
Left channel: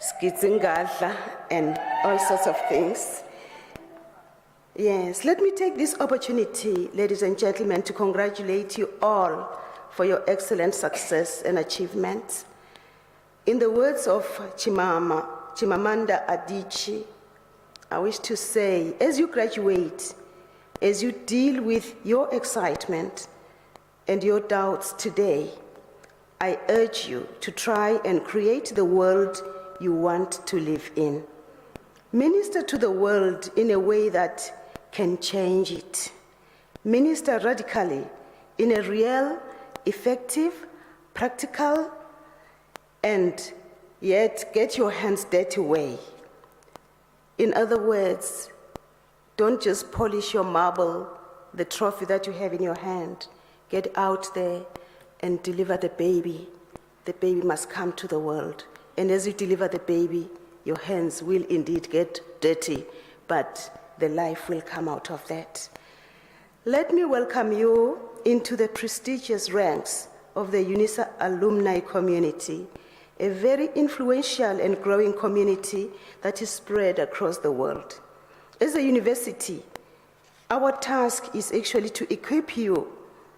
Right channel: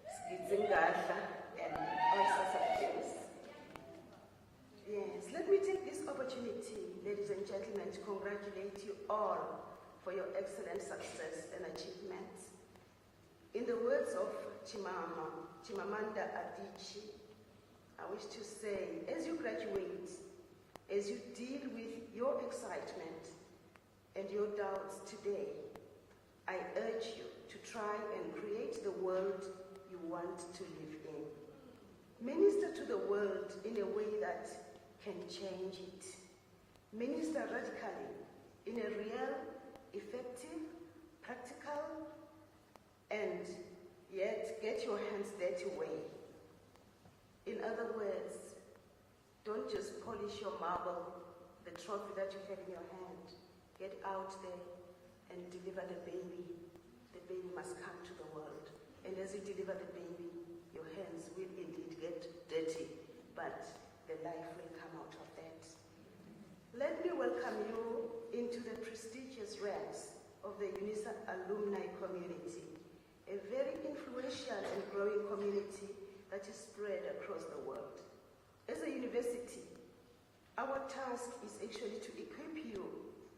skitsingadla, and all sorts of things. Yes, let me take this opportunity, ladies and gentlemen, to congratulate you all for your excellent success and achievements. In the words of Chimamanda Adichie, I wish to say, as you graduate, as you deal with your excitement and your doubts today, I urge you to try and create the world you want to live in. Minister to the world in a way that can change it. Minister radically in a real, effective, practical, and yet get your hands dirty way. In other words, don't just polish your marble, the trophy that you have in your hand. Get out there and deliver the baby. The baby must come to the world. And as you deliver the baby, your hands will indeed get dirty, but the life will come out of that. Let me welcome you into the prestigious ranks of the Unisa alumni community, a very influential and growing community that is spread across the world. As a university, our task is actually to equip you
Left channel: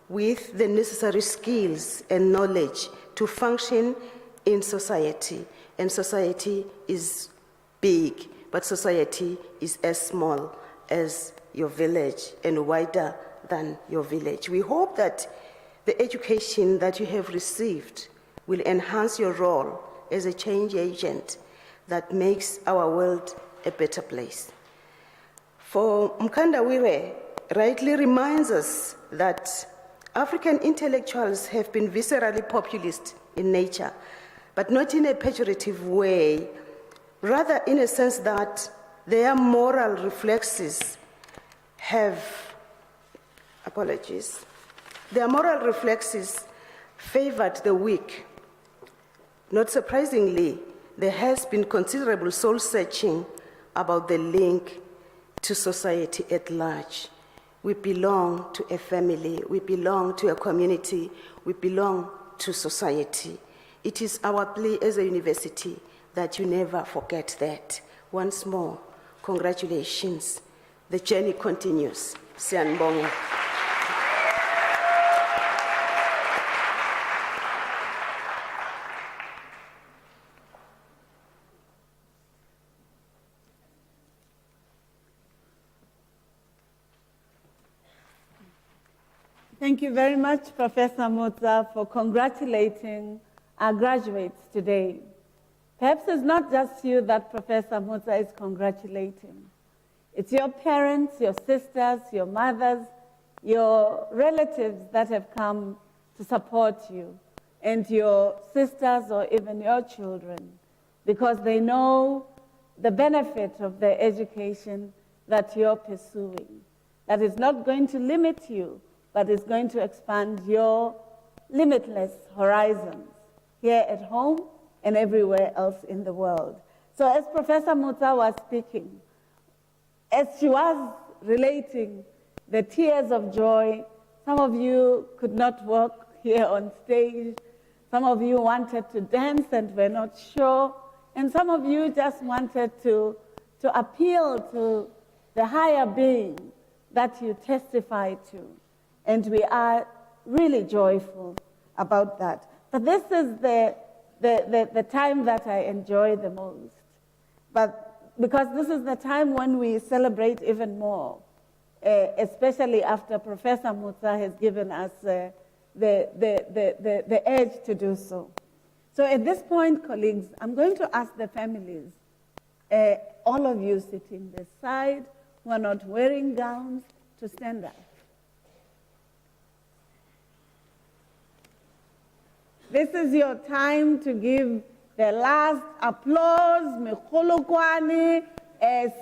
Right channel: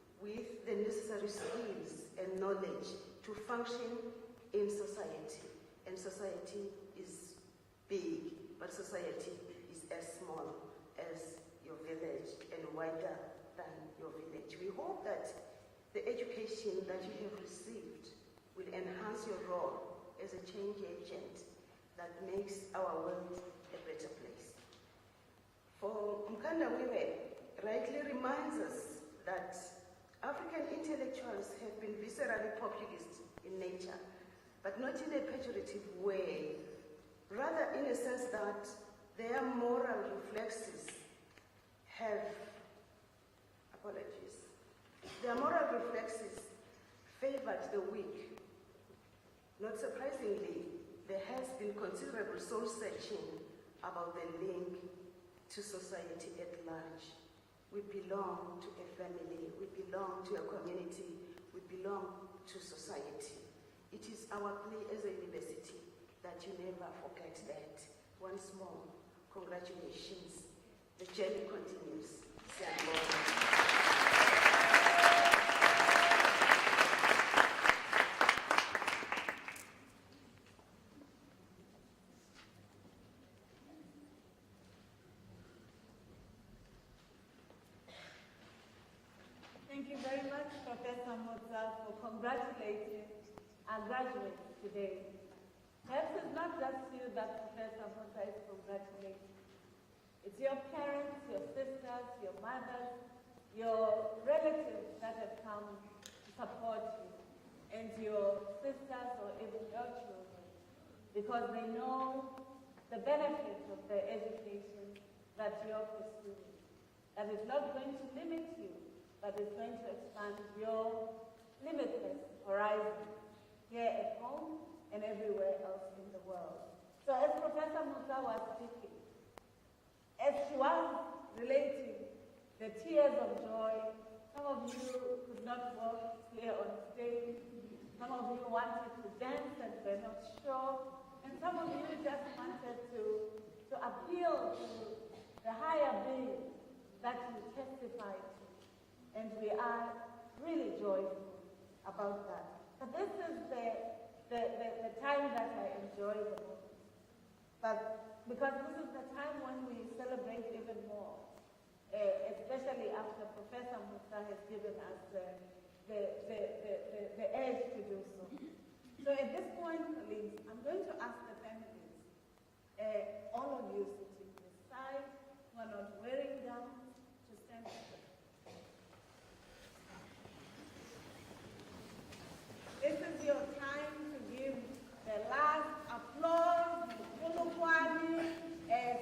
with the necessary skills and knowledge to function in society. And society is big, but society is as small as your village and wider than your village. We hope that the education that you have received will enhance your role as a change agent that makes our world a better place. For Mkanda Wire rightly reminds us that African intellectuals have been viscerally populist in nature, but not in a pejorative way, rather in a sense that their moral reflexes have, their moral reflexes favored the weak. Not surprisingly, there has been considerable soul-searching about the link to society at large. We belong to a family, we belong to a community, we belong to society. It is our plea as a university that you never forget that. Once more, congratulations. The journey continues. Siyanibonga. Thank you very much, Professor Mutsa, for congratulating our graduates today. Perhaps it's not just you that Professor Mutsa is congratulating. It's your parents, your sisters, your mothers, your relatives that have come to support you, and your sisters or even your children, because they know the benefit of the education that you're pursuing. That is not going to limit you, but is going to expand your limitless horizons here at home and everywhere else in the world. So as Professor Mutsa was speaking, as she was relating the tears of joy, some of you could not walk here on stage, some of you wanted to dance and were not sure, and some of you just wanted to appeal to the higher being that you testify to. And we are really joyful about that. But this is the time that I enjoy the most. But because this is the time when we celebrate even more, especially after Professor Mutsa has given us the edge to do so. So at this point, colleagues, I'm going to ask the families, all of you sitting this side who are not wearing gowns, to stand up. This is your time to give the last applause, mekhulukwani,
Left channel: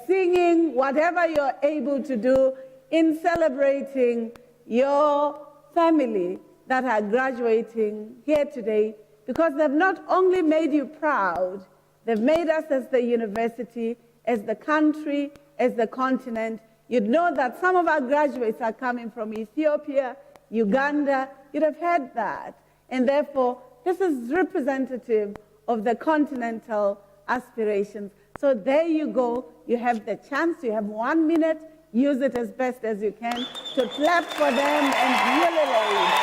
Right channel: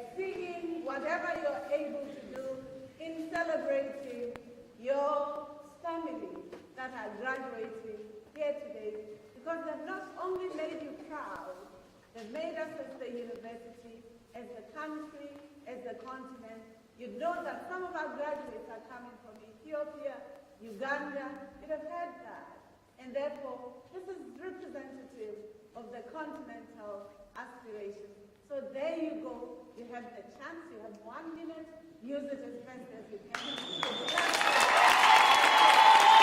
singing, whatever you're able to do in celebrating your family that are graduating here today, because they've not only made you proud, they've made us as the university, as the country, as the continent. You'd know that some of our graduates are coming from Ethiopia, Uganda. You'd have heard that. And therefore, this is representative of the continental aspirations. So there you go. You have the chance. You have 1 minute. Use it as best as you can to clap for them and jubilate.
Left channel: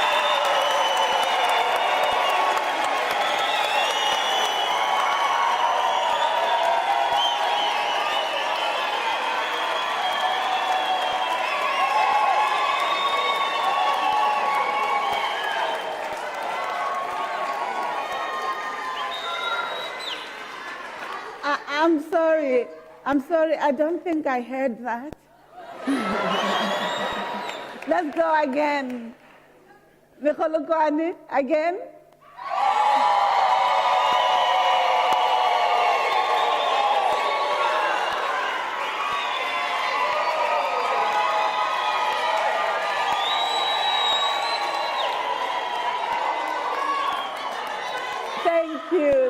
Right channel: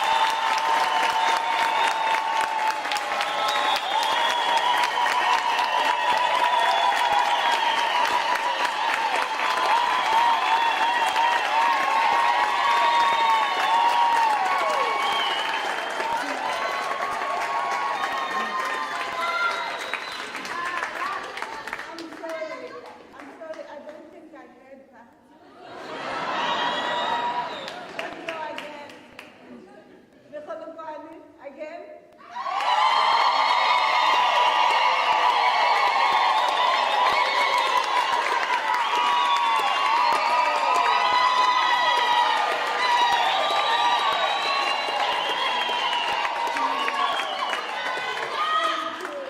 I'm sorry, I don't think I heard that. Let's go again. Mekhulukwani, again.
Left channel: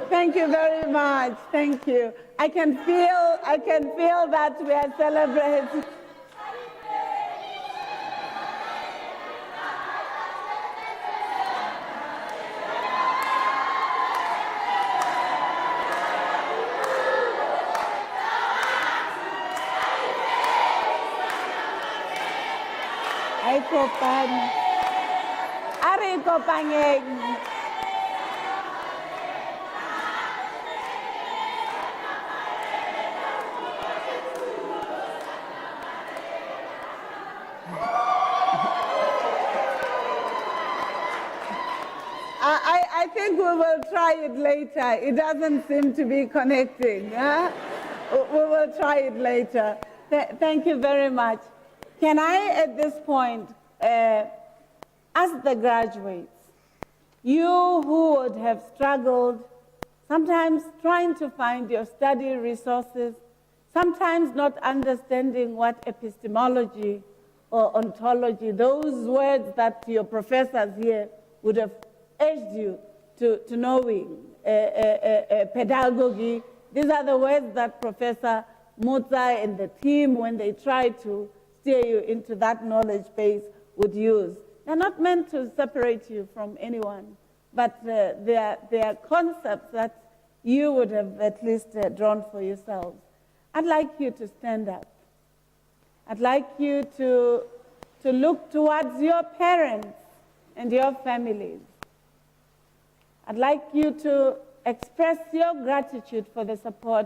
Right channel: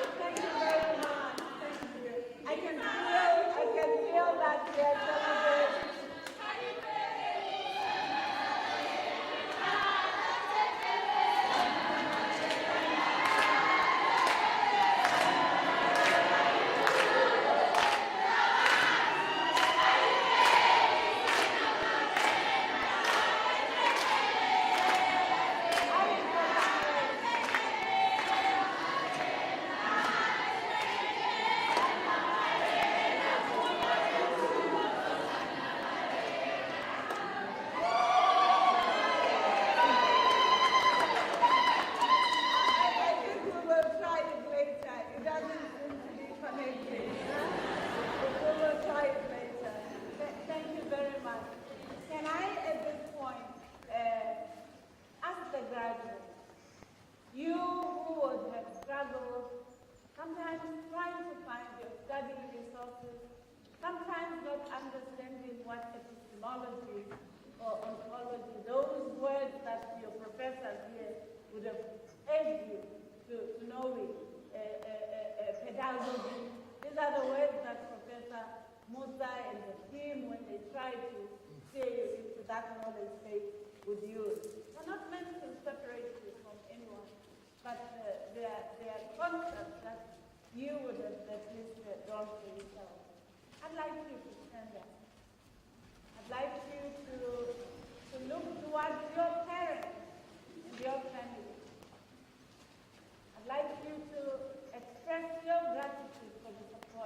Thank you very much. Thank you. I can feel that we are celebrating. Ay, Kopan. Ari Kopangeng. I think we will try it later. It doesn't seem to be connecting. Huh? We will try it later. Thank you very much. Can I, at this point, ask the graduates, you who would have struggled, sometimes trying to find your study resources, sometimes not understanding what epistemology or ontology, those words that your professors here would have urged you to knowing, pedagogy. These are the words that Professor Mutsa and the team, when they try to steer you into that knowledge base would use. They're not meant to separate you from anyone, but they are concepts that you would have at least drawn for yourself. I'd like you to stand up. I'd like you to look towards your parents and your families. I'd like you to express your gratitude for the support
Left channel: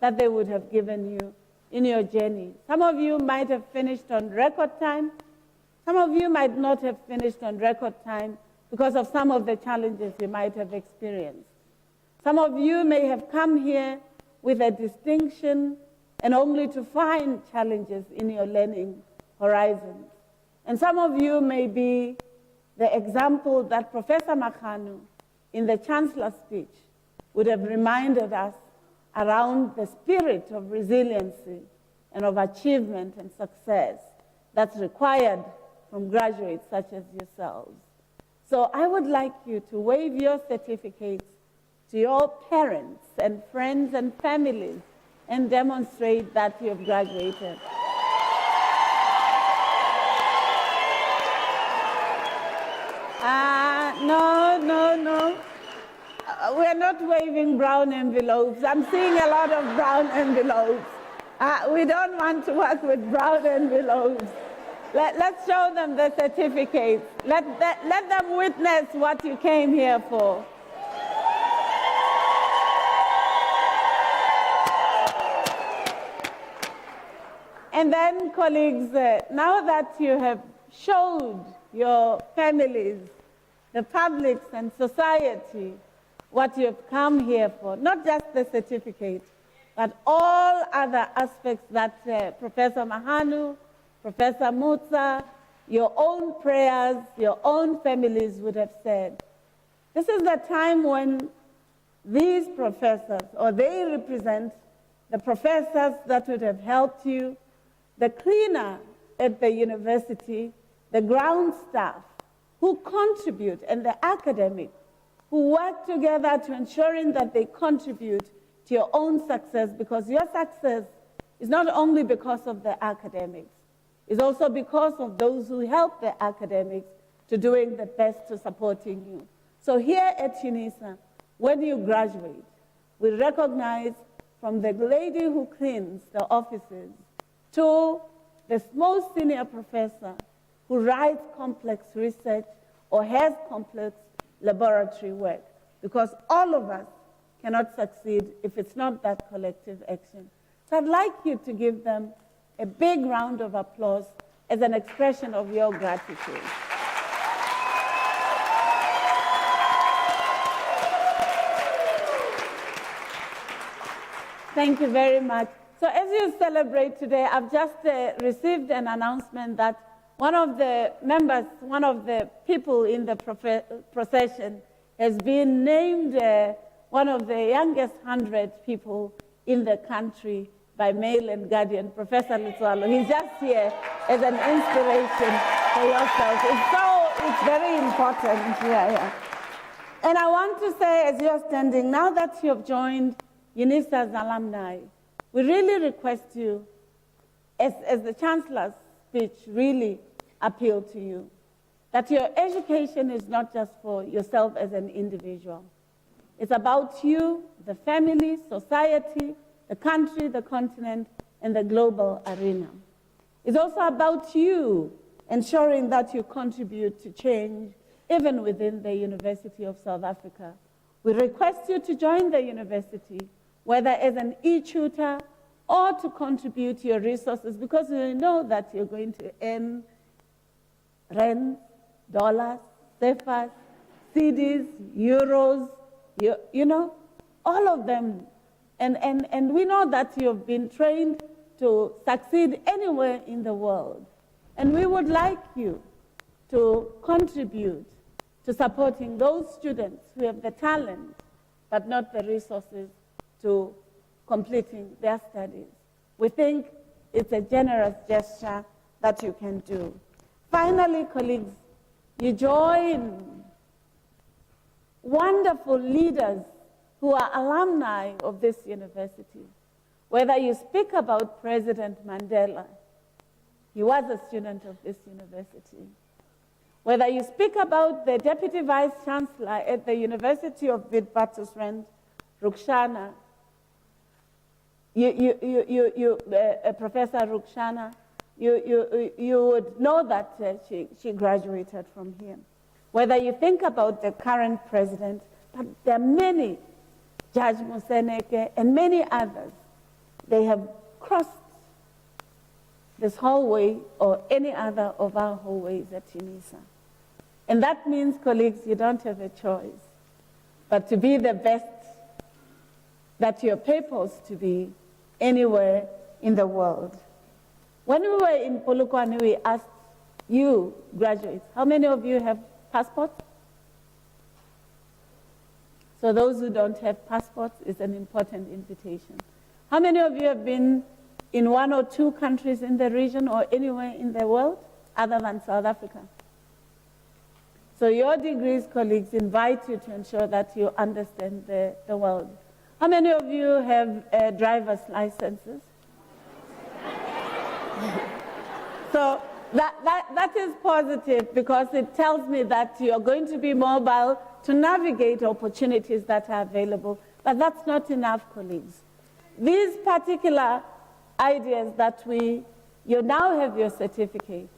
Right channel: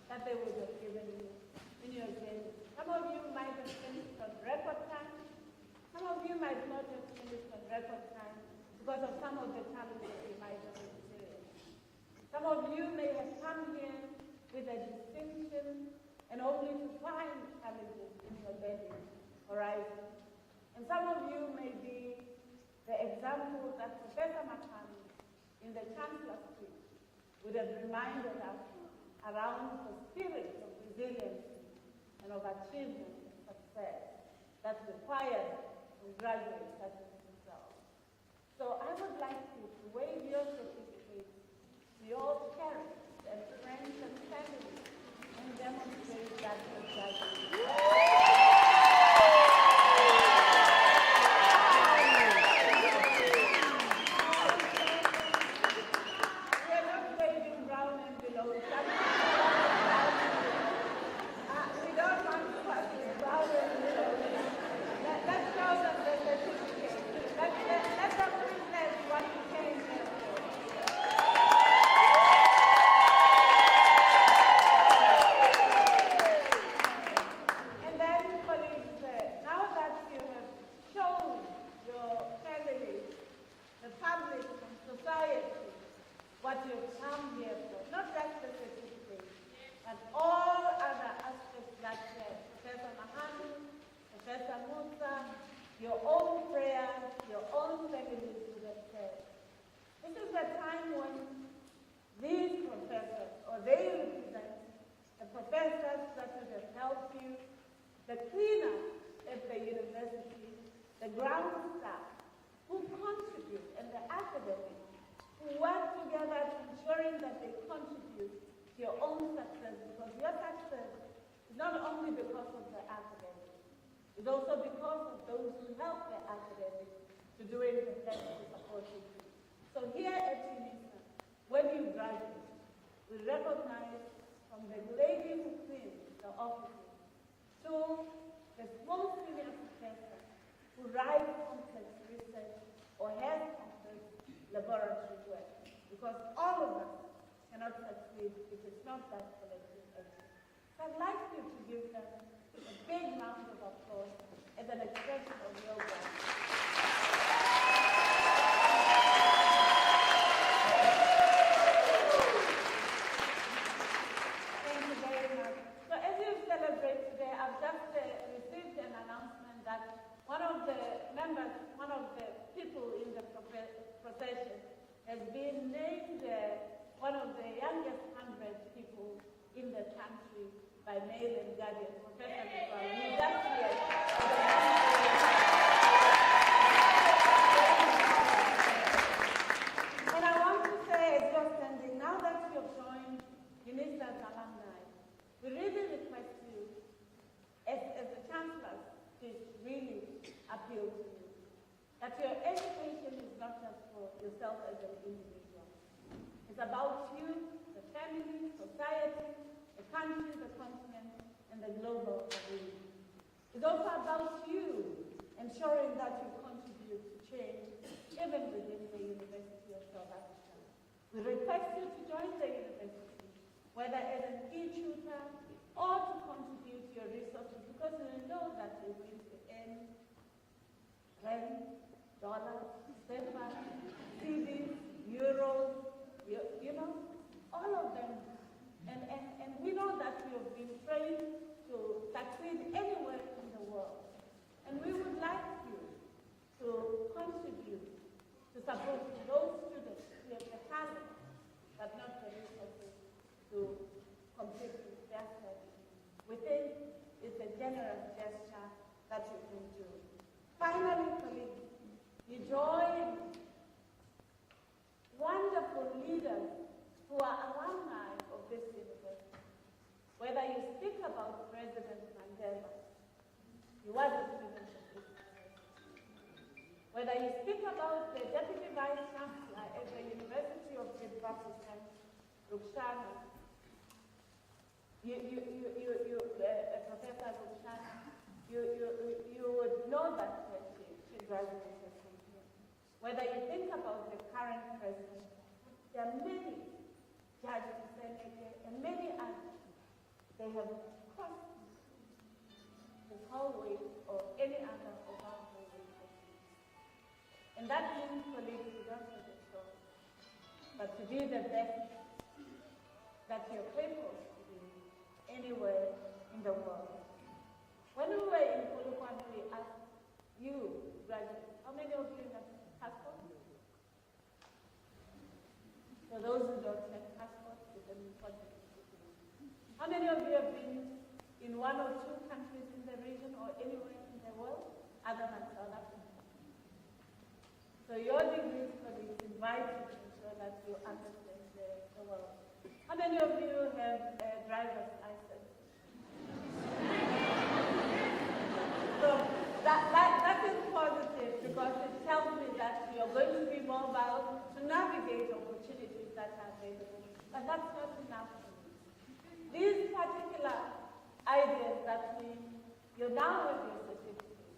that they would have given you in your journey. Some of you might have finished on record time. Some of you might not have finished on record time because of some of the challenges you might have experienced. Some of you may have come here with a distinction and only to find challenges in your learning horizon. And some of you may be the example that Professor Makhanu, in the Chancellor's speech, would have reminded us around the spirit of resiliency and of achievement and success that's required from graduates such as yourselves. So I would like you to wave your certificates to your parents and friends and families and demonstrate that you have graduated. No. We're not waving brown envelopes. I'm seeing a lot of brown envelopes. We don't want to work with brown envelopes. Let's show them the certificates. Let them witness what you came here for. And then, colleagues, now that you have showed your families, the publics and society what you have come here for, not just the certificate, but all other aspects that Professor Mahanu, Professor Mutsa, your own prayers, your own families would have said. This is the time when these professors, or they represent the professors that would have helped you, the cleaner at the university, the ground staff who contribute, and the academics who work together to ensuring that they contribute to your own success, because your success is not only because of the academics, it's also because of those who help the academics to doing the best to supporting you. So here at Unisa, when you graduate, we recognize from the lady who cleans the offices to the most senior professor who writes complex research or has complex laboratory work, because all of us cannot succeed if it's not that collective action. So I'd like you to give them a big round of applause as an expression of your gratitude. Thank you very much. So as you celebrate today, I've just received an announcement that one of the members, one of the people in the procession has been named one of the youngest 100 people in the country by Mail and Guardian, Professor Lutswalo. He's just here as an inspiration for yourself. It's very important here. And I want to say, as you're standing, now that you have joined Unisa's alumni, we really request you, as the Chancellor's speech really appealed to you, that your education is not just for yourself as an individual. It's about you, the family, society, the country, the continent, and the global arena. It's also about you ensuring that you contribute to change even within the University of South Africa. We request you to join the university, whether as an e-tutor or to contribute your resources, because we know that you're going to earn rand, dollars, CFAs, CDs, euros, you know, all of them. And we know that you've been trained to succeed anywhere in the world. And we would like you to contribute to supporting those students who have the talent, but not the resources to completing their studies. We think it's a generous gesture that you can do. Finally, colleagues, you join wonderful leaders who are alumni of this university. Whether you speak about President Mandela, He was a student of this university. Whether you speak about the Deputy Vice Chancellor at the University of Witwatersrand, Rukshana, Professor Rukshana, you would know that she graduated from here. Whether you think about the current president, but there are many, Judge Museneke and many others, they have crossed this hallway or any other of our hallways at Unisa. And that means, colleagues, you don't have a choice but to be the best that you're purposed to be anywhere in the world. When we were in Polokwane, we asked you, graduates, how many of you have passports? So those who don't have passports, it's an important invitation. How many of you have been in 1 or 2 countries in the region or anywhere in the world other than South Africa? So your degrees, colleagues, invite you to ensure that you understand the world. How many of you have driver's licenses? So that is positive because it tells me that you are going to be mobile to navigate opportunities that are available. But that's not enough, colleagues. These particular ideas that you now have your certificate.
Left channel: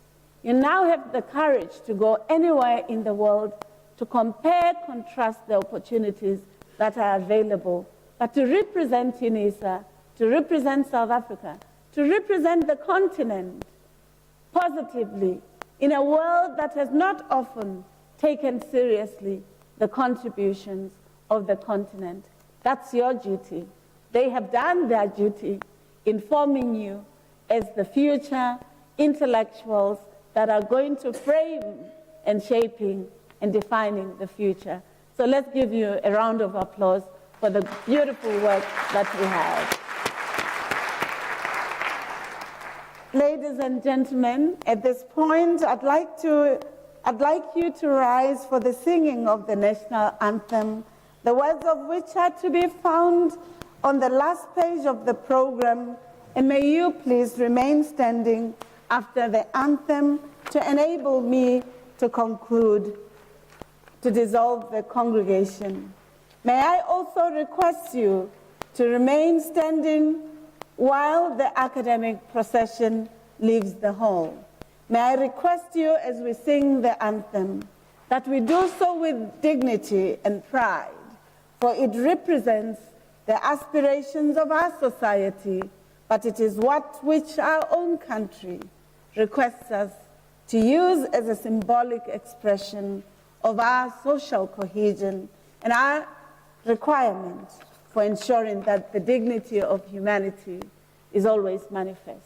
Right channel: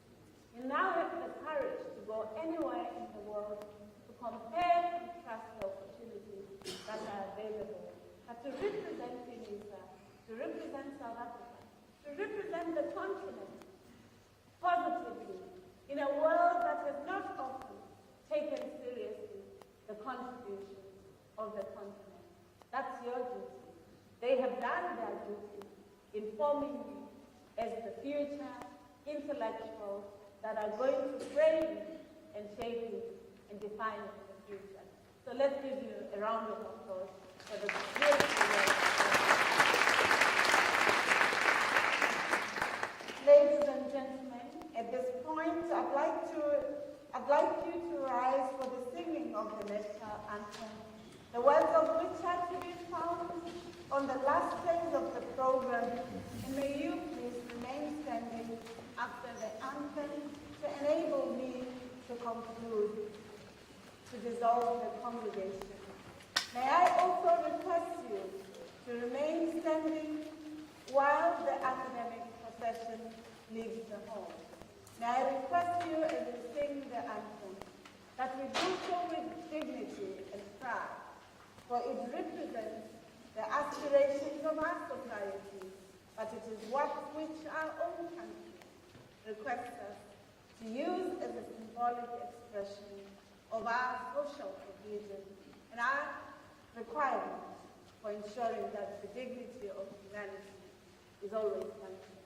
You now have the courage to go anywhere in the world to compare, contrast the opportunities that are available, but to represent Unisa, to represent South Africa, to represent the continent positively in a world that has not often taken seriously the contributions of the continent. That's your duty. They have done their duty in forming you as the future intellectuals that are going to frame and shaping and defining the future. So let's give you a round of applause for the beautiful work that we have. Ladies and gentlemen, at this point, I'd like you to rise for the singing of the national anthem, the words of which are to be found on the last page of the program, and may you please remain standing after the anthem to enable me to conclude, to dissolve the congregation. May I also request you to remain standing while the academic procession leaves the hall. May I request you, as we sing the anthem, that we do so with dignity and pride, for it represents the aspirations of our society, but it is what which our own country requests us to use as a symbolic expression of our social cohesion and our requirement for ensuring that the dignity of humanity is always manifest.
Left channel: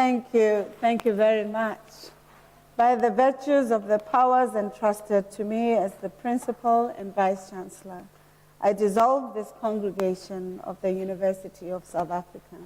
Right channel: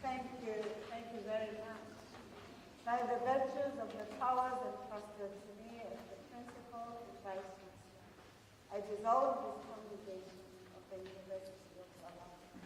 Thank you very much. By the virtues of the powers entrusted to me as the Principal and Vice Chancellor, I dissolve this congregation of the University of South Africa.